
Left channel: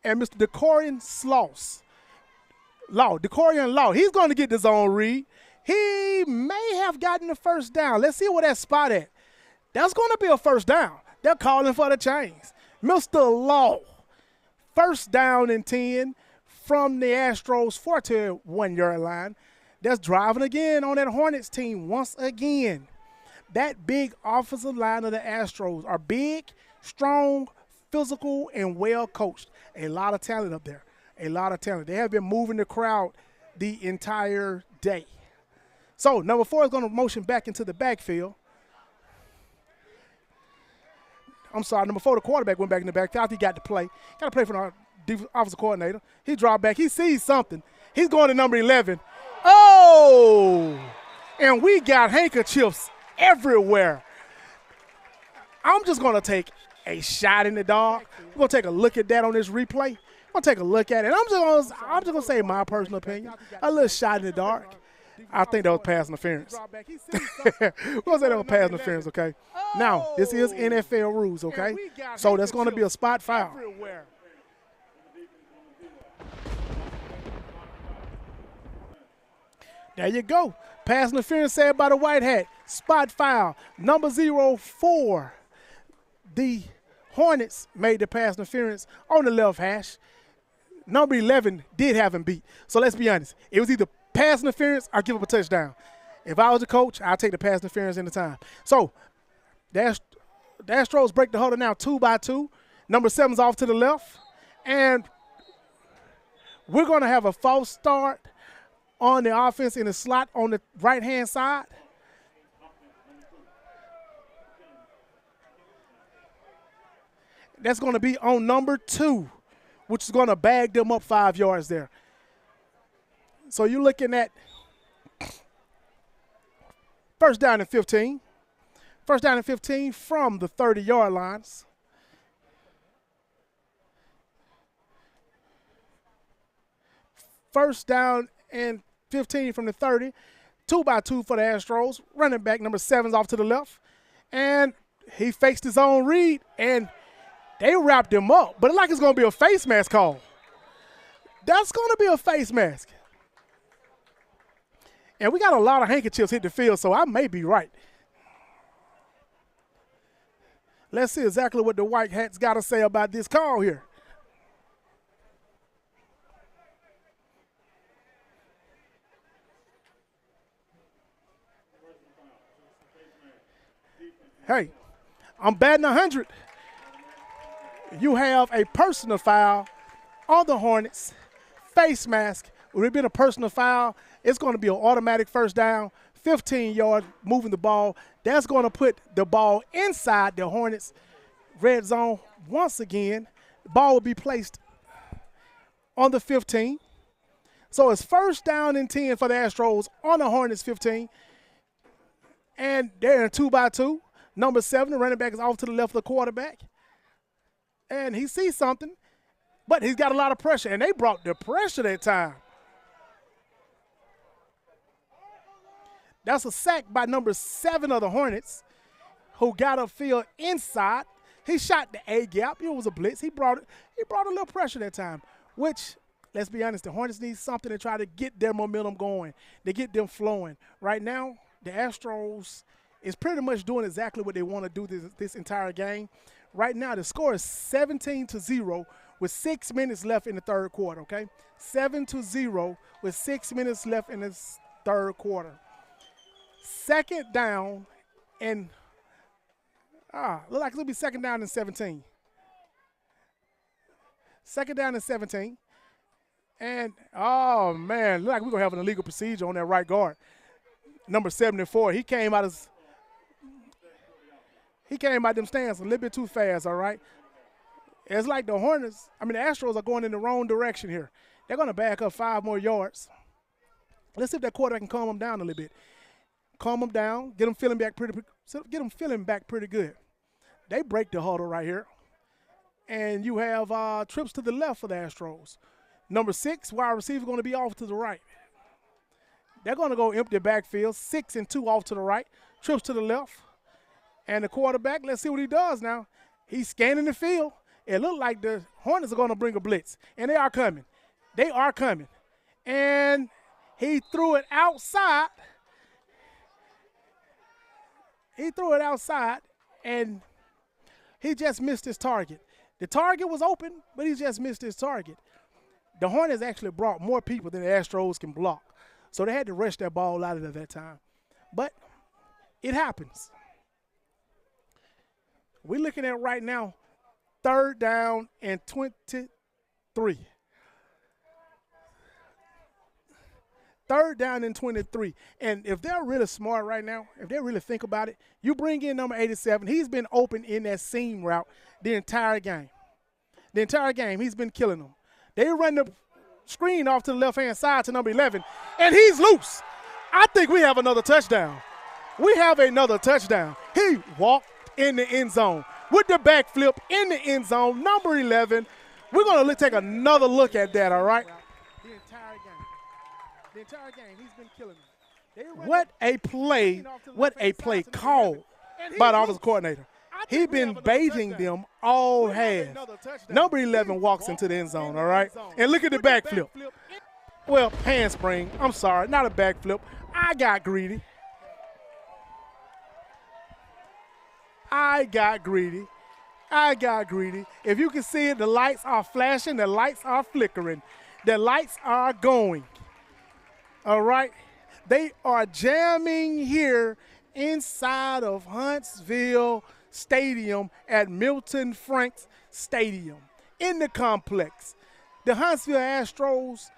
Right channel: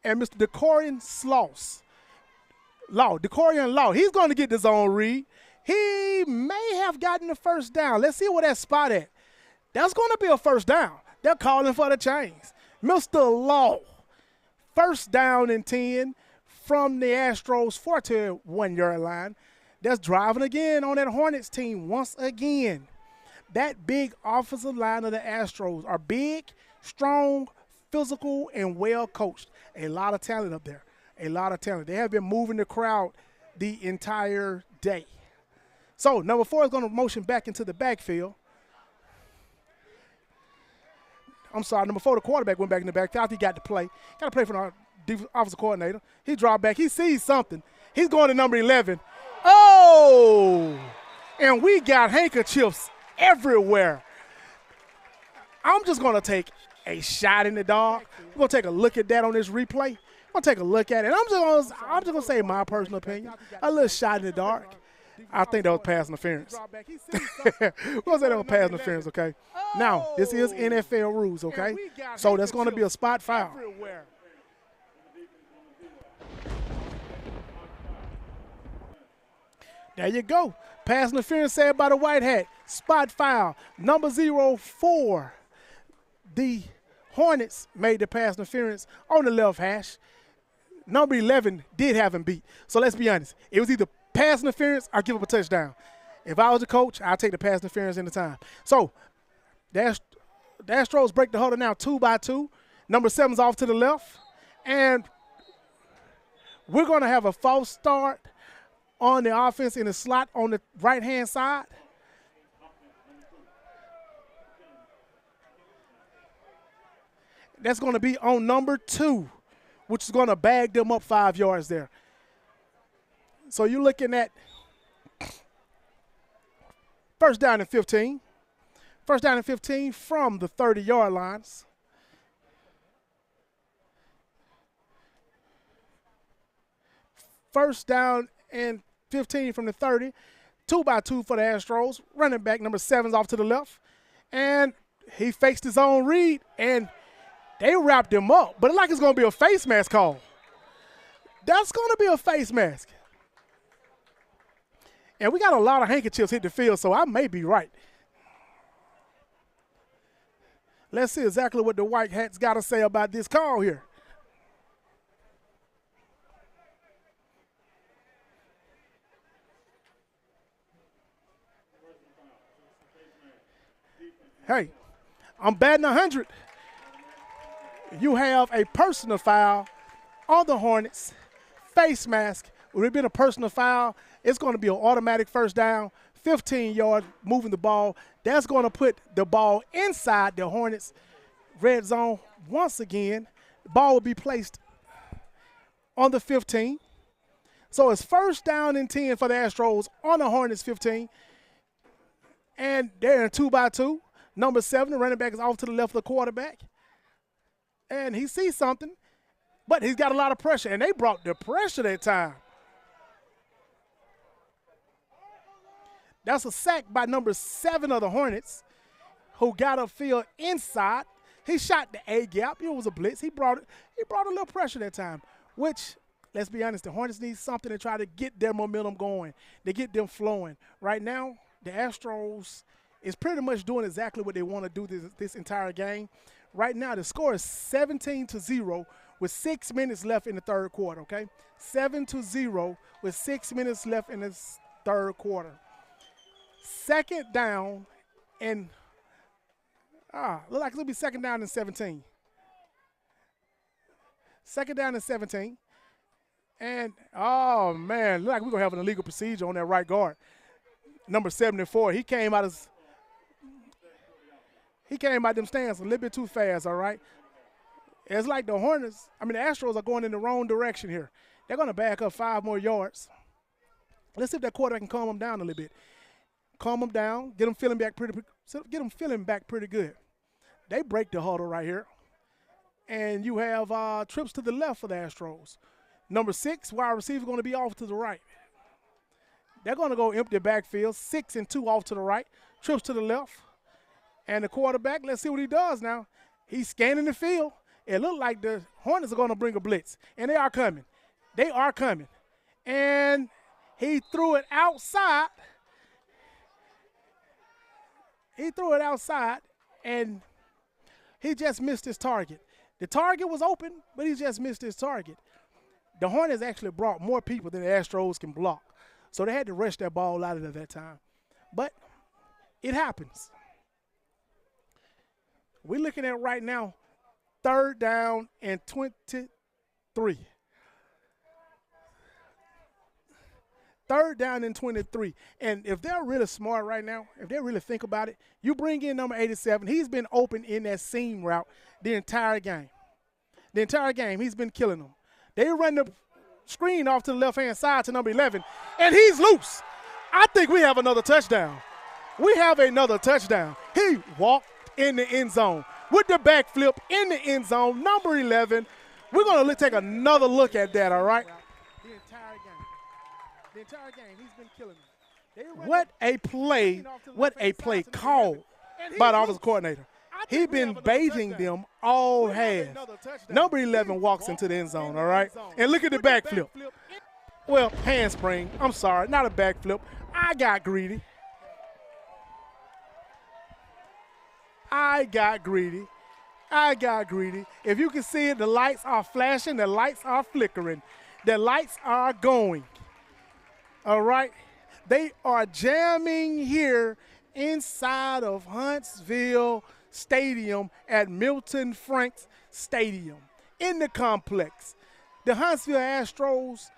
And Mr. Decorian Law, he's going to get the zone read. He may have gotten the 1st down. Let's see where that spot at. That's going to be a 1st down. They're calling for the chains. Mr. Law, 1st down and 10 from the Astros 41-yard line. That's driving again on that Hornets team once again. That big offensive line of the Astros are big, strong, physical, and well coached. A lot of talent up there. A lot of talent. They have been moving the crowd the entire day. So number 4 is going to motion back into the backfield. I'm sorry, number 4, the quarterback went back in the backfield. He got to play. Got to play for the offensive coordinator. He dropped back. He sees something. He's going to number 11. Oh! And we got handkerchiefs everywhere. I'm just going to take a shot in the dark. We're going to take a look at that on this replay. I'm going to take a look at it. I'm just going to say my personal opinion. A little shot in the dark. I think that was pass interference. We're going to say that was pass interference, okay? Now, this is NFL rules, okay? So that's going to be a spot foul. There you go. Pass interference saved by the white hat. Spot foul. Number 04. The Hornets made the pass interference on the left hash. Number 11 did have him beat. So let's be honest. It was either pass interference or give up a touchdown. If I was the coach, I'd take the pass interference in the time. So the Astros break the huddle now 2-2. Number 7's off to the left. And we're going to have a false start on the offense in the slot on the right-hand side. That's going to be on number 2, which is going to bag them up 5 yards there. So you're looking at first down and 15. First down and 15 from the 30-yard lines. First down and 15 from the 30. 2-2 for the Astros. Running back number 7's off to the left. And he faced his own read, and they wrapped him up. But it's like it's going to be a face mask call. That's going to be a face mask. And we got a lot of handkerchiefs hit the field, so I may be right. Let's see exactly what the white hats got to say about this call here. Hey, I'm batting 100. You have a personal foul on the Hornets. Face mask. Would it been a personal foul? It's going to be an automatic first down, 15 yards, moving the ball. That's going to put the ball inside the Hornets' red zone once again. The ball will be placed on the 15. So it's first down and 10 for the Astros on the Hornets 15. And they're in a 2-2. Number 7, the running back, is off to the left of the quarterback. And he sees something, but he's got a lot of pressure. And they brought the pressure that time. That's a sack by number 7 of the Hornets, who got upfield inside. He shot the A-gap. It was a blitz. He brought a little pressure that time, which, let's be honest, the Hornets need something to try to get their momentum going, to get them flowing. Right now, the Astros is pretty much doing exactly what they want to do this entire game. Right now, the score is 17-0 with 6 minutes left in the third quarter, okay? 7-0 with 6 minutes left in the third quarter. Second down and look like it'll be second down and 17. Second down and 17. And, oh, man, look like we're going to have an illegal procedure on that right guard. Number 74, he came out them stands a little bit too fast, all right? It's like the Astros are going in the wrong direction here. They're going to back up 5 more yards. Let's see if that quarterback can calm them down a little bit. Calm them down, get them feeling back pretty good. They break the huddle right here. And you have trips to the left for the Astros. Number 6, wide receiver, going to be off to the right. They're going to go empty backfield, 6 and 2 off to the right, trips to the left. And the quarterback, let's see what he does now. He's scanning the field. It looked like the Hornets are going to bring a blitz, and they are coming. They are coming. And he threw it outside. And he just missed his target. The target was open, but he just missed his target. The Hornets actually brought more people than the Astros can block. So they had to rush that ball out of that time. But it happens. We're looking at right now, third down and 23. Third down and 23. And if they're really smart right now, if they really think about it, you bring in number 87. He's been open in that seam route the entire game. The entire game, he's been killing them. They run the screen off to the left-hand side to number 11, and he's loose. I think we have another touchdown. We have another touchdown. He walked in the end zone with the backflip in the end zone, number 11. We're going to take another look at that, all right? The entire game, he's been killing them. What a play call by the offensive coordinator. He's been baiting them all half. Number 11 walks into the end zone, all right? And look at the backflip. Well, handspring. I'm sorry, not a backflip. I got greedy. I got greedy. I got greedy. If you can see it, the lights are flashing, the lights are flickering, the lights are going. All right? They are jamming here inside of Huntsville Stadium at Milton Franks Stadium in the complex. The Huntsville Astros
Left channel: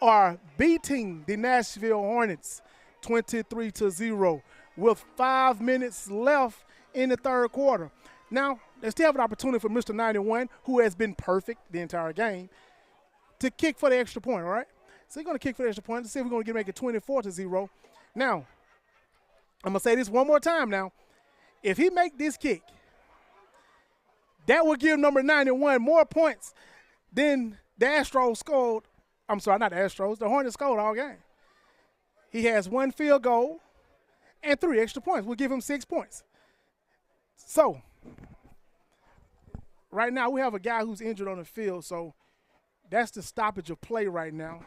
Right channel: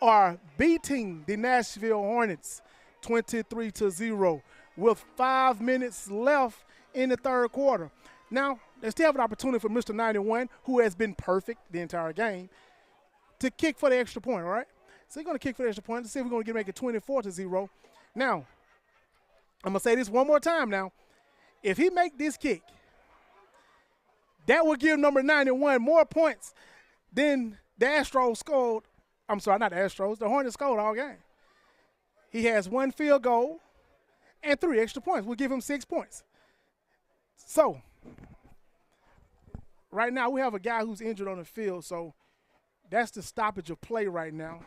are beating the Nashville Hornets 23-0 with 5 minutes left in the third quarter. Now, they still have an opportunity for Mr. 91, who has been perfect the entire game, to kick for the extra point, all right? So he's going to kick for the extra point to see if we're going to make it 24-0. Now, I'm going to say this one more time now. If he make this kick, that will give number 91 more points than the Astros scored. I'm sorry, not the Astros. The Hornets scored all game. He has 1 field goal and 3 extra points. We'll give him 6 points. So, right now we have a guy who's injured on the field, so that's the stoppage of play right now.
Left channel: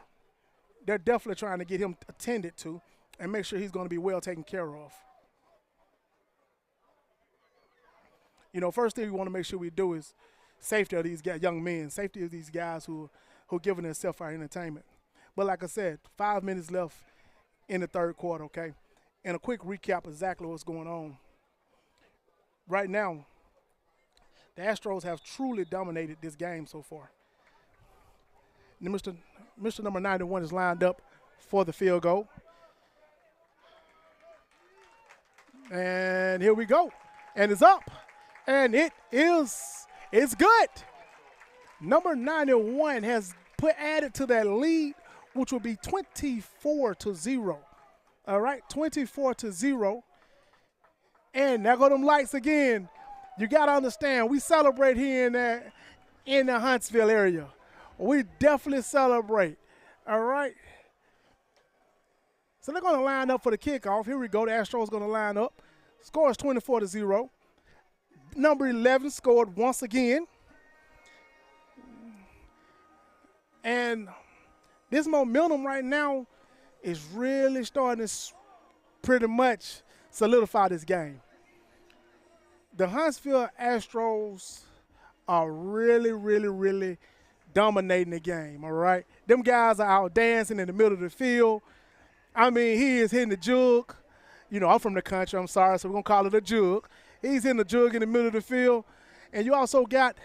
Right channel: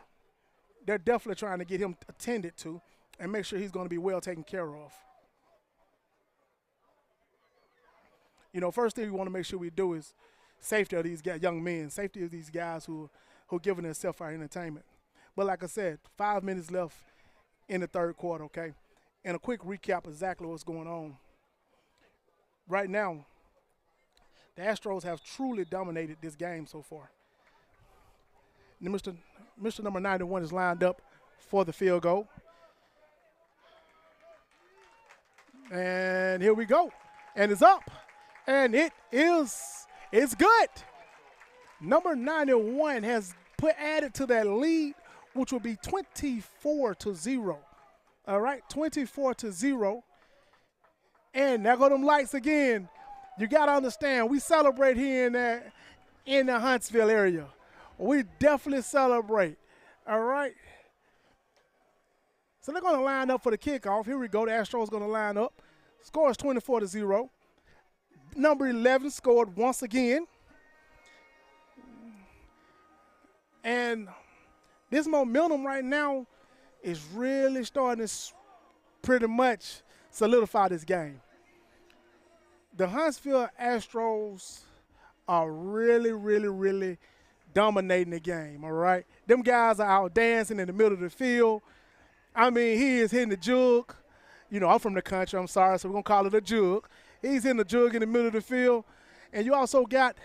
They're definitely trying to get him attended to and make sure he's going to be well taken care of. You know, first thing we want to make sure we do is safety of these young men, safety of these guys who are giving themselves our entertainment. But like I said, 5 minutes left in the third quarter, okay? And a quick recap of exactly what's going on. Right now, the Astros have truly dominated this game so far. And Mr. number 91 is lined up for the field goal. And here we go. And it's up. And it's good. Number 91 has added to that lead, which will be 24-0. All right, 24-0. And there go them lights again. You got to understand, we celebrate here in the Huntsville area. We definitely celebrate. All right. So they're going to line up for the kickoff. Here we go. The Astros going to line up. Score is 24-0. Number 11 scored once again. And this momentum right now is really starting to pretty much solidify this game. The Huntsville Astros are really, really, really dominating the game, all right? Them guys are out dancing in the middle of the field. I mean, he is hitting the jug. You know, I'm from the country, I'm sorry, so we're going to call it a jug. He's hitting the jug in the middle of the field. And you also got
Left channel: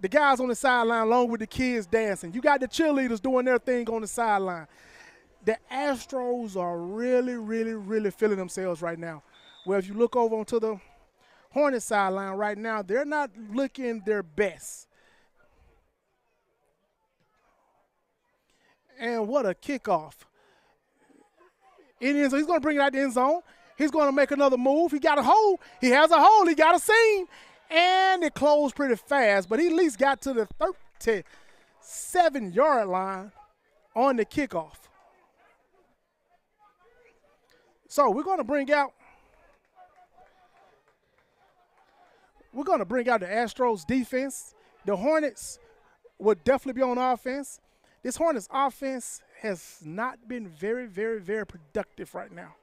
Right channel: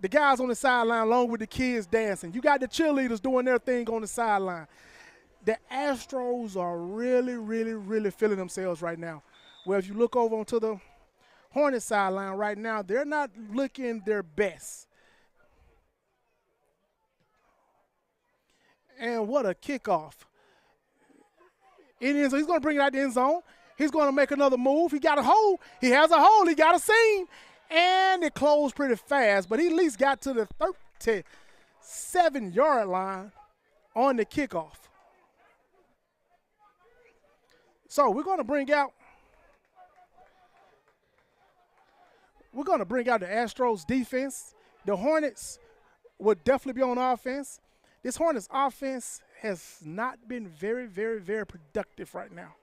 the guys on the sideline along with the kids dancing. You got the cheerleaders doing their thing on the sideline. The Astros are really, really, really feeling themselves right now. Well, if you look over onto the Hornets sideline right now, they're not looking their best. And what a kickoff. He's going to bring it out the end zone. He's going to make another move. He got a hole. He has a hole. He got a seam. And it closed pretty fast, but he at least got to the 37-yard line on the kickoff. So we're going to bring out the Astros defense. The Hornets will definitely be on offense. This Hornets offense has not been very, very, very productive right now.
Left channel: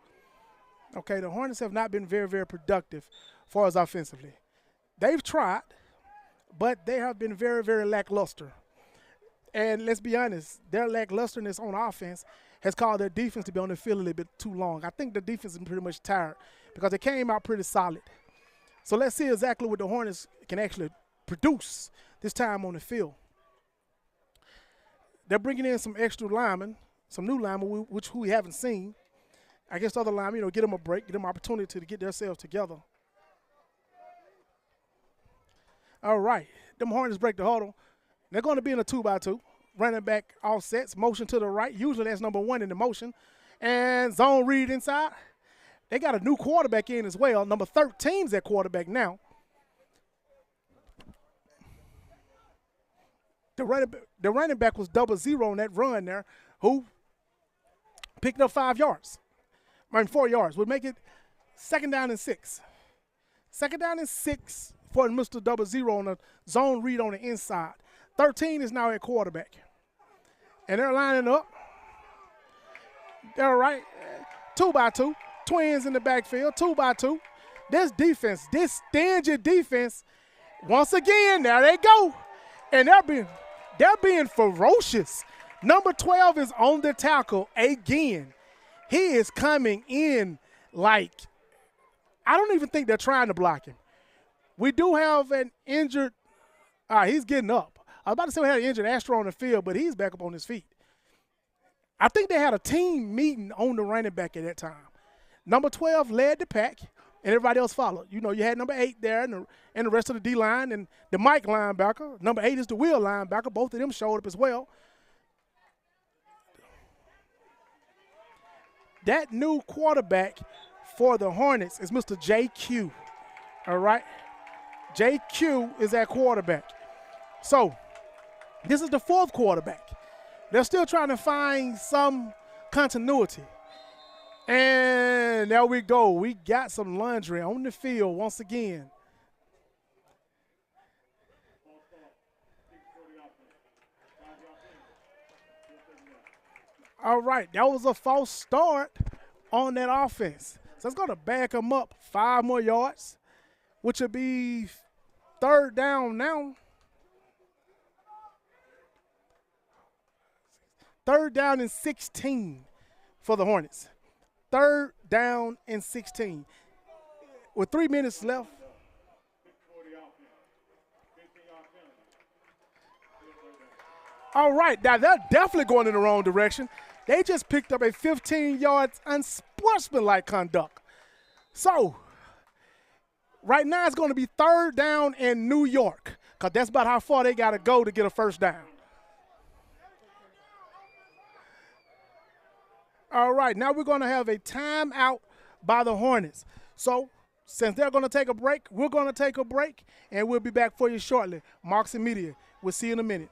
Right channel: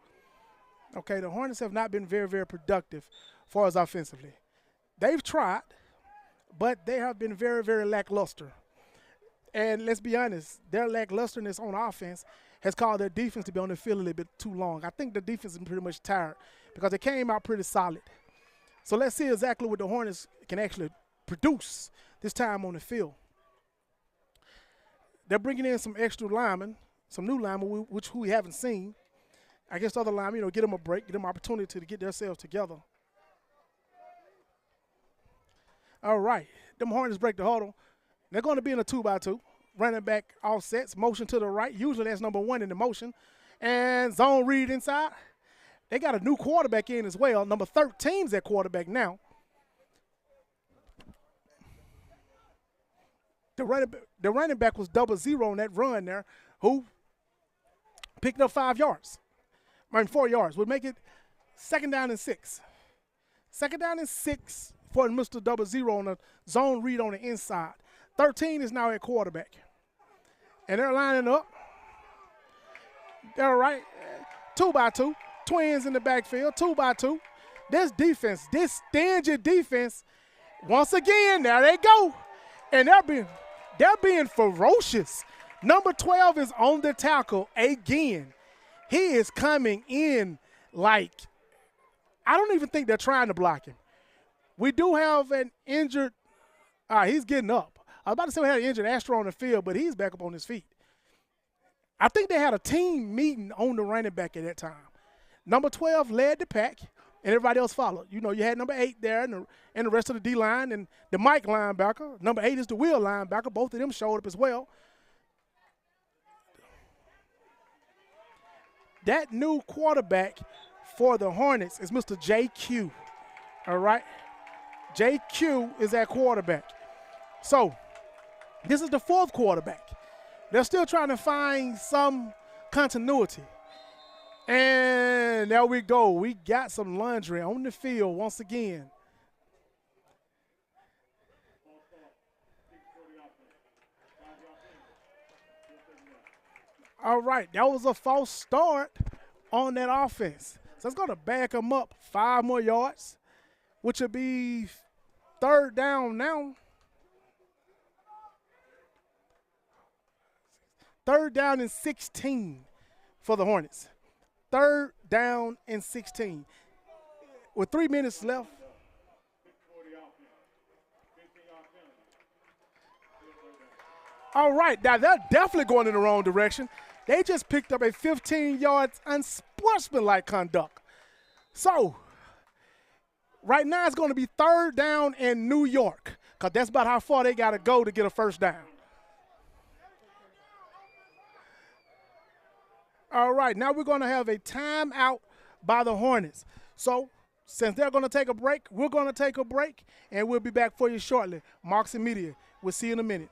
Okay, the Hornets have not been very, very productive as far as offensively. They've tried, but they have been very, very lackluster. And let's be honest, their lacklusterness on offense has caused their defense to be on the field a little bit too long. I think the defense is pretty much tired because they came out pretty solid. So let's see exactly what the Hornets can actually produce this time on the field. They're bringing in some extra linemen, some new linemen, which we haven't seen. I guess the other linemen, get them a break, get them an opportunity to get themselves together. All right, them Hornets break the huddle. They're going to be in a 2-by-2. Running back offsets, motion to the right. Usually that's number 1 in the motion. And zone read inside. They got a new quarterback in as well. Number 13's at quarterback now. The running back was 0-0 on that run there, who picked up 4 yards. Would make it 2nd down and 6. 2nd down and 6 for Mr. 0-0 on a zone read on the inside. 13 is now at quarterback. And they're lining up. All right. 2x2. Twins in the backfield. 2x2. This defense, this stingy defense, once again, there they go. And they're being ferocious. Number 12 is on the tackle again. He is coming in like, I don't even think they're trying to block him. We do have an injured, he's getting up. I was about to say we had an injured Astro on the field, but he's back up on his feet. I think they had a team meeting on the running back at that time. Number 12 led the pack, and everybody else followed. You know, you had number 8 there and the rest of the D-line and the Mike linebacker. Number 8 is the Will linebacker. Both of them showed up as well. That new quarterback for the Hornets is Mr. JQ, all right? JQ is that quarterback. So this is the 4th quarterback. They're still trying to find some continuity. And there we go. We got some laundry on the field once again. All right, that was a false start on that offense. So it's going to back them up 5 more yards, which will be 3rd down now. 3rd down and 16 for the Hornets. 3rd down and 16. With 3 minutes left. All right, now they're definitely going in the wrong direction. They just picked up a 15 yards unsportsmanlike conduct. So right now it's going to be 3rd down in New York, because that's about how far they got to go to get a 1st down. All right, now we're going to have a timeout by the Hornets. So since they're going to take a break, we're going to take a break, and we'll be back for you shortly. Marks and Media, we'll see you in a minute.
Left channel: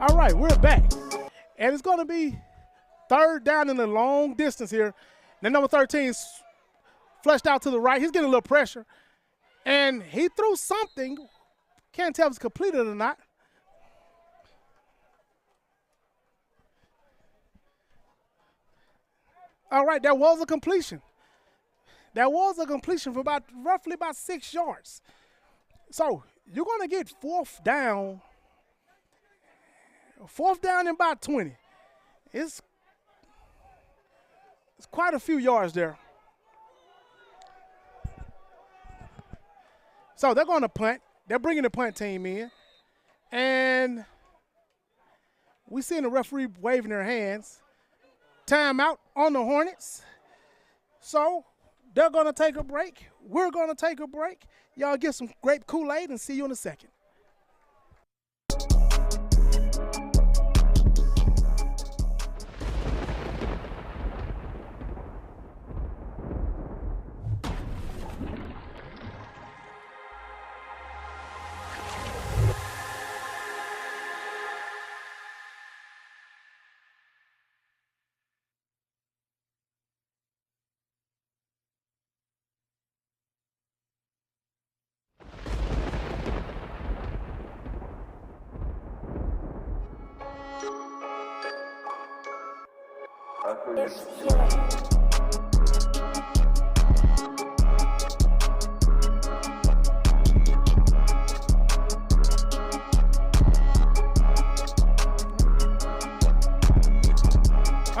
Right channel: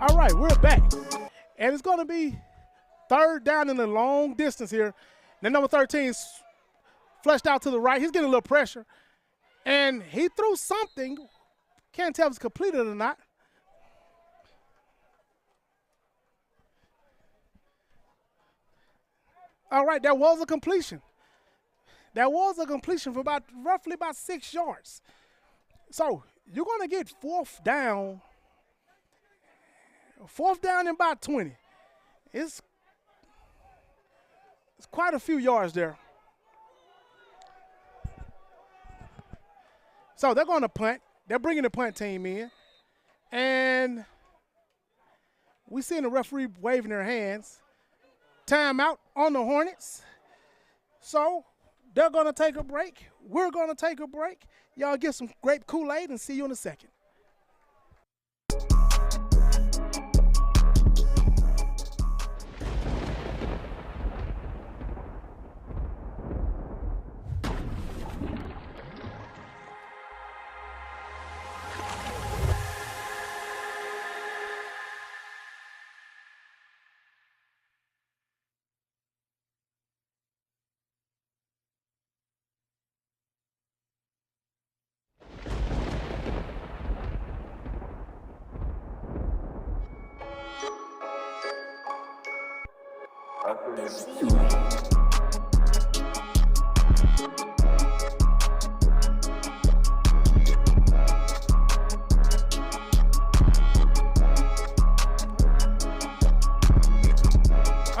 All right, we're back. And it's going to be 3rd down in the long distance here. Then number 13 flushed out to the right. He's getting a little pressure. And he threw something. Can't tell if it's completed or not. All right, that was a completion. That was a completion for roughly about 6 yards. So you're going to get 4th down. 4th down and about 20. It's quite a few yards there. So they're going to punt. They're bringing the punt team in. And we seeing the referee waving their hands. Timeout on the Hornets. So they're going to take a break. We're going to take a break. Y'all get some grape Kool-Aid and see you in a second.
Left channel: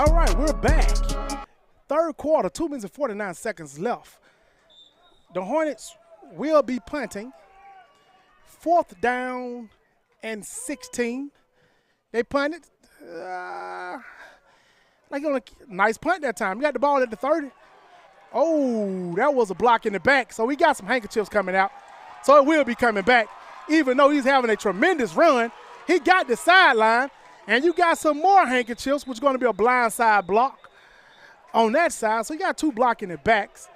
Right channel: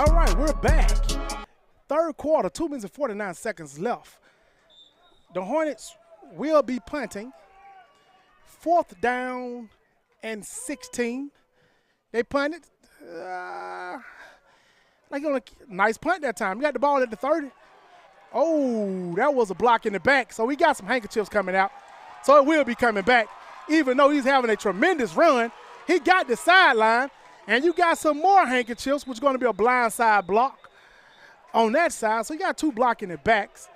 All right, we're back. Third quarter, 2 minutes and 49 seconds left. The Hornets will be punting. 4th down and 16. They punted. Like on a nice punt that time. You got the ball at the 30. Oh, that was a block in the back. So we got some handkerchiefs coming out. So it will be coming back. Even though he's having a tremendous run, he got the sideline. And you got some more handkerchiefs, which is going to be a blind side block on that side. So you got 2 blocking the backs.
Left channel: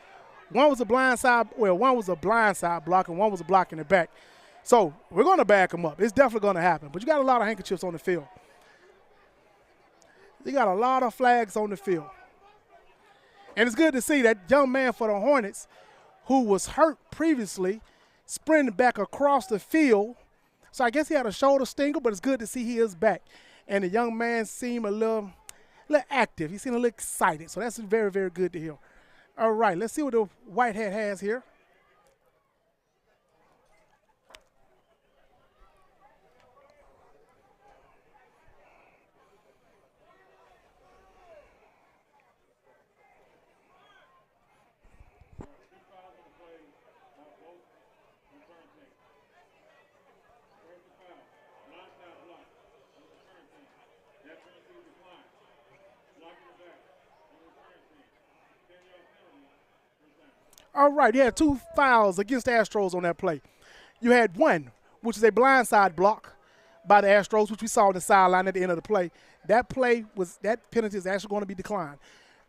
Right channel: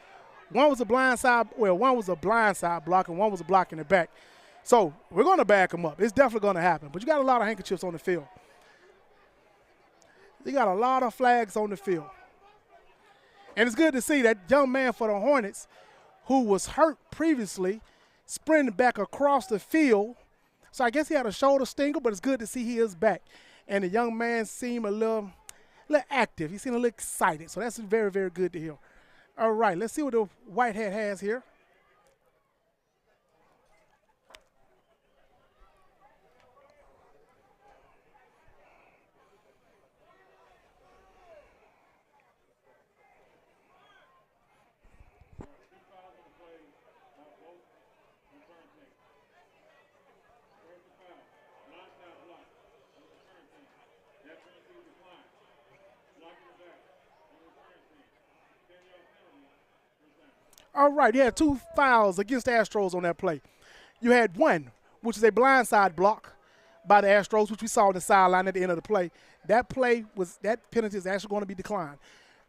One was a blind side block and one was a block in the back. So we're going to back them up. It's definitely going to happen. But you got a lot of handkerchiefs on the field. You got a lot of flags on the field. And it's good to see that young man for the Hornets who was hurt previously sprinting back across the field. So I guess he had a shoulder stinger, but it's good to see he is back. And the young man seemed a little active. He seemed a little excited. So that's very, very good to hear. All right, let's see what the white hat has here. All right, you had 2 fouls against the Astros on that play. You had one, which is a blindside block by the Astros, which we saw on the sideline at the end of the play. That penalty is actually going to be declined.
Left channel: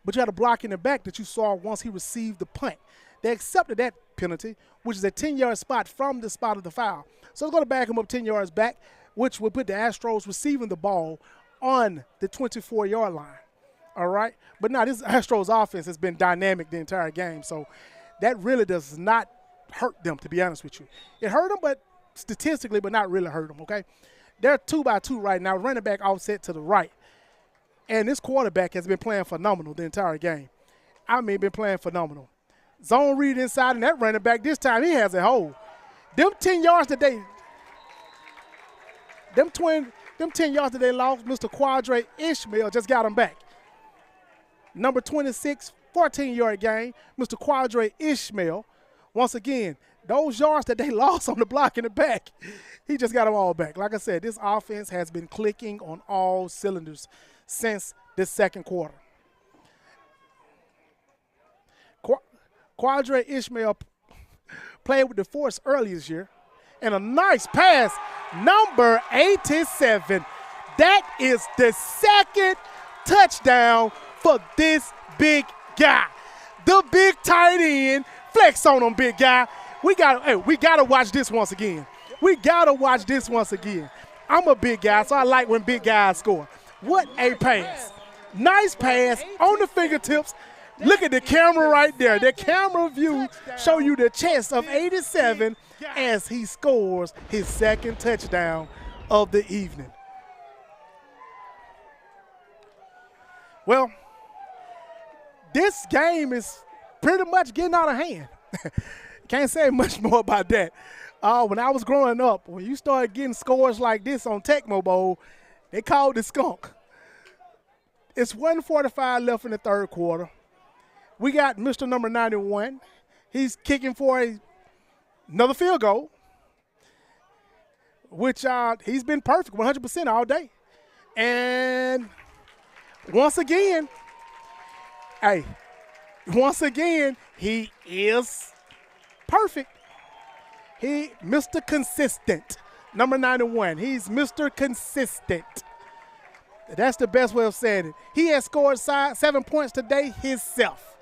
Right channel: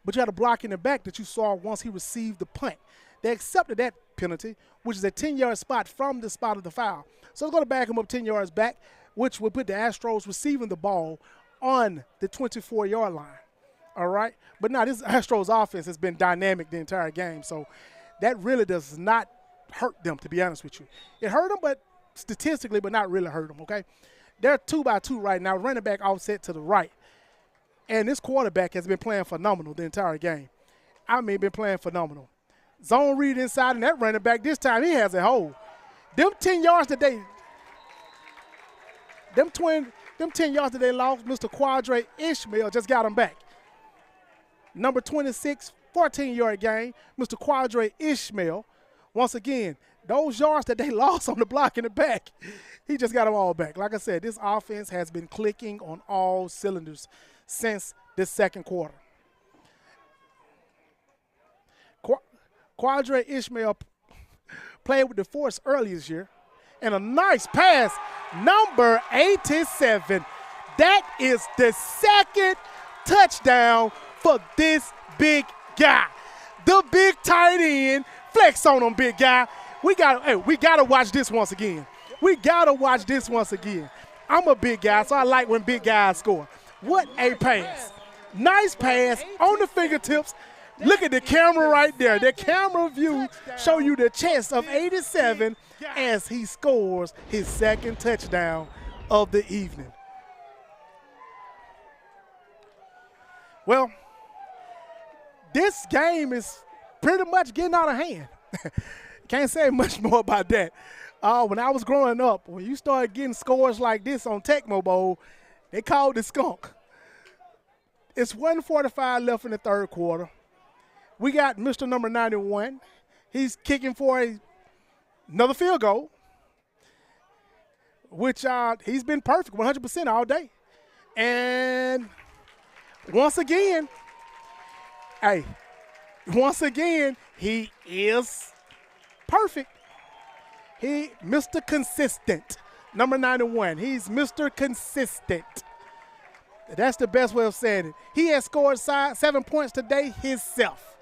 But you had a block in the back that you saw once he received the punt. They accepted that penalty, which is a 10-yard spot from the spot of the foul. So it's going to back him up 10 yards back, which will put the Astros receiving the ball on the 24-yard line. All right? But now this Astros offense has been dynamic the entire game, so that really does not hurt them, to be honest with you. It hurt them, but statistically, but not really hurt them, okay? They're 2-by-2 right now, running back offset to the right. And this quarterback has been playing phenomenal the entire game. I mean, been playing phenomenal. Zone read inside, and that running back, this time he has a hole. Them 10 yards that they lost, Mr. Quadre Ishmael just got them back. Number 26, 14-yard gain, Mr. Quadre Ishmael. Once again, those yards that they lost on the block in the back, he just got them all back. Like I said, this offense has been clicking on all cylinders since the second quarter. Quadre Ishmael played with the Force earlier this year. And a nice pass, number 87. That is the second touchdown for this big guy. The big tight end. Flex on him, big guy. We gotta watch this once again. I'm a big guy, so I like when big guys score. What a pass. Nice pass on the fingertips. Look at the camera right there. The camera view show you the chest of 87 as he scores his second touchdown of the evening. Well, this game is pretty much getting out of hand. Can't say much more about that. When I was growing up, when you started getting scores like this on Tecmo Bowl, they called it skunk. It's 1:45 left in the third quarter. We got Mr. Number 91. He's kicking for another field goal, which he's been perfect, 100% all day. And once again, he is perfect. Mr. Consistent, number 91. He's Mr. Consistent. That's the best way of saying it. He has scored 7 points today himself.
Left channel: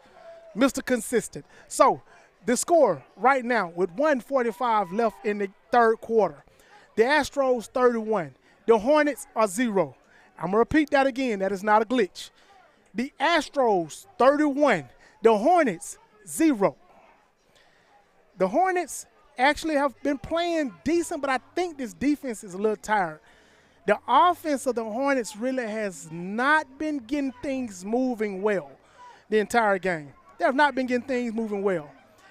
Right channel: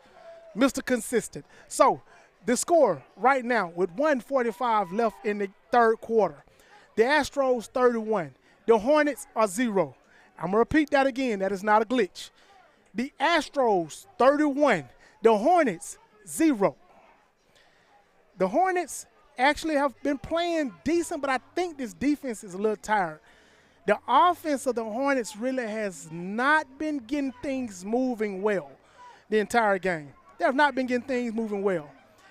Mr. Consistent. So the score right now with 1:45 left in the third quarter. The Astros 31. The Hornets are 0. I'm going to repeat that again. That is not a glitch. The Astros 31. The Hornets 0. The Hornets actually have been playing decent, but I think this defense is a little tired. The offense of the Hornets really has not been getting things moving well the entire game. They have not been getting things moving well.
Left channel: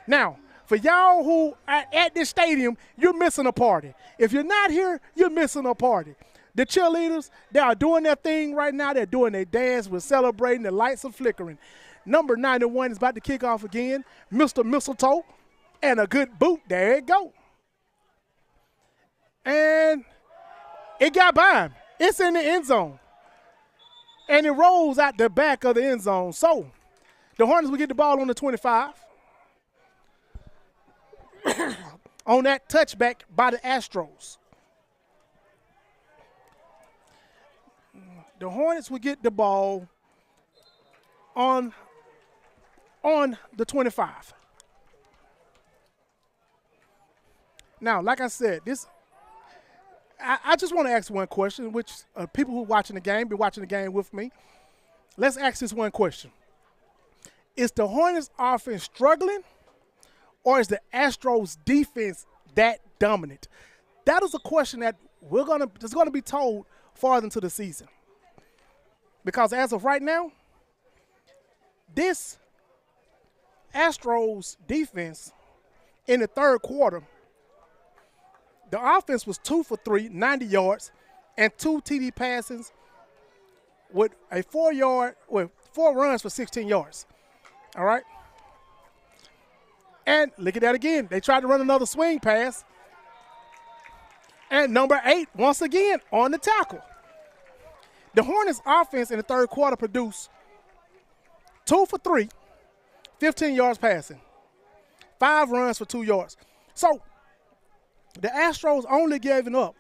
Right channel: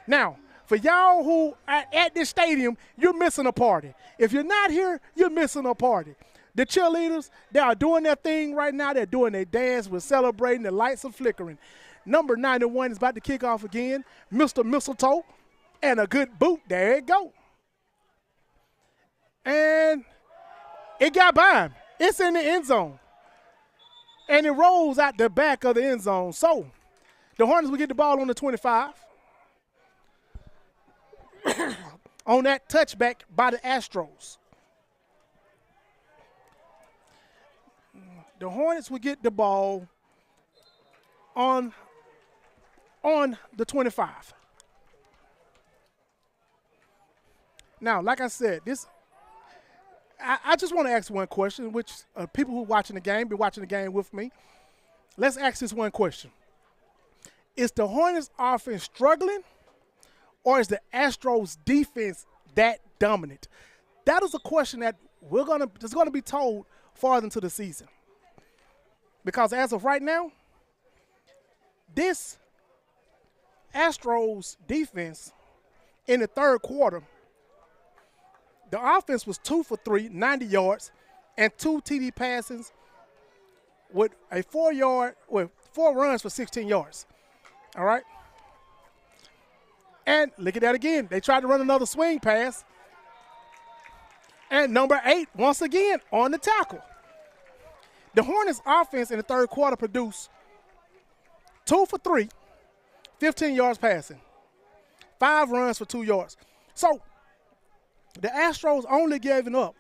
Now, for y'all who are at this stadium, you're missing a party. If you're not here, you're missing a party. The cheerleaders, they are doing their thing right now. They're doing their dance. We're celebrating. The lights are flickering. Number 91 is about to kick off again. Mr. Mistletoe. And a good boot. There it go. And it got by him. It's in the end zone. And it rolls out the back of the end zone. So the Hornets will get the ball on the 25. On that touchback by the Astros. The Hornets will get the ball on the 25. Now, like I said, I just want to ask one question, which people who are watching the game, be watching the game with me. Let's ask this one question. Is the Hornets offense struggling, or is the Astros defense that dominant? That is a question that that's going to be told farther into the season. Because as of right now, this Astros defense in the third quarter, the offense was 2 for 3, 90 yards, and 2 TD passes with a 4 runs for 16 yards. All right? And look at that again. They tried to run another swing pass. And number 8, once again, on the tackle. The Hornets offense in the third quarter produced 2 for 3, 15 yards passing, 5 runs for 2 yards. So the Astros only giving up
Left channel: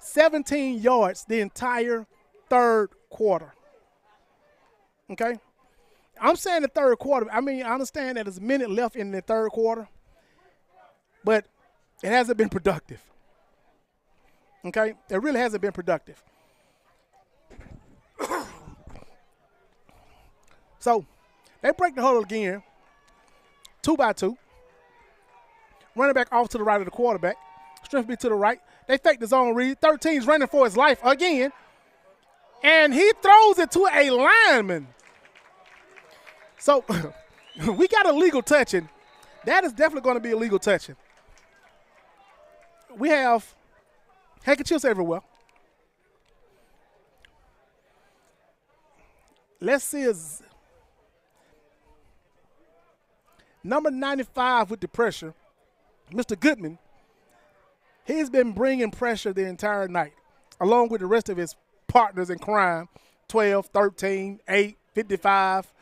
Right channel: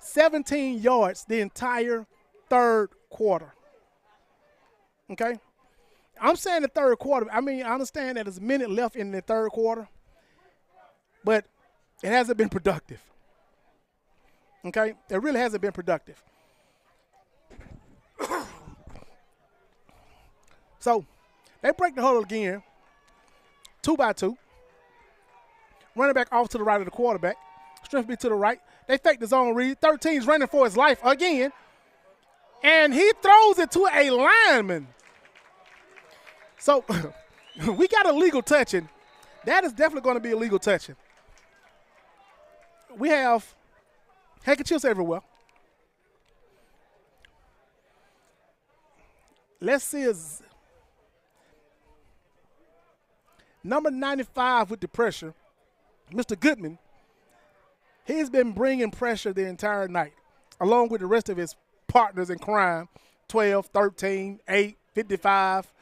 17 yards the entire third quarter. Okay? I'm saying the third quarter. I mean, I understand that there's a minute left in the third quarter, but it hasn't been productive. Okay? It really hasn't been productive. So they break the huddle again, 2 by 2. Running back off to the right of the quarterback. Strength be to the right. They fake the zone read. 13's running for his life again. And he throws it to a lineman. So we got illegal touching. That is definitely going to be illegal touching. We have handkerchiefs everywhere. Let's see his number 95 with the pressure. Mr. Goodman, he's been bringing pressure the entire night, along with the rest of his partners in crime, 12, 13, 8, 55,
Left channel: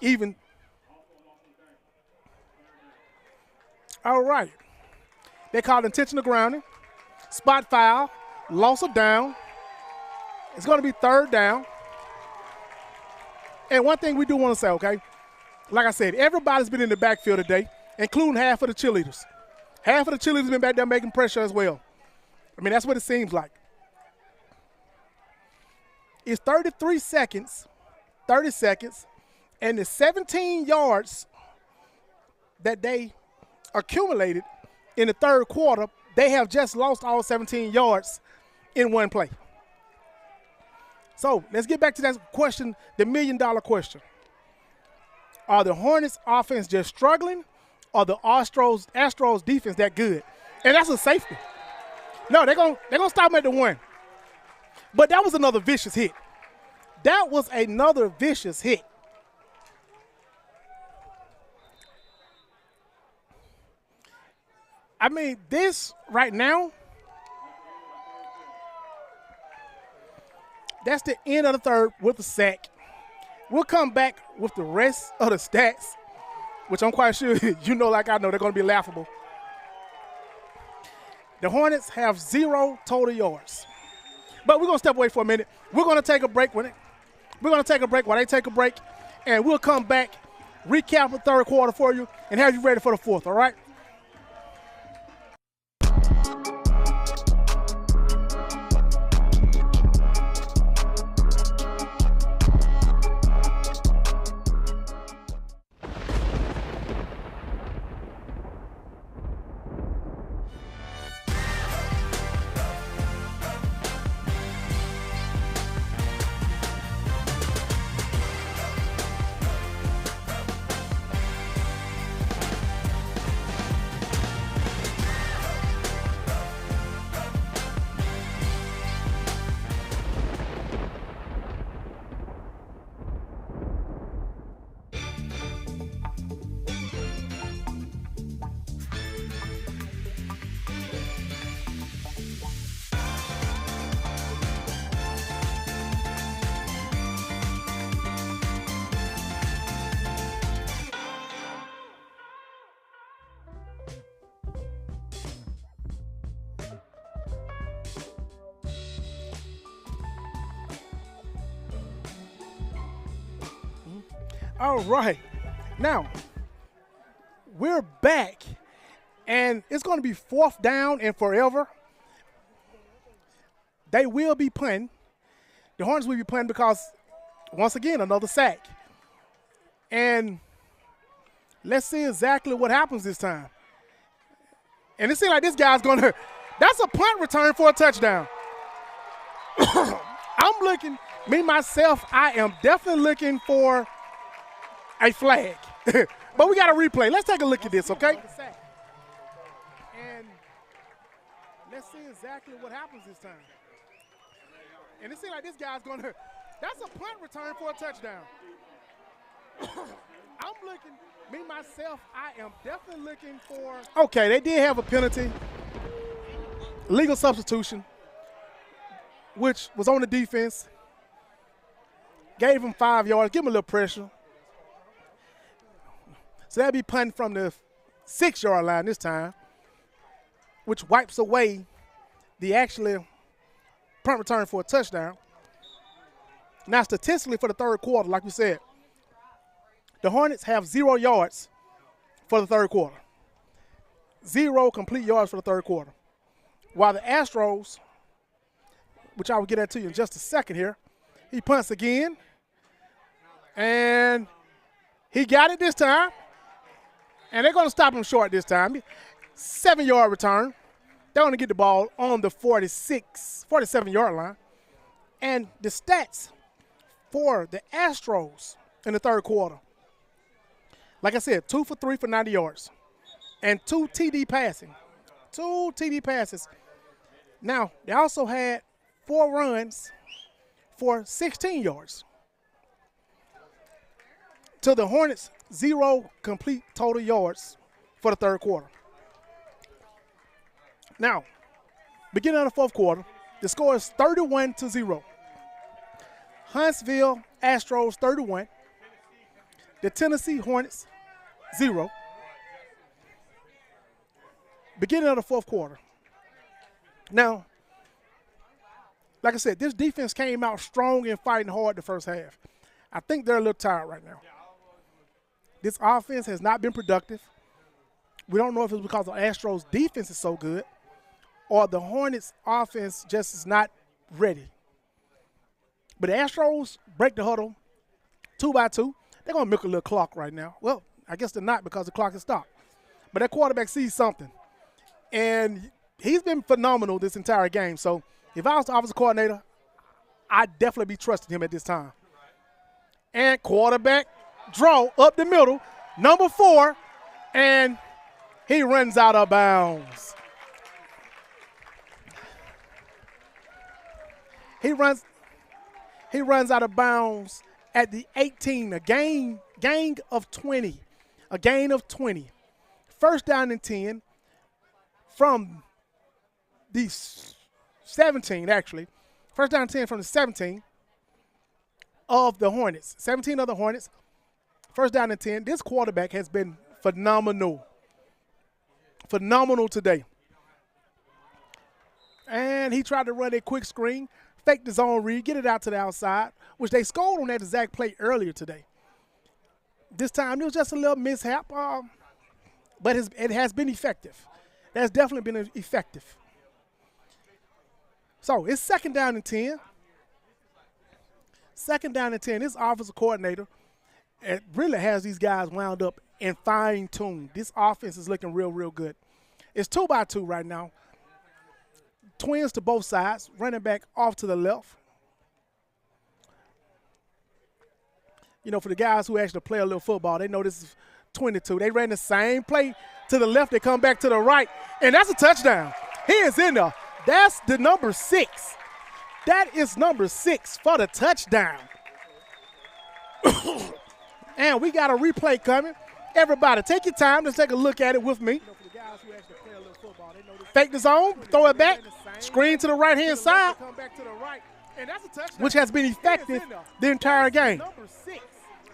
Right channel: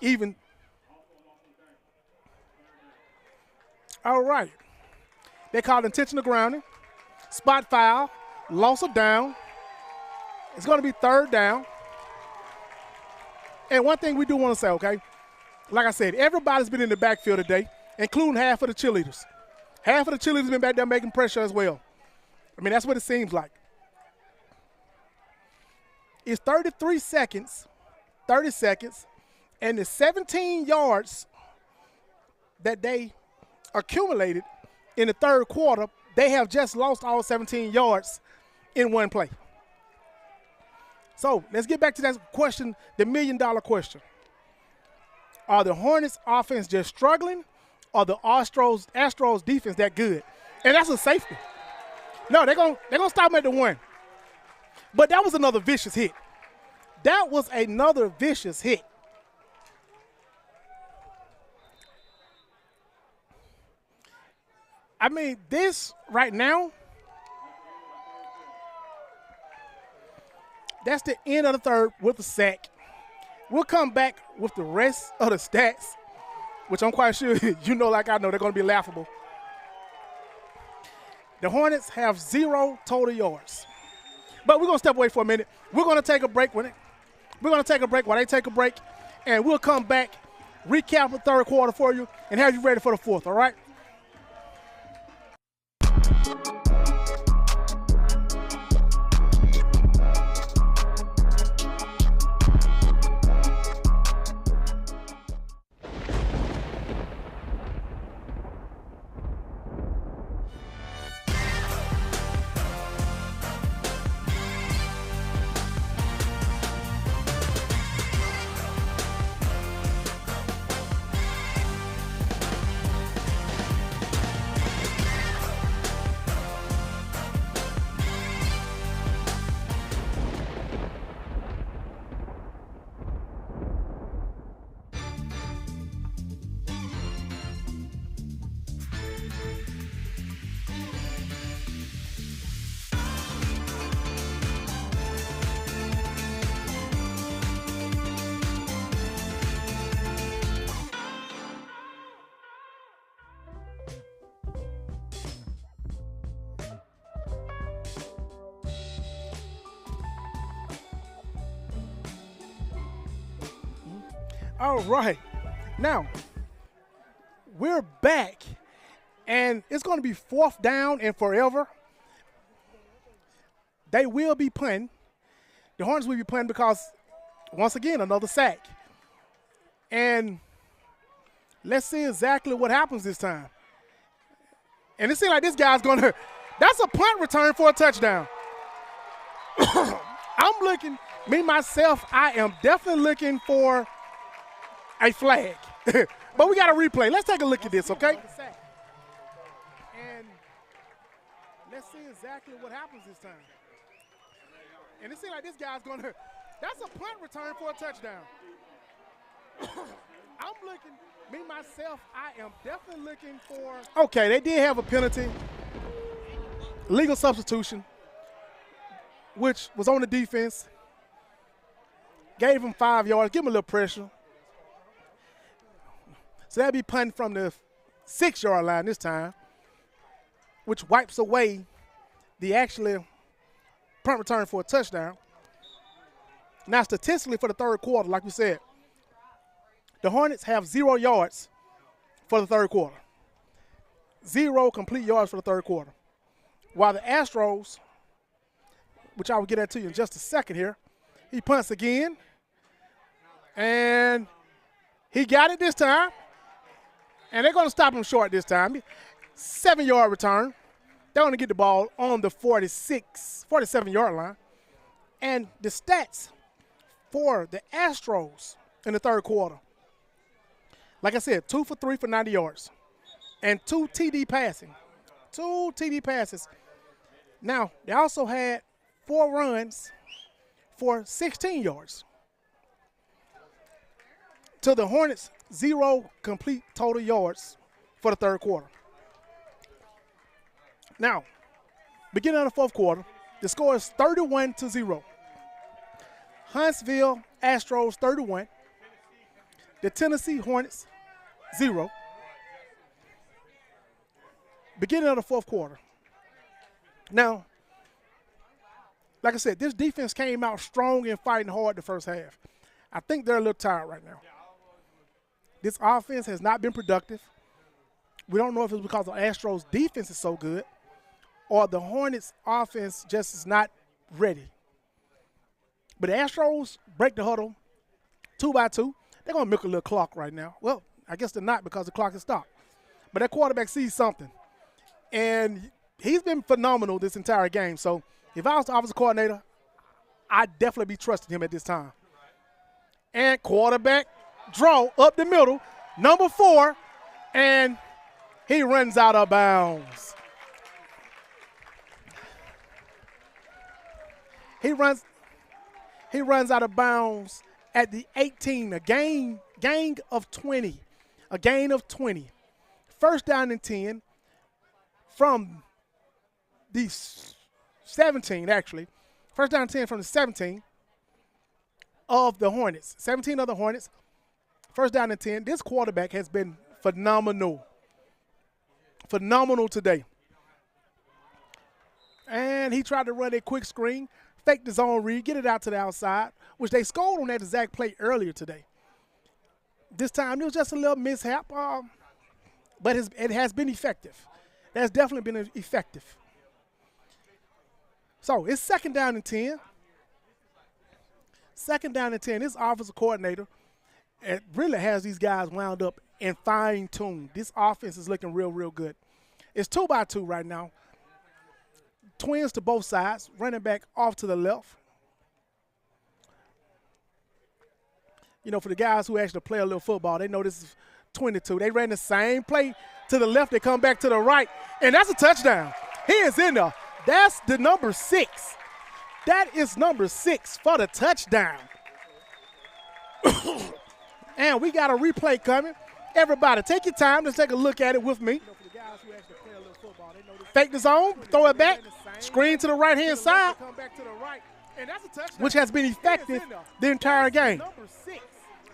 even. All right. They called intentional grounding, spot foul, loss of down. It's going to be third down. And one thing we do want to say, okay, like I said, everybody's been in the backfield today, including half of the cheerleaders. Half of the cheerleaders been back there making pressure as well. I mean, that's what it seems like. It's 30 seconds, and the 17 yards that they accumulated in the third quarter, they have just lost all 17 yards in one play. So let's get back to that question, the million-dollar question. Are the Hornets offense just struggling, or the Astros defense that good? And that's a safety. No, they're gonna stop them at the 1. But that was another vicious hit. That was another vicious hit. I mean, this right now, that's the end of the third with the sack. We'll come back with the rest of the stats, which I'm quite sure you know like I know they're going to be laughable. The Hornets have 0 total yards. But we're going to step away for a minute. We're going to take a break. We're going to take a break while they take a break, and we'll come back, recap the third quarter for you, and have you ready for the fourth, all right? All right. Now, we're back, and it's going to be 4th down and forever. They will be punting. The Hornets will be punting because, once again, another sack. And let's see exactly what happens this time. And it seems like this guy's going to – that's a punt return for a touchdown. I'm looking – me, myself, I am definitely looking for a flag. But we got a replay. Let's take a look at this, okay? And let's see exactly what happens this time. And it seems like this guy's going to – that's a punt return for a touchdown. I'm looking – me, myself, I am definitely looking for – okay, they did have a penalty. Legal substitution, which was on the defense. Gave him 5 yards. Give him a little pressure. So that'll be punting from the 6-yard line this time, which wipes away the actually punt return for a touchdown. Now, statistically for the third quarter, like we said, the Hornets have 0 yards for the third quarter. 0 complete yards for the third quarter. While the Astros, which I will get at to you in just a second here, he punts again. And he got it this time. And they're going to stop him short this time. 7-yard return. They're going to get the ball on the 47-yard line. And the stats for the Astros in the third quarter, like I said, 2 for 3 for 90 yards. And 2 TD passing. 2 TD passes. Now, they also had 4 runs for 16 yards. To the Hornets, 0 complete total yards for the third quarter. Now, beginning of the fourth quarter, the score is 31-0. Huntsville Astros 31. The Tennessee Hornets 0. Beginning of the fourth quarter. Now, like I said, this defense came out strong and fighting hard the first half. I think they're a little tired right now. This offense has not been productive. We don't know if it's because the Astros' defense is so good or the Hornets' offense just is not ready. But the Astros break the huddle 2 by 2. They're going to milk a little clock right now. Well, I guess they're not because the clock is stopped. But that quarterback sees something. And he's been phenomenal this entire game. So if I was the offensive coordinator, I'd definitely be trusting him at this time. And quarterback draw up the middle, number 4, and he runs out of bounds. He runs out of bounds at the 18, a gain of 20. A gain of 20. First down and 10 from the 17, actually. First down and 10 from the 17 of the Hornets. 17 of the Hornets. First down and 10. This quarterback has been phenomenal. Phenomenal today. And he tried to run a quick screen, fake the zone read, get it out to the outside, which they scored on that exact play earlier today. This time it was just a little mishap, but it has been effective. That's definitely been effective. So it's second down and 10. Second down and 10. This offensive coordinator it really has these guys wound up and fine-tuned. This offense is looking real, real good. It's 2 by 2 right now. Twins to both sides. Running back off to the left. You know, for the guys who actually play a little football, they know this is 22. They ran the same play to the left. They come back to the right, and that's a touchdown. He is in there. That's the number 6. That is number 6 for the touchdown. And we got a replay coming. Everybody, take your time. Let's take a look at it with me. Fake the zone, throw it back, screen to the right-hand side, which has been effective the entire game.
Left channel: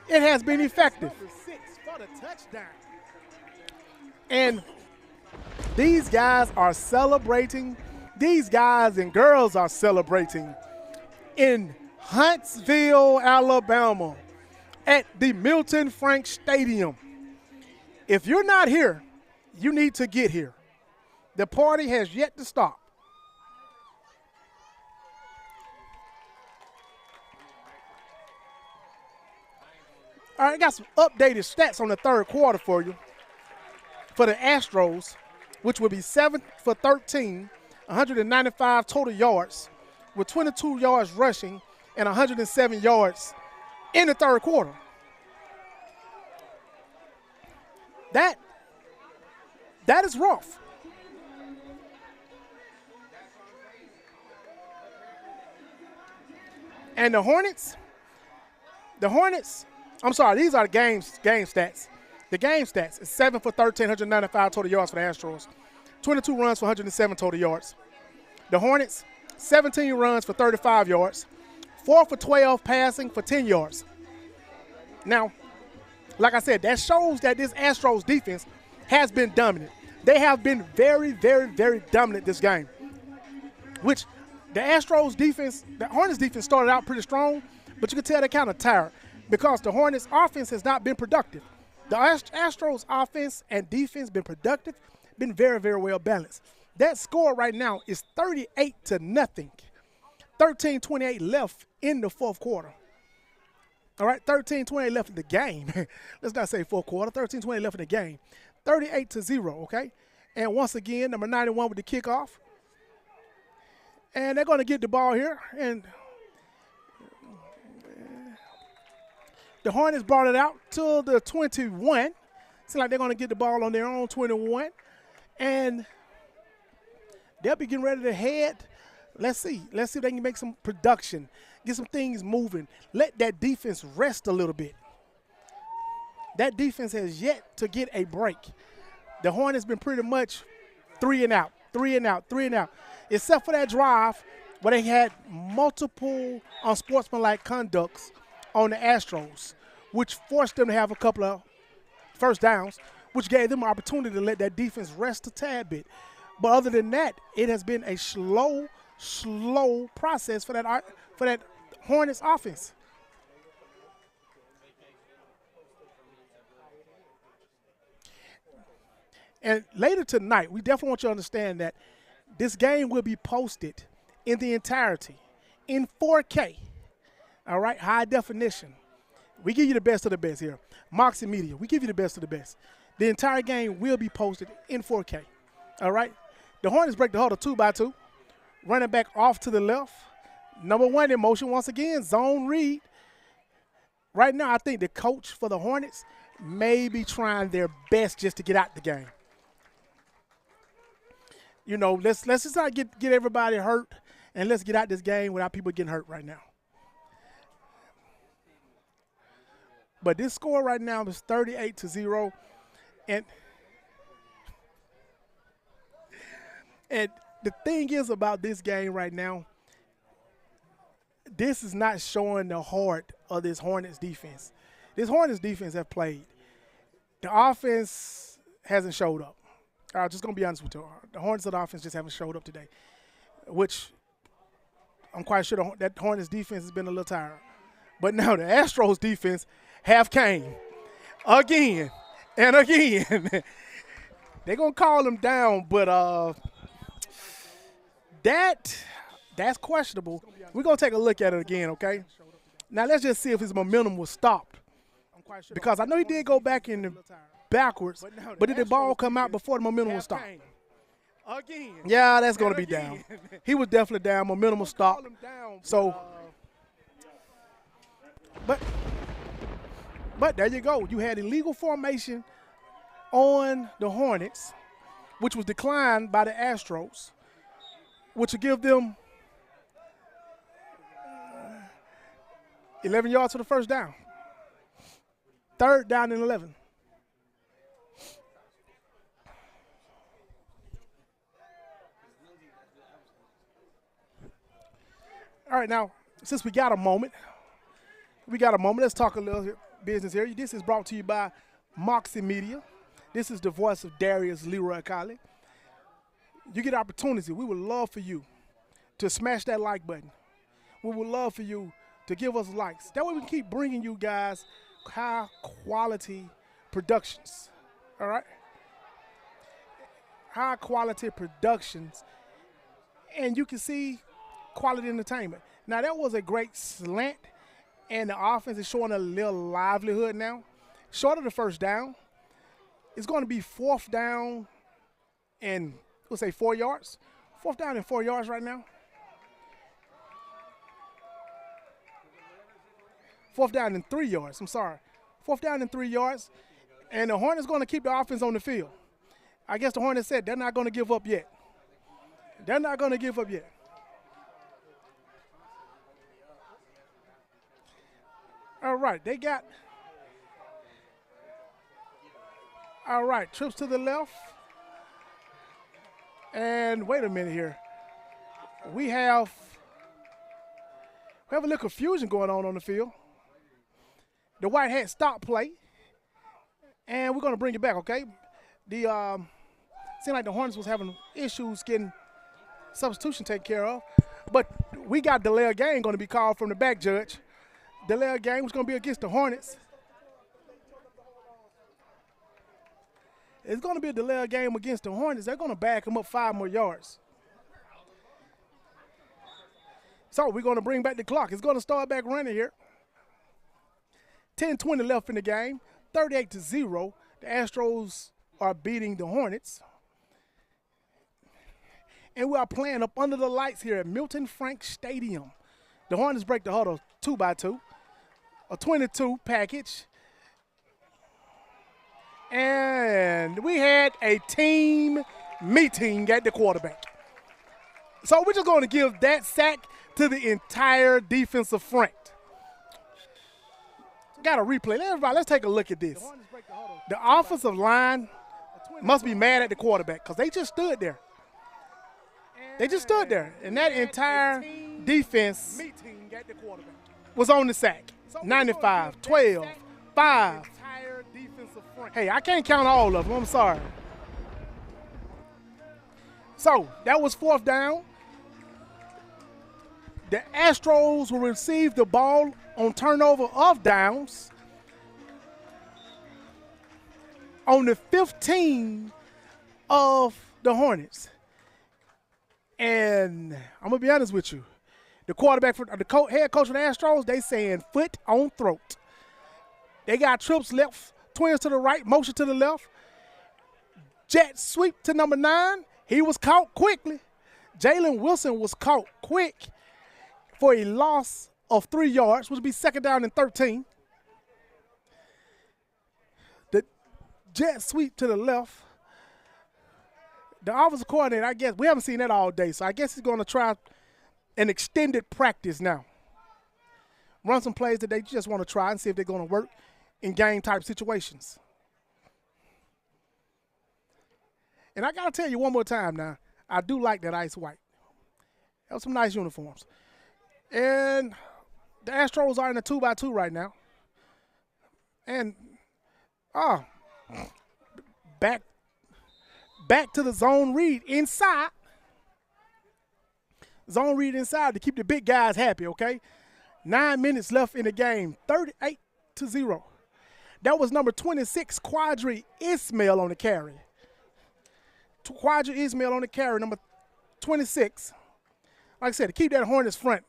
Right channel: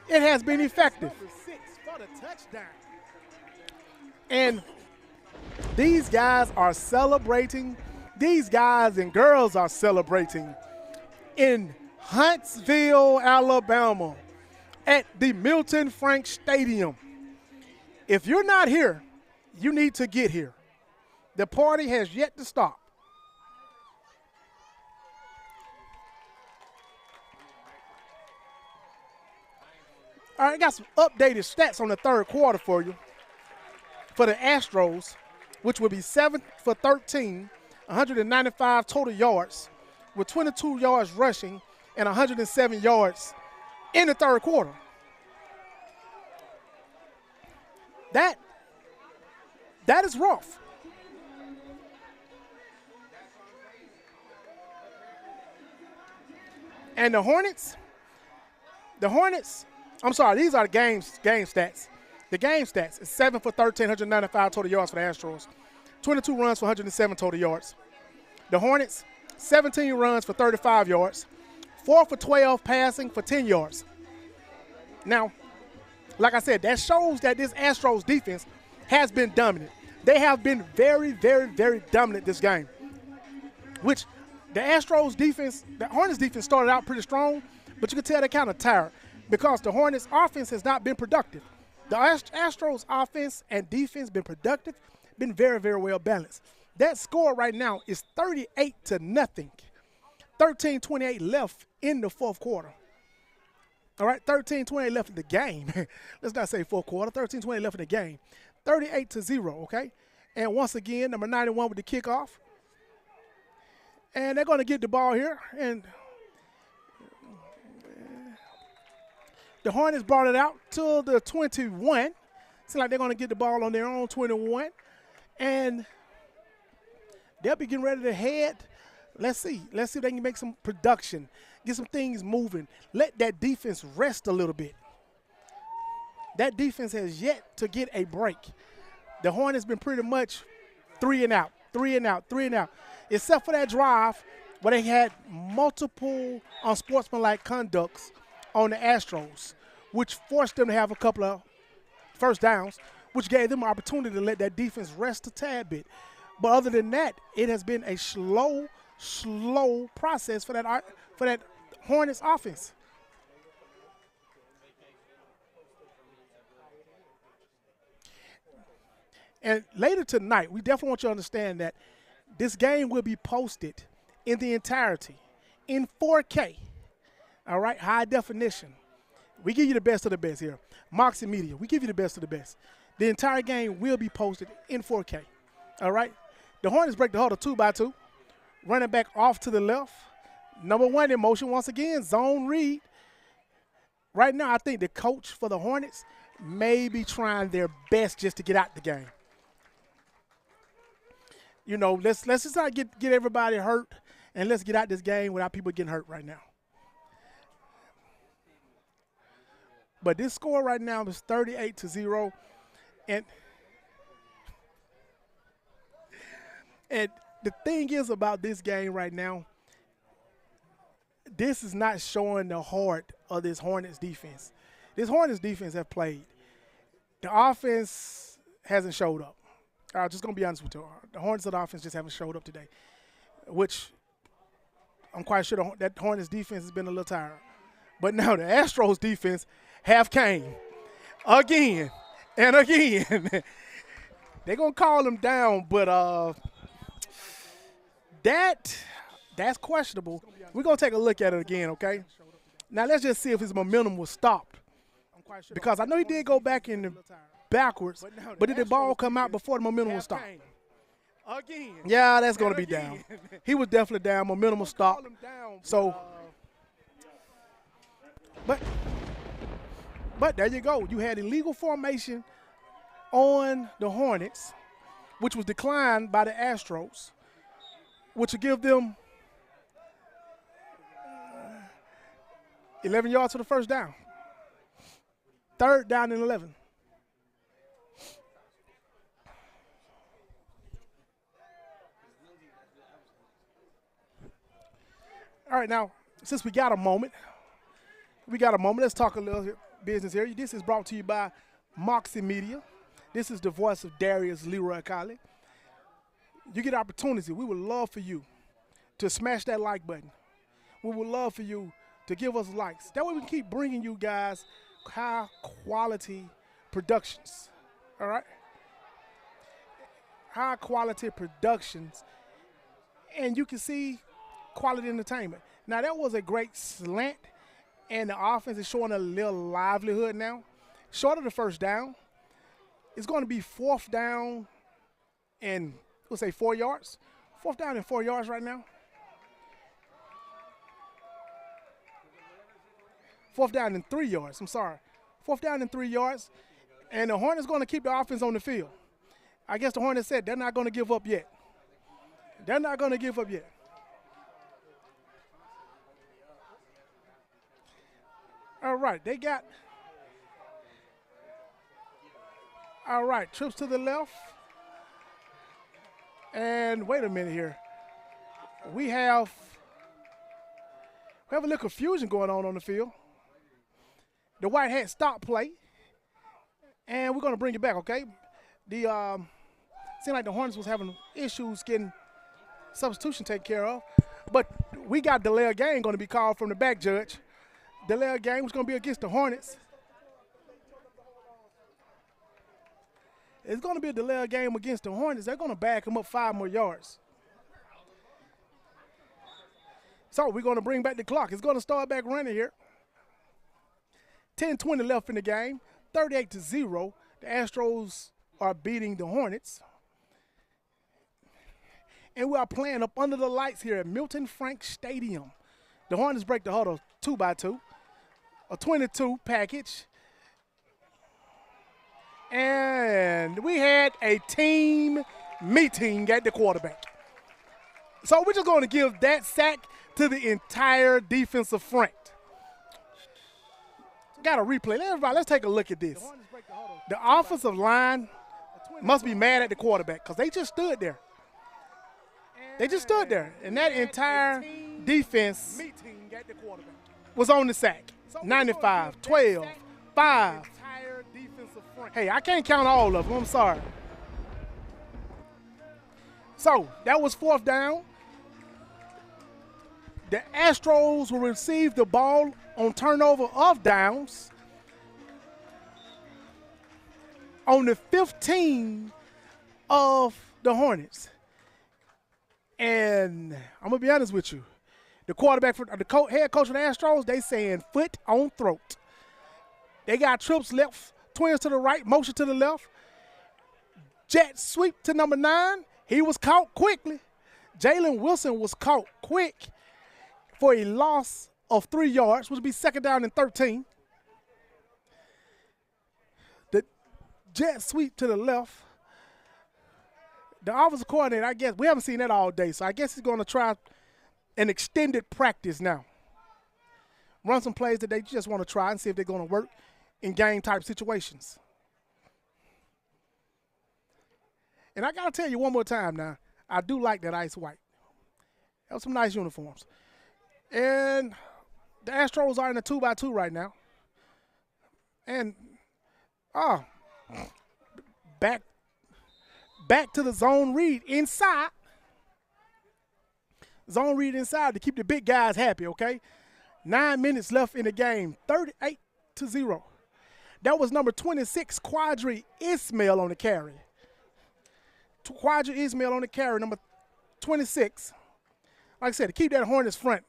It has been effective. And these guys are celebrating. These guys and girls are celebrating in Huntsville, Alabama. at the Milton Frank Stadium. If you're not here, you need to get here. The party has yet to stop. All right, I got some updated stats on the third quarter for you. For the Astros, which will be 7 for 13, 195 total yards, with 22 yards rushing and 107 yards in the third quarter. That is rough. And the Hornets, I'm sorry, these are the game stats. The game stats is 7 for 13, 195 total yards for the Astros, 22 runs for 107 total yards. The Hornets, 17 runs for 35 yards, 4 for 12 passing for 10 yards. Now, like I said, that shows that this Astros defense has been dominant. They have been very, very, very dominant this game, which the Astros defense, the Hornets defense started out pretty strong, but you can tell they're kind of tired because the Hornets offense has not been productive. The Astros offense and defense been productive, been very, very well balanced. That score right now is 38-0. 13:28 left in the fourth quarter. All right, 13:28 left in the game. Let's not say fourth quarter. 13:28 left in the game. 38-0, okay? And once again, number 91 with the kickoff. And they're going to get the ball here. And the Hornets brought it out to the 21. Seems like they're going to get the ball on their own 21. And they'll be getting ready to head. Let's see. Let's see if they can make some production, get some things moving. Let that defense rest a little bit. That defense has yet to get a break. The Hornets been pretty much 3 and out, 3 and out, 3 and out, except for that drive where they had multiple unsportsmanlike conducts on the Astros, which forced them to have a couple of first downs, which gave them an opportunity to let that defense rest a tad bit. But other than that, it has been a slow process for that Hornets offense. And later tonight, we definitely want you to understand that this game will be posted in the entirety in 4K. All right, high definition. We give you the best of the best here. Moxie Media, we give you the best of the best. The entire game will be posted in 4K. All right? The Hornets break the huddle 2-by-2. Running back off to the left. Number 1 in motion once again, zone read. Right now, I think the coach for the Hornets may be trying their best just to get out the game. You know, let's just not get everybody hurt, and let's get out this game without people getting hurt right now. But this score right now is 38-0, and the thing is about this game right now, this is not showing the heart of this Hornets defense. This Hornets defense have played. The offense hasn't showed up. I'm just going to be honest with you. The Hornets of the offense just haven't showed up today, which I'm quite sure that Hornets defense has been a little tired. But now the Astros defense have came again and again. They're going to call them down, but that's questionable. We're going to take a look at it again, okay? Now let's just see if his momentum was stopped. Because I know he did go back in the backwards, but did the ball come out before the momentum was stopped? Yeah, that's going to be down. He was definitely down. Momentum was stopped. So, but there you go. You had illegal formation on the Hornets, which was declined by the Astros, which will give them 11 yards for the first down. Third down and 11. All right, now, since we got a moment, let's talk a little business here. This is brought to you by Moxie Media. This is the voice of Darius Leroy Colley. You get opportunity. We would love for you to smash that like button. We would love for you to give us likes. That way we can keep bringing you guys high quality productions. All right? High quality productions. And you can see quality entertainment. Now, that was a great slant, and the offense is showing a little livelihood now. Short of the first down. It's going to be 4th down and, we'll say 4 yards. 4th down and 4 yards right now. 4th down and 3 yards. I'm sorry. 4th down and 3 yards. And the Hornets going to keep the offense on the field. I guess the Hornets said they're not going to give up yet. They're not going to give up yet. All right, they got. All right, trips to the left. And wait a minute here. We have a little confusion going on the field. The white hat stop play. And we're going to bring it back, okay? Seemed like the Hornets was having issues getting substitution taken care of. But we got delay of game going to be called from the back judge. Delay of game was going to be against the Hornets. It's going to be a delay of game against the Hornets. They're going to back them up 5 more yards. So we're going to bring back the clock. It's going to start back running here. 10:20 left in the game. 38-0. The Astros are beating the Hornets. And we are playing up under the lights here at Milton Frank Stadium. The Hornets break the huddle 2x2. A 22 package. And we had a team meeting at the quarterback. So we're just going to give that sack to the entire defensive front. Got a replay. Everybody, let's take a look at this. The offensive line must be mad at the quarterback because they just stood there. They just stood there. And that entire defense was on the sack. 95, 12, 5. Hey, I can't count all of them. I'm sorry. So that was 4th down. The Astros will receive the ball on turnover of downs on the 15 of the Hornets. And I'm going to be honest with you. The quarterback, the head coach of the Astros, they saying foot on throat. They got trips left, twins to the right, motion to the left. Jet sweep to number 9. He was caught quickly. Jalen Wilson was caught quick for a loss of 3 yards, which would be 2nd down and 13. The jet sweep to the left. The offensive coordinator, I guess, we haven't seen that all day, so I guess he's going to try an extended practice now. Run some plays that they just want to try and see if they're going to work in game-type situations. And I got to tell you one more time now, I do like that ice white. Have some nice uniforms. And the Astros are in a 2x2 right now. And, back to the zone read inside. Zone read inside to keep the big guys happy, okay? 9 minutes left in the game, 38-0. That was number 26, Quadri Ismail on the carry. Quadri Ismail on the carry, number 26. Like I said, to keep that Hornets front,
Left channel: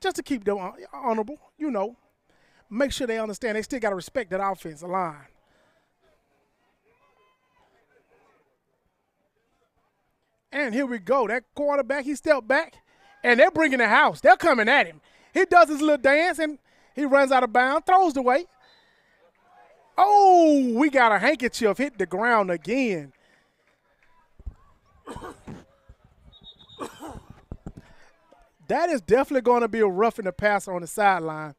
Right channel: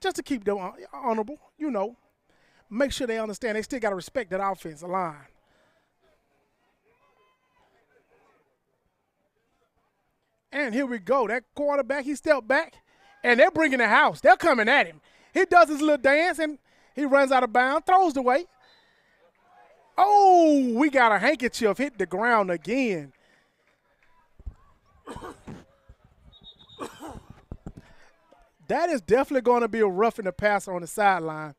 just to keep them honorable, you know. Make sure they understand they still got to respect that offensive line. And here we go. That quarterback, he stepped back, and they're bringing the house. They're coming at him. He does his little dance, and he runs out of bounds, throws the way. Oh, we got a handkerchief hit the ground again. That is definitely going to be a roughing the passer on the sideline.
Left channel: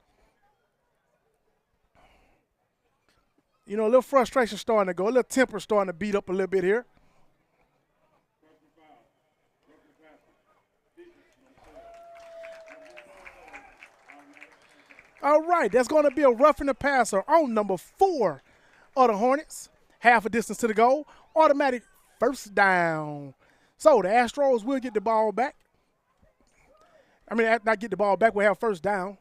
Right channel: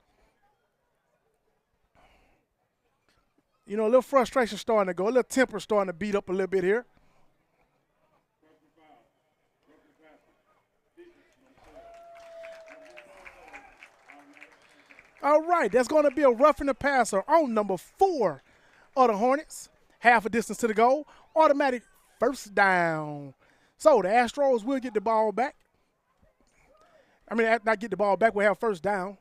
You know, a little frustration starting to go, a little temper starting to beat up a little bit here. All right, that's going to be a roughing the passer on number 4 of the Hornets. Half a distance to the goal. Automatic first down. So the Astros will get the ball back. I mean, not get the ball back, we'll have first down.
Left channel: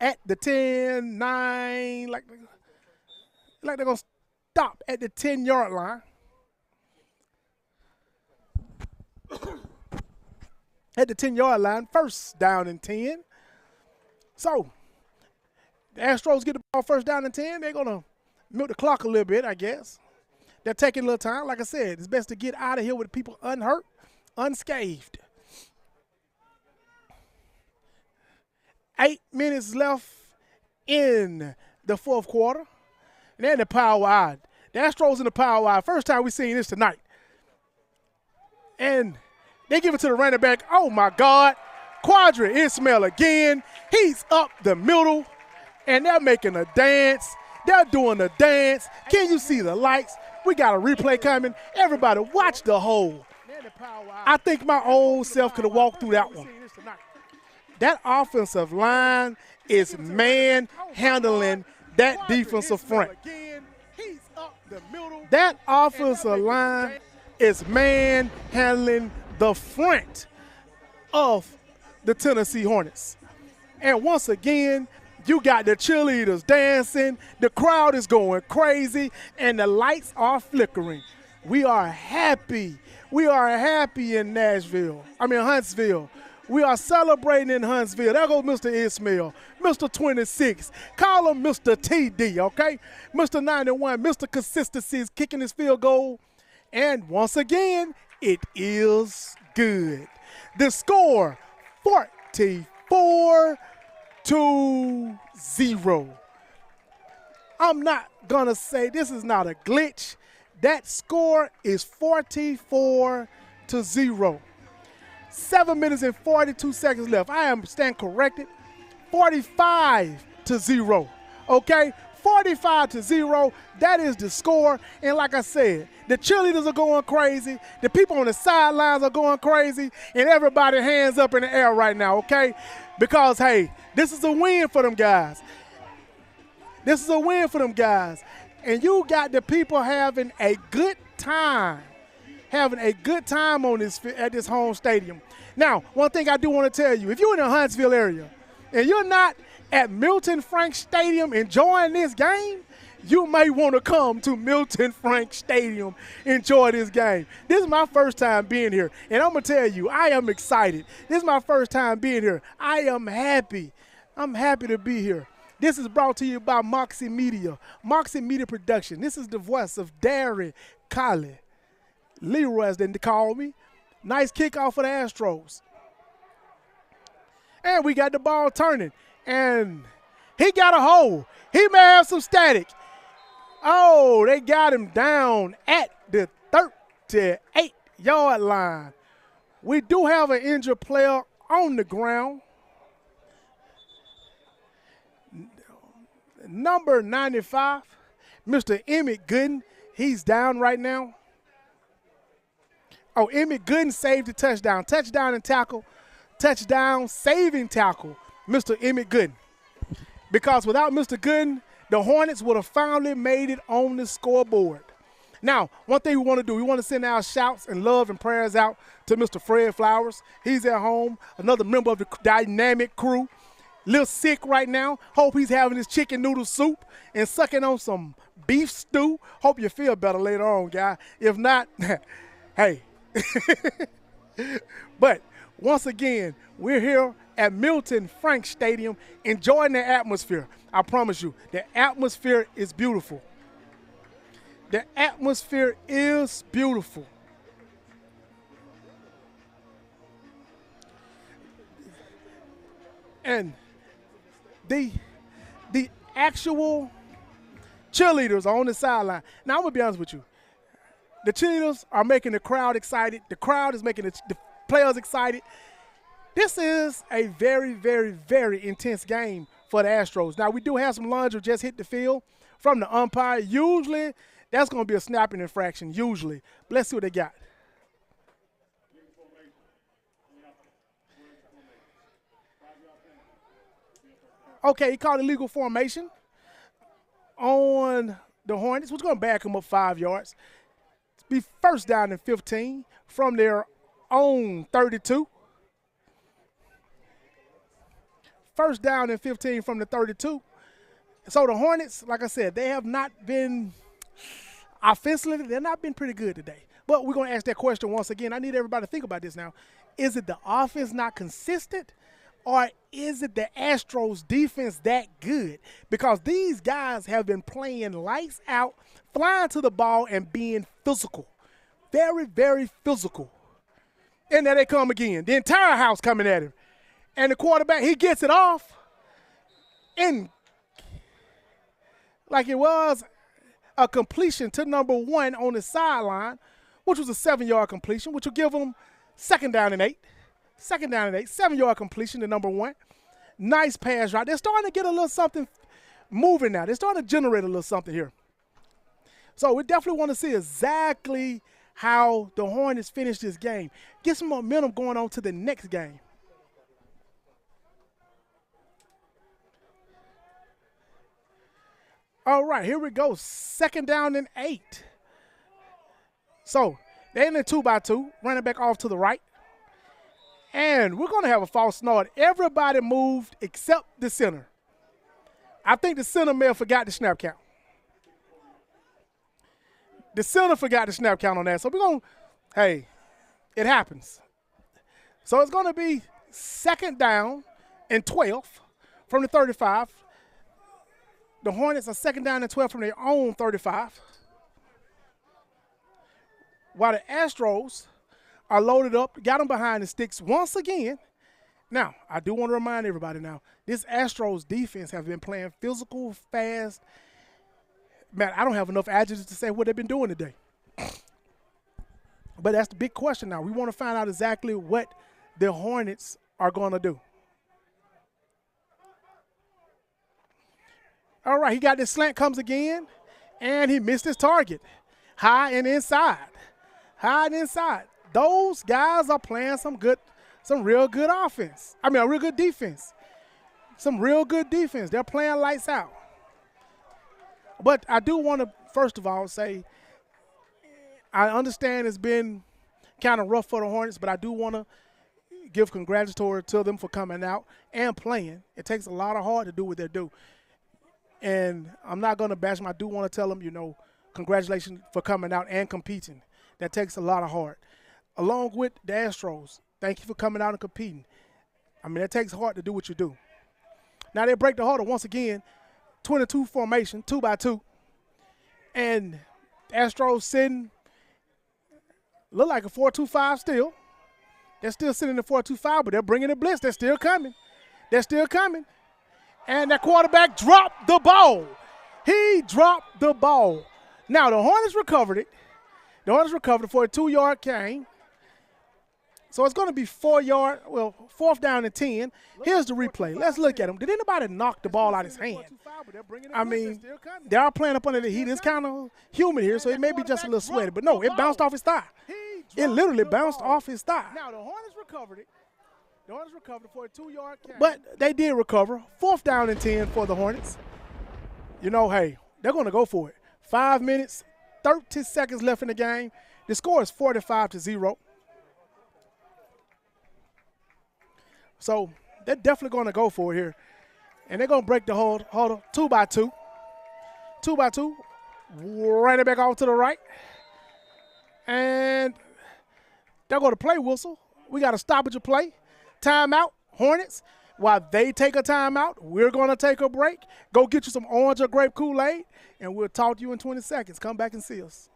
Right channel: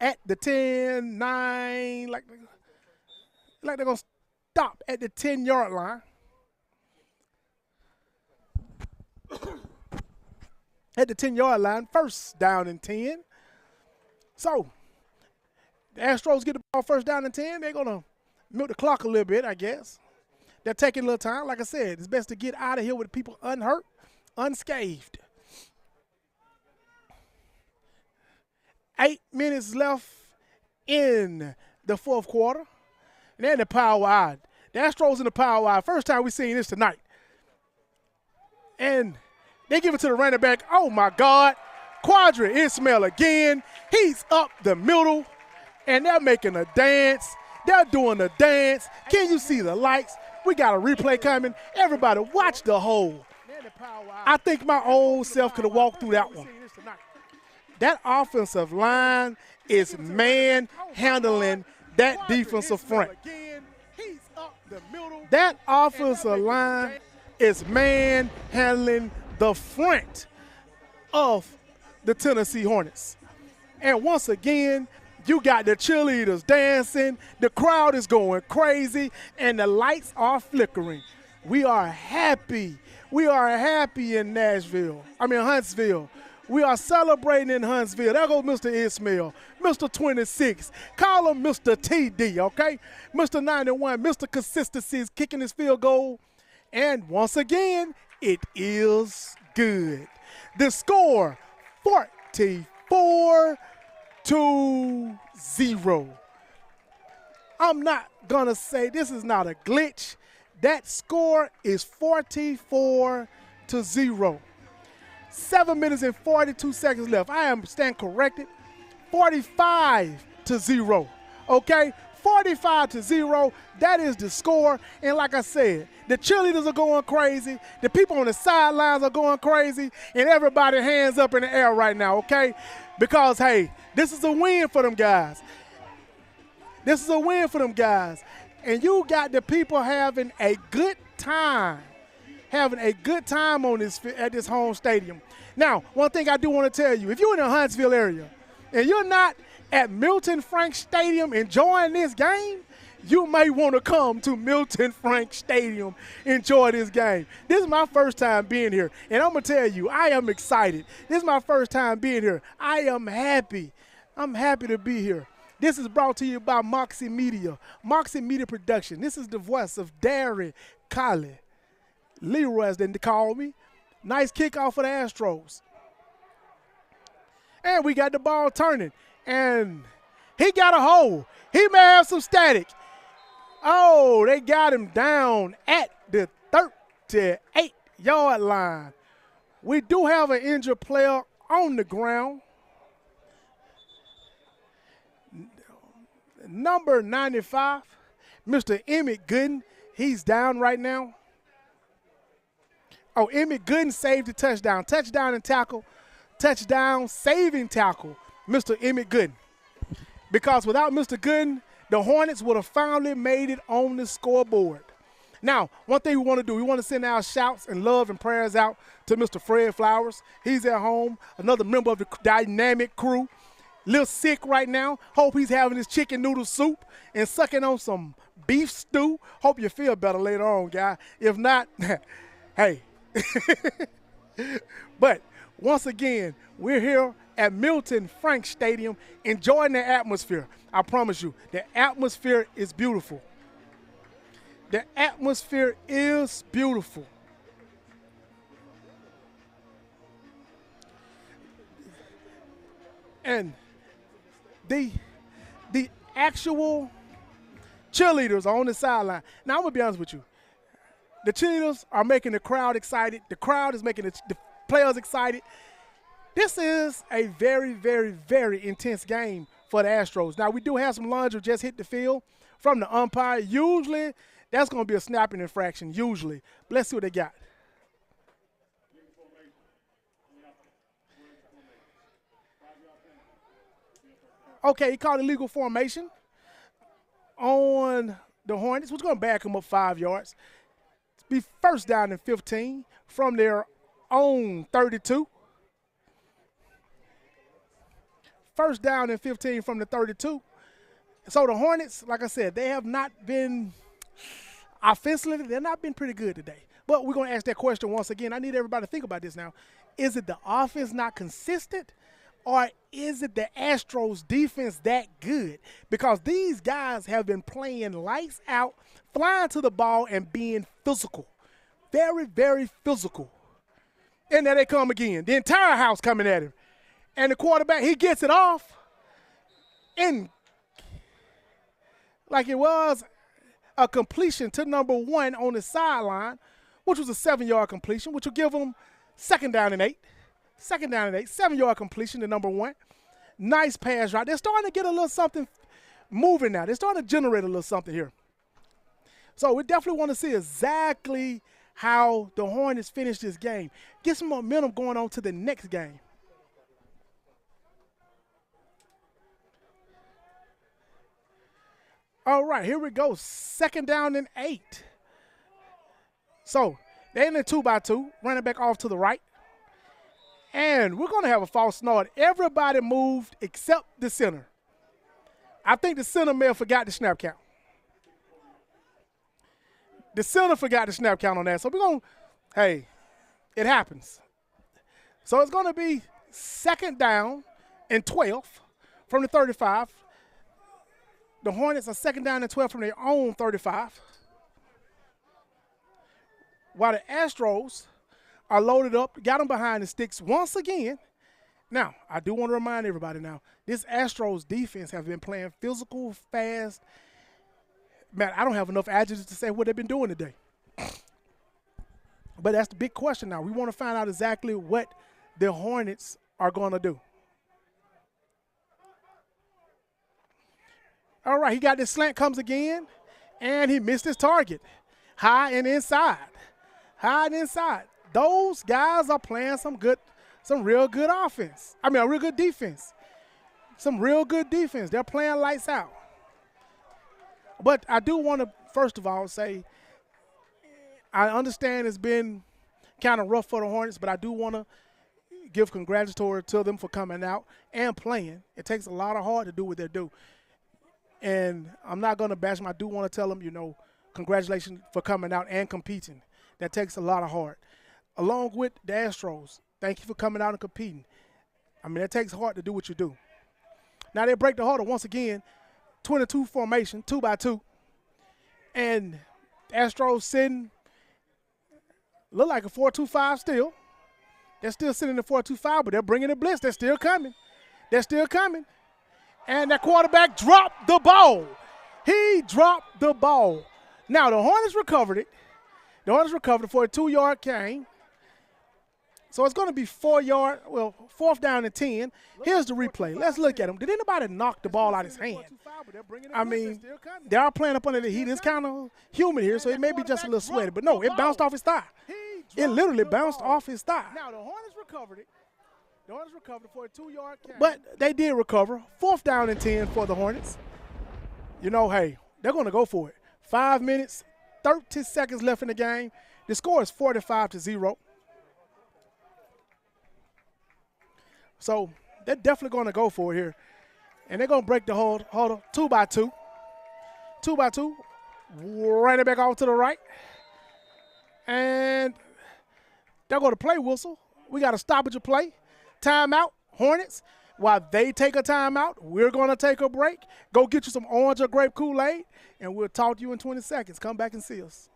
at the 10, 9, like they're going to stop at the 10-yard line. At the 10-yard line, first down and 10. So, the Astros get the ball first down and 10. They're going to milk the clock a little bit, I guess. They're taking a little time. Like I said, it's best to get out of here with people unhurt, unscathed. 8 minutes left in the fourth quarter. And they're in the power wide. The Astros in the power wide. First time we've seen this tonight. And they give it to the running back. Oh, my God. Quadri Ismail again. He's up the middle. And they're making a dance. They're doing a dance. Can you see the lights? We got a replay coming. Everybody watch the hole. I think my old self could have walked through that one. That offensive line is man-handling that defensive front. That offensive line is man-handling the front of the Tennessee Hornets. And once again, you got the cheerleaders dancing, the crowd is going crazy, and the lights are flickering. We are happy. We are happy in Huntsville. We are celebrating in Huntsville. There goes Mr. Ismail, Mr. 26. Call him Mr. TD, okay? Mr. 91, Mr. Consistency is kicking his field goal. And once again, it is good. The score, 44-0. I'm not going to say this is not a glitch. That score is 44-0. 7 minutes and 42 seconds left. I am stand corrected. 45-0. Okay? 45-0. That is the score. And like I said, the cheerleaders are going crazy. The people on the sidelines are going crazy. And everybody hands up in the air right now, okay? Because, hey, this is a win for them guys. This is a win for them guys. And you got the people having a good time. Having a good time on at this home stadium. Now, one thing I do want to tell you, if you're in the Huntsville area and you're not at Milton Frank Stadium enjoying this game, you may want to come to Milton Frank Stadium, enjoy this game. This is my first time being here, and I'm going to tell you, I am excited. This is my first time being here. I am happy. I'm happy to be here. This is brought to you by Moxie Media Production. This is the voice of Darren Colley. Leroy, as they call me. Nice kickoff for the Astros. And we got the ball turning. And he got a hole. He may have some static. Oh, they got him down at the 38-yard line. We do have an injured player on the ground. Number 95, Mr. Emmett Gooden. He's down right now. Oh, Emmett Gooden saved the touchdown. Touchdown and tackle. Touchdown, saving tackle, Mr. Emmett Gooden. Because without Mr. Gooden, the Hornets would have finally made it on the scoreboard. Now, one thing we want to do, we want to send our shouts and love and prayers out to Mr. Fred Flowers. He's at home, another member of the dynamic crew. Little sick right now. Hope he's having his chicken noodle soup and sucking on some beef stew. Hope you feel better later on, guy. If not, hey. But once again, we're here at Milton Frank Stadium enjoying the atmosphere. I promise you, the atmosphere is beautiful. The atmosphere is beautiful. And the actual cheerleaders are on the sideline. Now, I'm going to be honest with you. The cheerleaders are making the crowd excited. The crowd is making the players excited. This is a very, very, very intense game for the Astros. Now, we do have some lunge who just hit the field from the umpire. Usually, that's going to be a snapping infraction, usually. But let's see what they got. Okay, he called illegal formation on the Hornets. What's going to back him up 5 yards? Be first down and 15 from their own 32. first down and 15 from the 32. So the Hornets, like I said, they have not been offensively, they've not been pretty good today. But we're going to ask that question once again. I need everybody to think about this now. Is it the offense not consistent, or is it the Astros defense that good? Because these guys have been playing lights out, flying to the ball, and being physical. Very, very physical. And there they come again. The entire house coming at him. And the quarterback, he gets it off. And like it was a completion to number 1 on the sideline, which was a 7-yard completion, which will give them second down and 8. 7-yard completion to number 1. Nice pass route. They're starting to get a little something moving now. They're starting to generate a little something here. So we definitely want to see exactly how the Hornets finish this game. Get some momentum going on to the next game. All right, here we go. Second down and 8. So they're in a 2-by-2, running back off to the right. And we're going to have a false start. Everybody moved except the center. I think the center may have forgot the snap count. The center forgot the snap count on that. So we're going to, hey, it happens. So it's going to be second down and 12 from the 35. The Hornets are second down and 12 from their own 35. While the Astros are loaded up, got them behind the sticks once again. Now, I do want to remind everybody now, this Astros defense has been playing physical, fast. Man, I don't have enough adjectives to say what they've been doing today. But that's the big question now. We want to find out exactly what the Hornets are going to do. All right, he got this slant, comes again, and he missed his target. High and inside. High and inside. Those guys are playing some real good offense. I mean, a real good defense. Some real good defense. They're playing lights out. But I do want to, first of all, say I understand it's been kind of rough for the Hornets, but I do want to give congratulatory to them for coming out and playing. It takes a lot of heart to do what they do. And I'm not going to bash them. I do want to tell them, congratulations for coming out and competing. That takes a lot of heart. Along with the Astros, thank you for coming out and competing. I mean, it takes heart to do what you do. Now they break the huddle once again, 22 formation, 2-by-2. And the Astros sitting, look like a 4-2-5 still. They're still sitting in the 4-2-5, but they're bringing the blitz. They're still coming. And that quarterback dropped the ball. He dropped the ball. Now, the Hornets recovered it. The Hornets recovered for a 2-yard gain. So it's going to be 4th down and 10. Here's the replay. Let's look at him. Did anybody knock the ball out of his hand? I mean, they are playing up under the heat. It's kind of humid here, so it may be just a little sweaty. But no, it bounced off his thigh. It literally bounced off his thigh. Now, the Hornets recovered it. The Hornets recovered for a 2-yard gain. But they did recover. 4th down and 10 for the Hornets. Hey, they're going to go for it. 5 minutes, 30 seconds left in the game. The score is 45-0. So they're definitely going to go for it here. And they're going to break the huddle 2-by-2. 2-by-2. Running back off to the right. And they're going to play whistle. We got a stoppage of play. Timeout, Hornets. While they take a timeout, we're going to take a break. Go get you some orange or grape Kool-Aid, and we'll talk to you in 20 seconds. Come back and see us.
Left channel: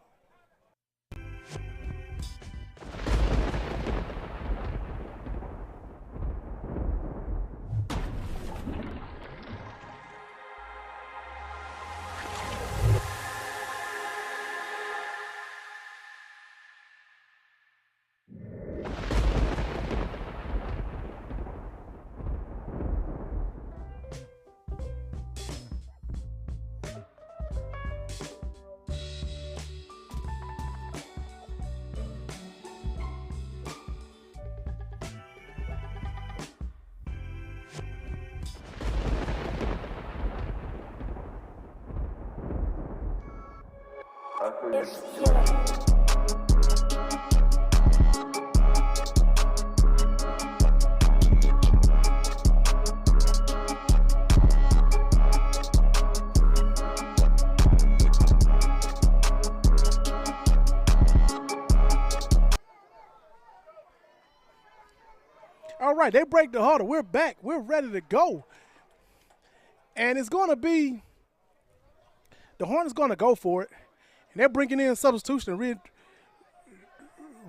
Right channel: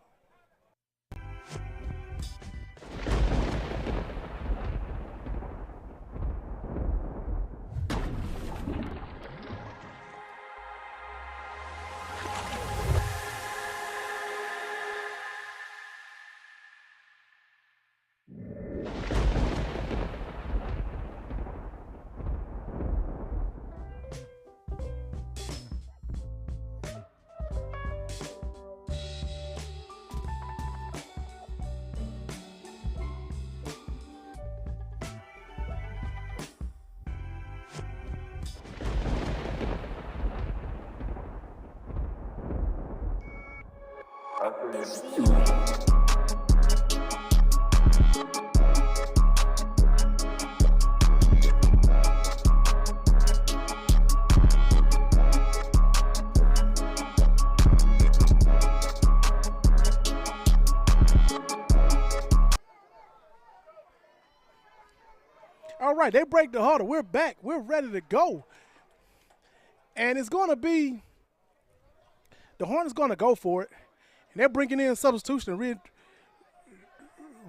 right, they break the huddle. We're back. We're ready to go. And it's going to be the Hornets going to go for it. And they're bringing in substitution to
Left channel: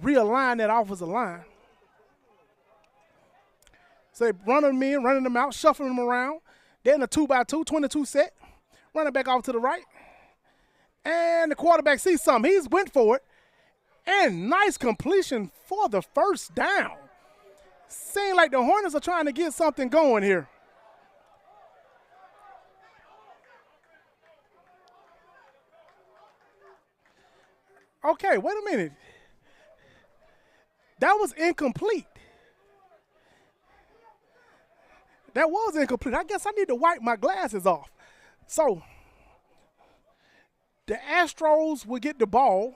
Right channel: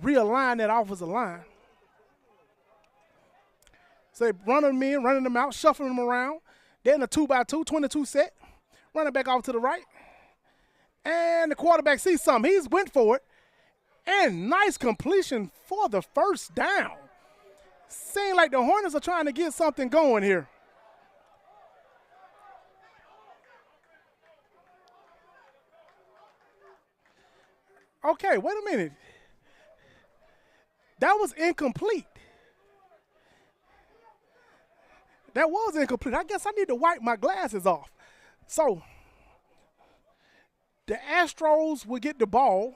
realign that offensive line. So they run them in, running them out, shuffling them around. They're in a 2x2, 22 set. Running back off to the right. And the quarterback sees something. He's went for it. And nice completion for the first down. Seems like the Hornets are trying to get something going here. Okay, wait a minute. That was incomplete. That was incomplete. I guess I need to wipe my glasses off. So, the Astros will get the ball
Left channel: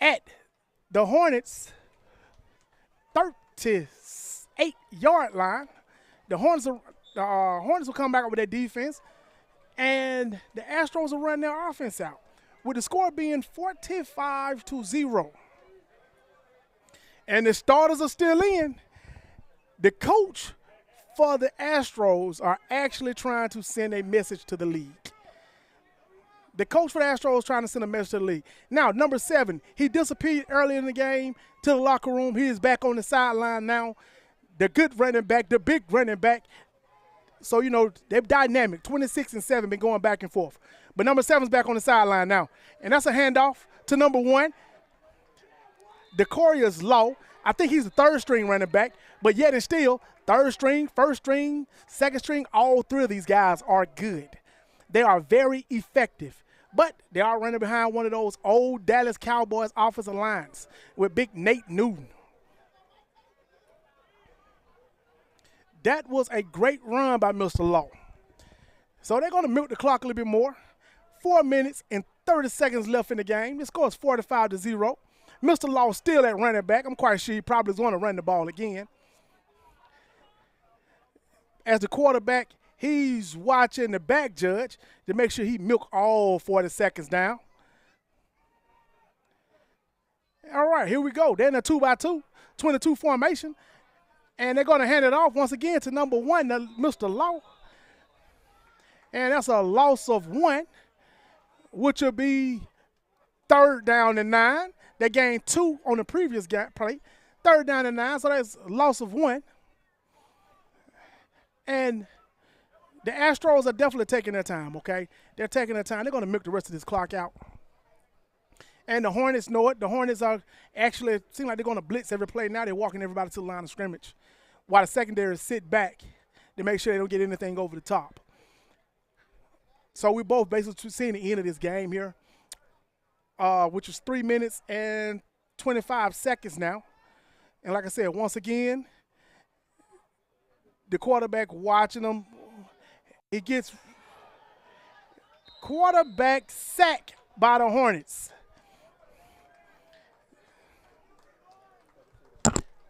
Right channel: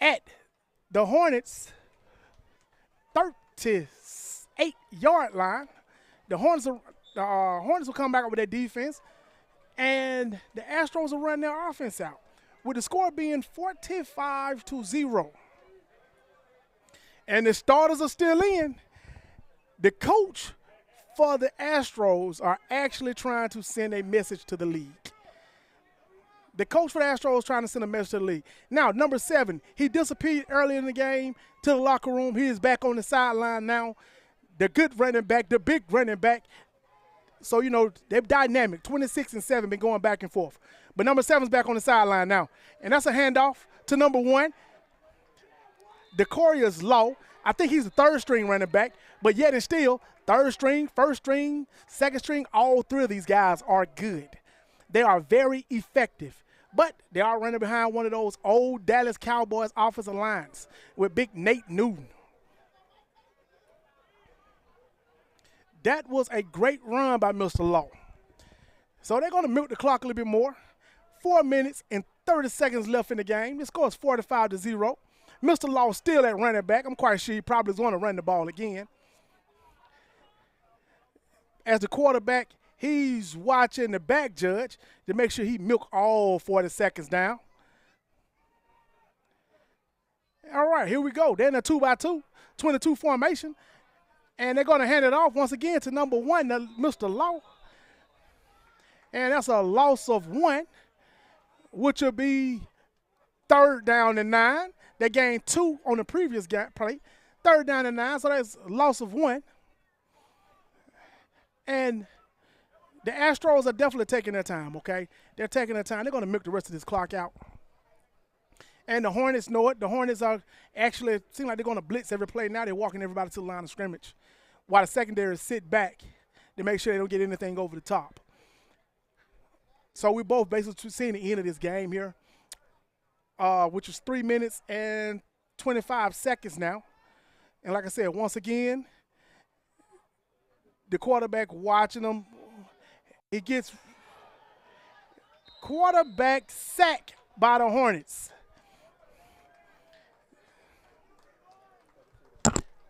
at the Hornets' 38-yard line. The Hornets will come back up with their defense, and the Astros will run their offense out, with the score being 45-0. And the starters are still in. The coach for the Astros are actually trying to send a message to the league. The coach for the Astros is trying to send a message to the league. Now, number 7, he disappeared early in the game to the locker room. He is back on the sideline now. The good running back, the big running back. So, you know, they're dynamic. 26 and 7 been going back and forth. But number 7's back on the sideline now. And that's a handoff to number 1. Decorius Low. I think he's the third string running back, but yet and still, third string, first string, second string, all 3 of these guys are good. They are very effective, but they are running behind one of those old Dallas Cowboys offensive lines with big Nate Newton. That was a great run by Mr. Law. So they're going to milk the clock a little bit more. 4 minutes and 30 seconds left in the game. The score is 45-0. Mr. Law still at running back. I'm quite sure he probably is going to run the ball again. As the quarterback, he's watching the back judge to make sure he milk all 40 seconds down. All right, here we go. They're in a 2x2, 22 formation. And they're going to hand it off once again to number 1, Mr. Law. And that's a loss of 1, which will be 3rd down and 9. They gained 2 on the previous play. 3rd down and 9, so that's a loss of 1. And the Astros are definitely taking their time, okay? They're taking their time. They're going to milk the rest of this clock out. And the Hornets know it. The Hornets are actually, seem like they're going to blitz every play. Now they're walking everybody to the line of scrimmage, while the secondary sit back to make sure they don't get anything over the top. So we both basically seeing the end of this game here, which is 3 minutes and 25 seconds now. And like I said, once again, the quarterback watching them. He gets quarterback sack by the Hornets.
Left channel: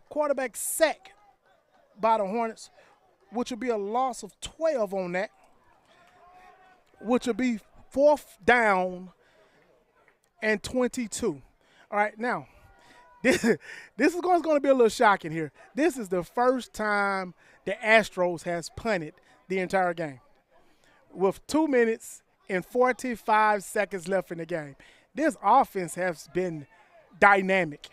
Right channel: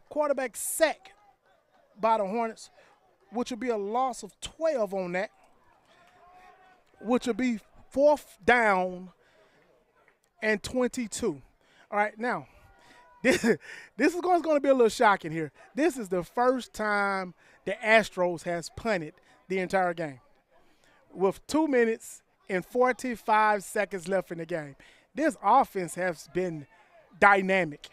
Quarterback sack by the Hornets, which will be a loss of 12 on that, which will be 4th down and 22. All right, now, this is going to be a little shocking here. This is the first time the Astros has punted the entire game with 2 minutes and 45 seconds left in the game. This offense has been dynamic.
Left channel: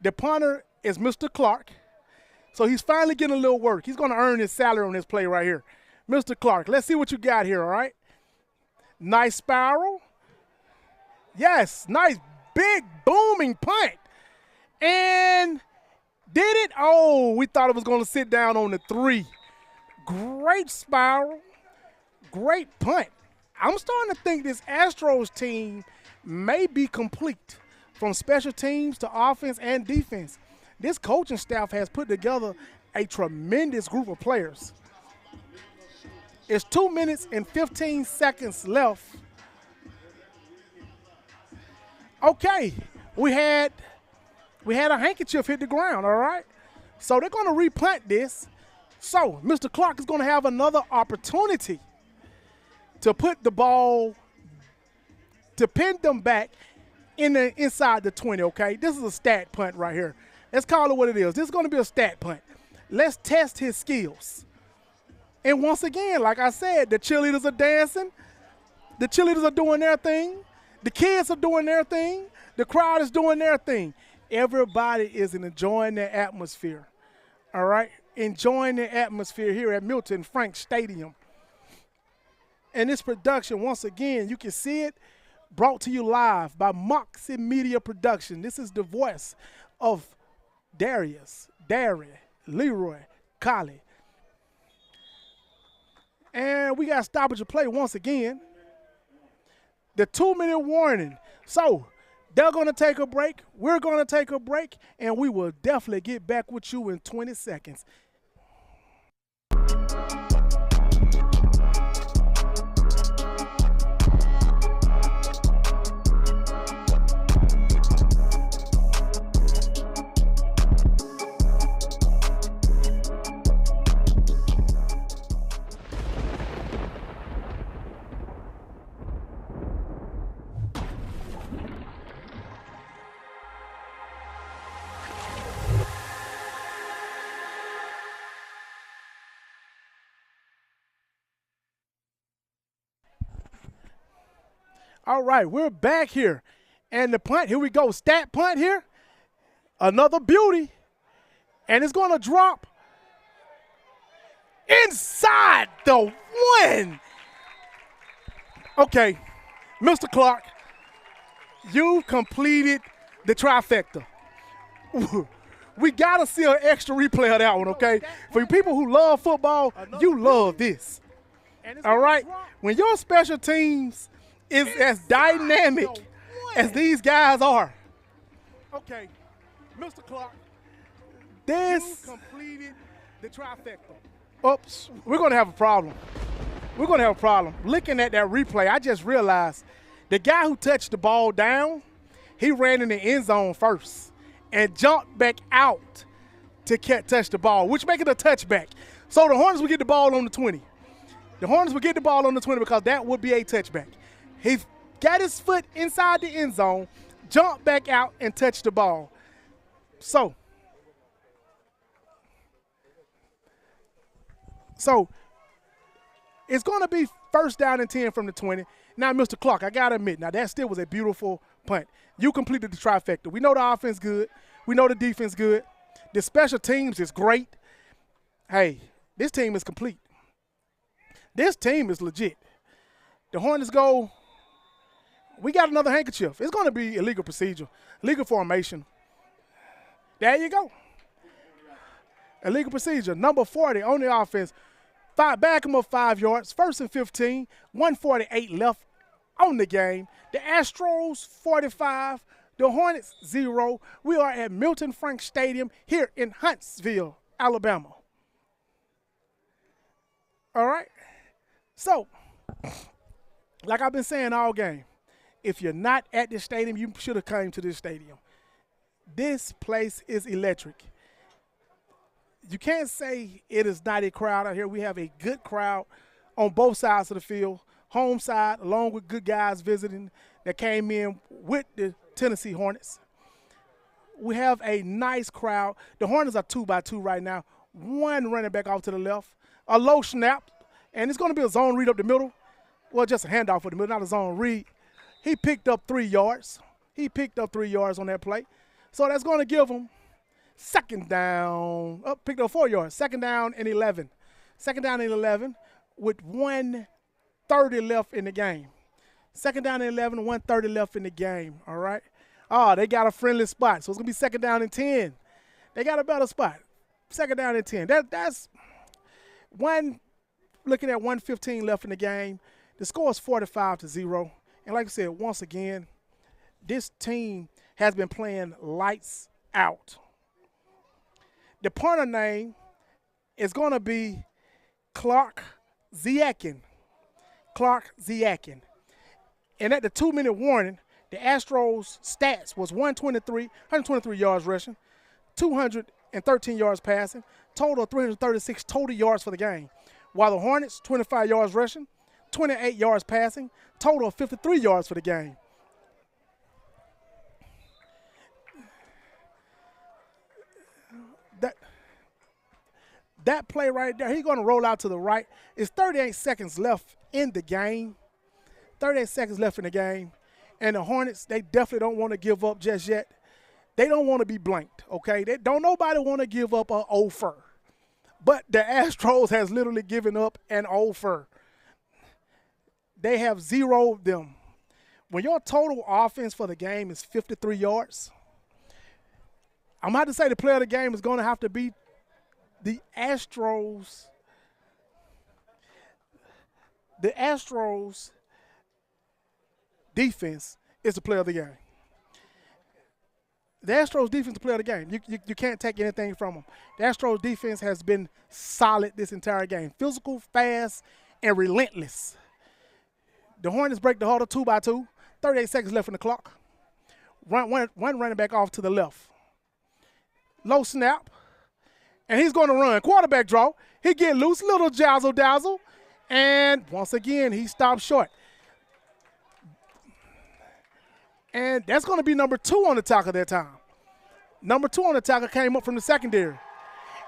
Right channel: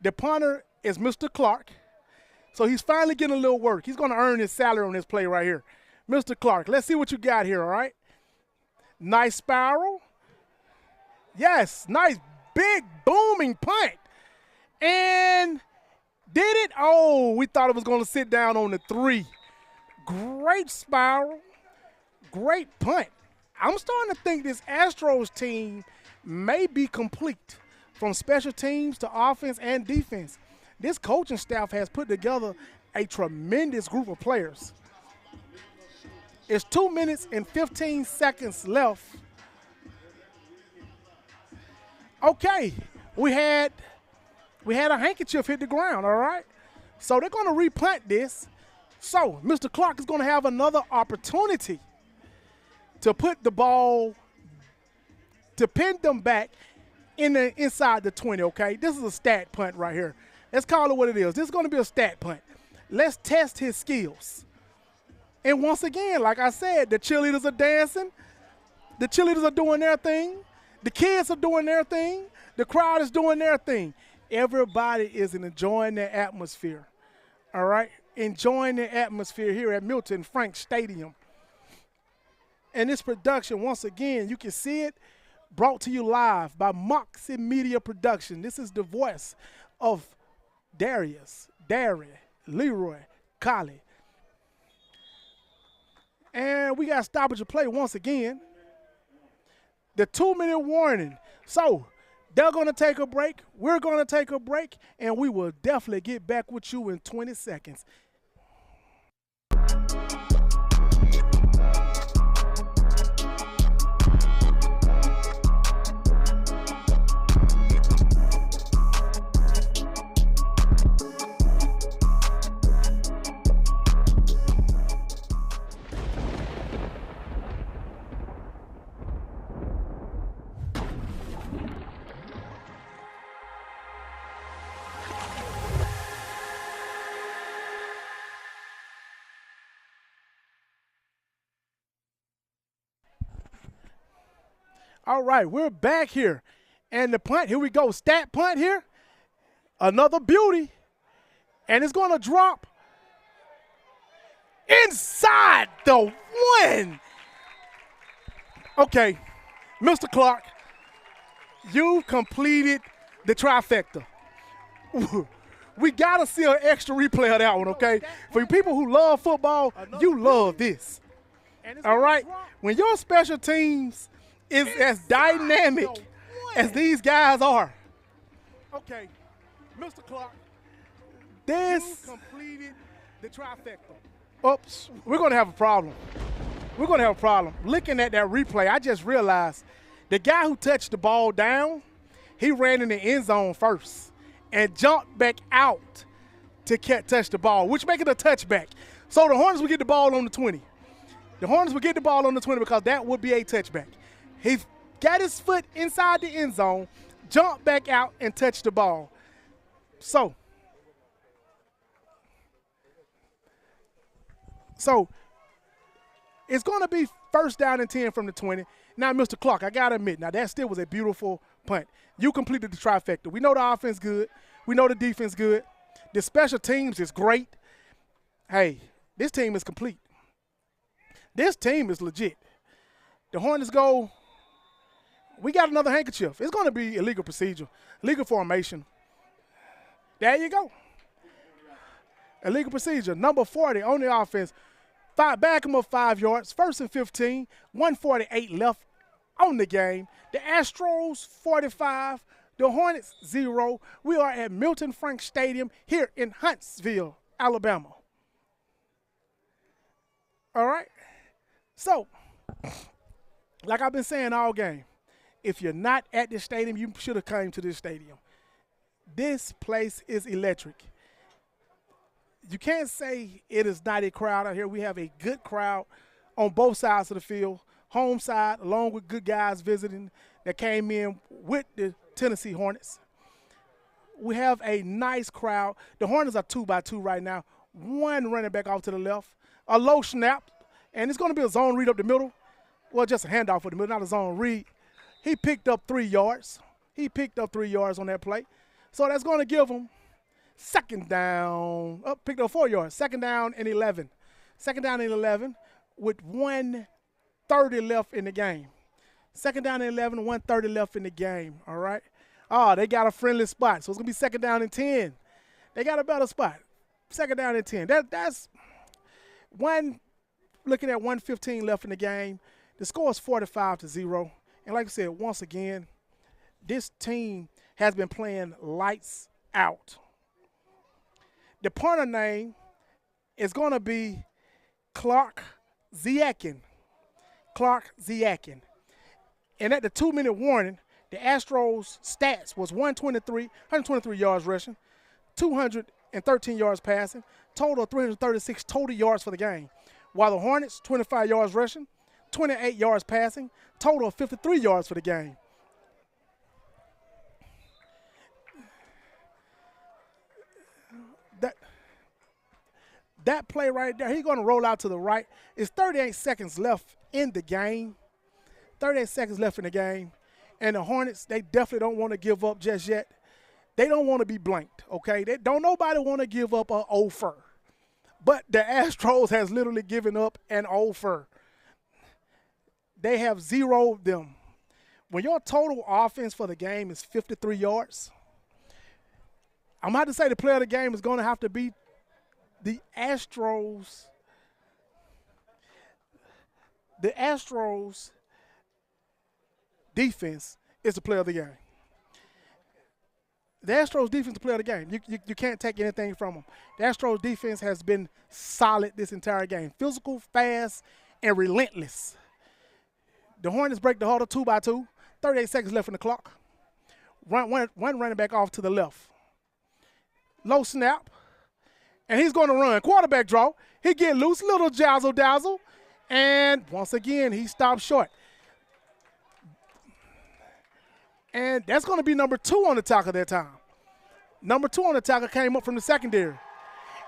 The punter is Mr. Clark, so he's finally getting a little work. He's going to earn his salary on this play right here. Mr. Clark, let's see what you got here, all right? Nice spiral. Yes, nice big booming punt. And did it? Oh, we thought it was going to sit down on the 3. Great spiral. Great punt. I'm starting to think this Astros team may be complete from special teams to offense and defense. This coaching staff has put together a tremendous group of players. It's 2 minutes and 15 seconds left. Okay, we had a handkerchief hit the ground, all right? So they're going to repunt this. So Mr. Clark is going to have another opportunity to put the ball, to pin them back inside the 20, okay? This is a stat punt right here. Let's call it what it is. This is going to be a stat punt. Let's test his skills. And once again, like I said, the cheerleaders are dancing. The cheerleaders are doing their thing. The kids are doing their thing. The crowd is doing their thing. Everybody is enjoying their atmosphere, all right? Enjoying the atmosphere here at Milton Frank Stadium. And this production, once again, you can see it, brought to you live by Moxie Media Production. This is the voice of Darius, Darry, Leroy, Collie. And we got stoppage of play once again. The 2-minute warning. So they're going to take a break. We're going to take a break. And we will definitely get back with you in 20 seconds. All right, we're back here. And the punt, here we go. Stat punt here. Another beauty. And it's going to drop inside the one. Okay, Mr. Clark, you completed the trifecta. We got to see an extra replay of that one, okay? For you people who love football, you love this. All right? When your special teams is as dynamic as these guys are. Okay, Mr. Clark, this completed the trifecta. Oops, we're going to have a problem. We're going to have a problem. Looking at that replay, I just realized the guy who touched the ball down, he ran in the end zone first and jumped back out to touch the ball, which make it a touchback. So the Hornets will get the ball on the 20. The Hornets will get the ball on the 20 because that would be a touchback. He got his foot inside the end zone, jumped back out, and touched the ball. So it's going to be first down and 10 from the 20. Now, Mr. Clark, I got to admit, now that still was a beautiful punt. You completed the trifecta. We know the offense good. We know the defense good. The special teams is great. Hey, this team is complete. This team is legit. The Hornets go, we got another handkerchief. It's going to be illegal procedure, legal formation. There you go. Illegal procedure. Number 40 on the offense. Back him up 5 yards. 1st and 15. 1:48 left on the game. The Astros 45. The Hornets 0. We are at Milton Frank Stadium here in Huntsville, Alabama. All right. So, like I've been saying all game, if you're not at this stadium, you should have come to this stadium. This place is electric. You can't say it is not a crowd out here. We have a good crowd on both sides of the field. Home side, along with good guys visiting that came in with the Tennessee Hornets. We have a nice crowd. The Hornets are 2-by-2 right now. One running back off to the left. A low snap, and it's going to be a zone read up the middle. Well, just a handoff for the middle, not a zone read. He picked up 3 yards. He picked up 3 yards on that play. So that's going to give him second down. Oh, picked up 4 yards. Second down and 11. Second down and 11 with 1:30 left in the game. Second down and 11, 1:30 left in the game, all right? Oh, they got a friendly spot, so it's going to be second down and 10. They got a better spot. Second down and 10. That's one, looking at 1:15 left in the game. The score is 45-0. And like I said, once again, this team has been playing lights out. The punter name is going to be Clark Ziakin. Clark Ziakin. And at the 2-minute warning, the Astros stats was 123 yards rushing, 213 yards passing, total of 336 total yards for the game. While the Hornets, 25 yards rushing, 28 yards passing, total of 53 yards for the game. That play right there, he's going to roll out to the right. It's 38 seconds left in the game. 38 seconds left in the game. And the Hornets, they definitely don't want to give up just yet. They don't want to be blanked, okay? Nobody want to give up an offer. But the Astros has literally given up an offer. They have zeroed them. When your total offense for the game is 53 yards, I'm about to say the player of the game is going to have to be the Astros. The Astros defense is the player of the game. The Astros defense is the player of the game. You can't take anything from them. The Astros defense has been solid this entire game. Physical, fast, and relentless. The Hornets break the huddle 2-by-2. 38 seconds left in the clock. One running back off to the left. Low snap. And he's going to run. Quarterback draw. He get loose. Little jazzle-dazzle. And once again, he stops short. And that's going to be number 2 on the tackle that time. Number 2 on the tackle came up from the secondary.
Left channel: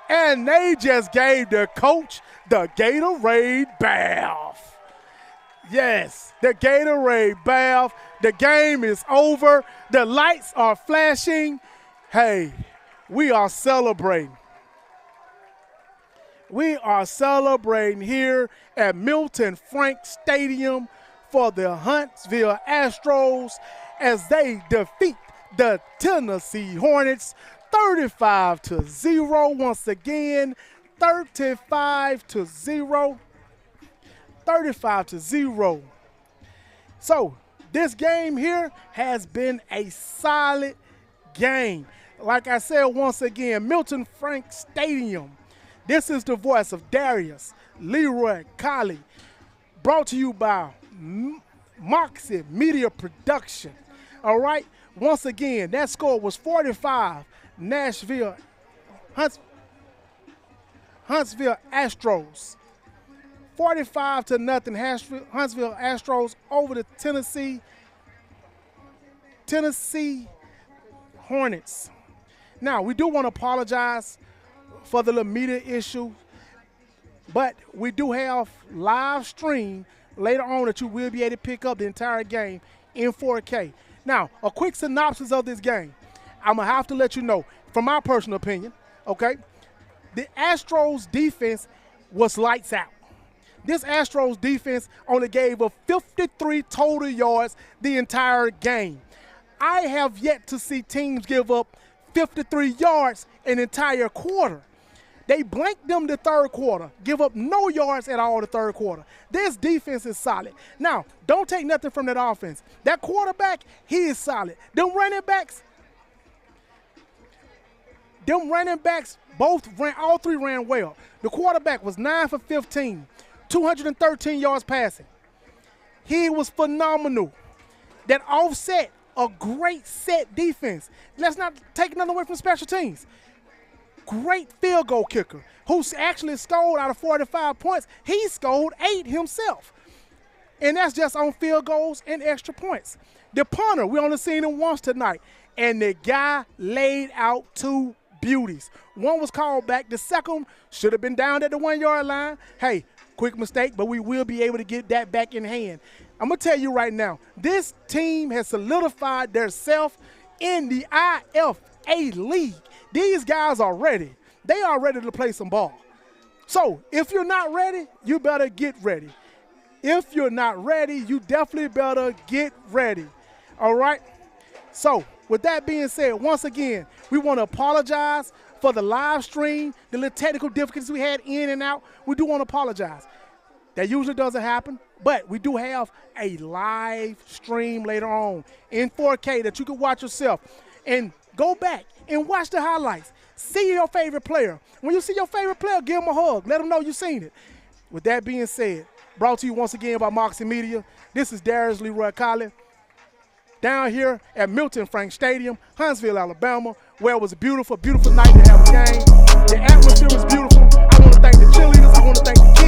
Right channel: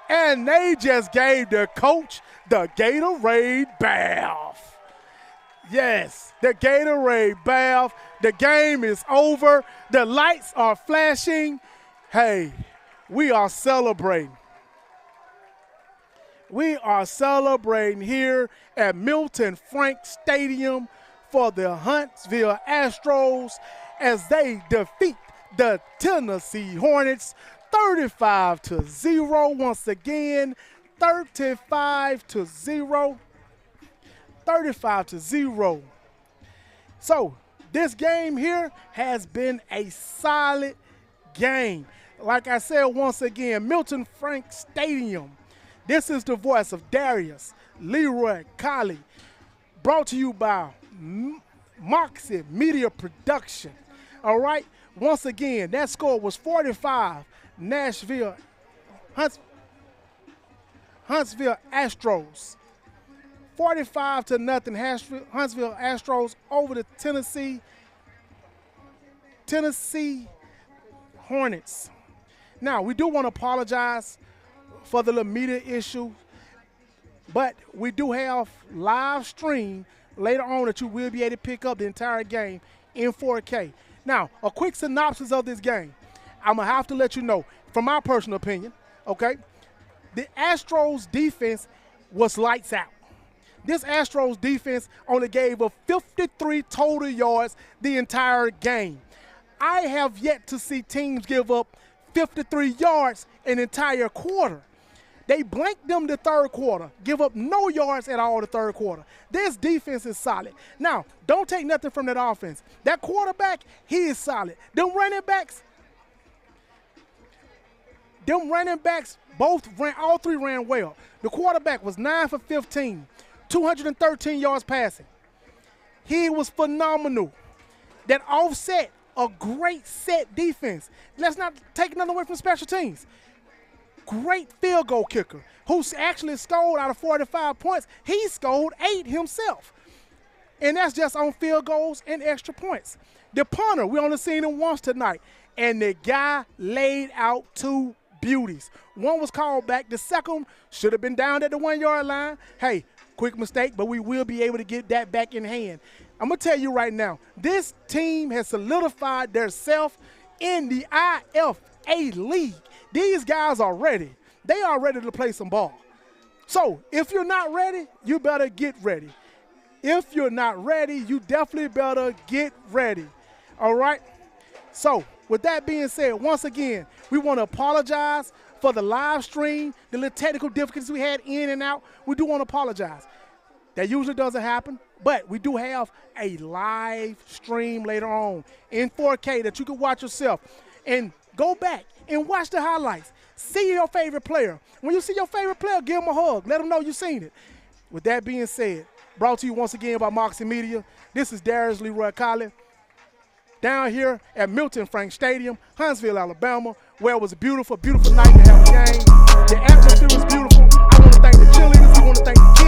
And they just gave the coach the Gatorade bath. Yes, the Gatorade bath. The game is over. The lights are flashing. Hey, we are celebrating. We are celebrating here at Milton Frank Stadium for the Huntsville Astros as they defeat the Tennessee Hornets 35-0. Once again, 35-0. 35-0. So this game here has been a solid game. Like I said once again, Milton Frank Stadium. This is the voice of Darius Leroy Colley, brought to you by Moxie Media Production. All right. Once again, that score was 45. Huntsville Astros. 45-0. Huntsville Astros over the Tennessee Hornets. Now, we do want to apologize for the little media issue, but we do have live stream later on that you will be able to pick up the entire game in 4K. Now, a quick synopsis of this game. I'm going to have to let you know, from my personal opinion, okay, the Astros defense was lights out. This Astros defense only gave up 53 total yards the entire game. I have yet to see teams give up 53 yards an entire quarter. They blanked them the third quarter, give up no yards at all the third quarter. This defense is solid. Now, don't take nothing from that offense. That quarterback, he is solid. Them running backs, all three ran well. The quarterback was 9 for 15, 213 yards passing. He was phenomenal. That offset, a great set defense. Let's not take nothing away from special teams. Great field goal kicker who's actually scored out of 45 points. He scored 8 himself. And that's just on field goals and extra points. The punter, we only seen him once tonight. And the guy laid out 2 beauties. One was called back. The second should have been down at the 1-yard line. Hey, quick mistake, but we will be able to get that back in hand. I'm going to tell you right now, this team has solidified themselves in the IFA League. These guys are ready. They are ready to play some ball. So if you're not ready, you better get ready. If you're not ready, you definitely better get ready. All right? So with that being said, once again, we want to apologize for the live stream, the little technical difficulties we had in and out. We do want to apologize. That usually doesn't happen, but we do have a live stream later on in 4K that you can watch yourself. And go back and watch the highlights. See your favorite player. When you see your favorite player, give them a hug. Let them know you've seen it. With that being said, brought to you once again by Moxie Media, this is Darius Leroy Colley down here at Milton Frank Stadium, Huntsville, Alabama, where it was a beautiful, beautiful night to have a game. The atmosphere was beautiful. I want to thank the cheerleaders. I want to thank the kids.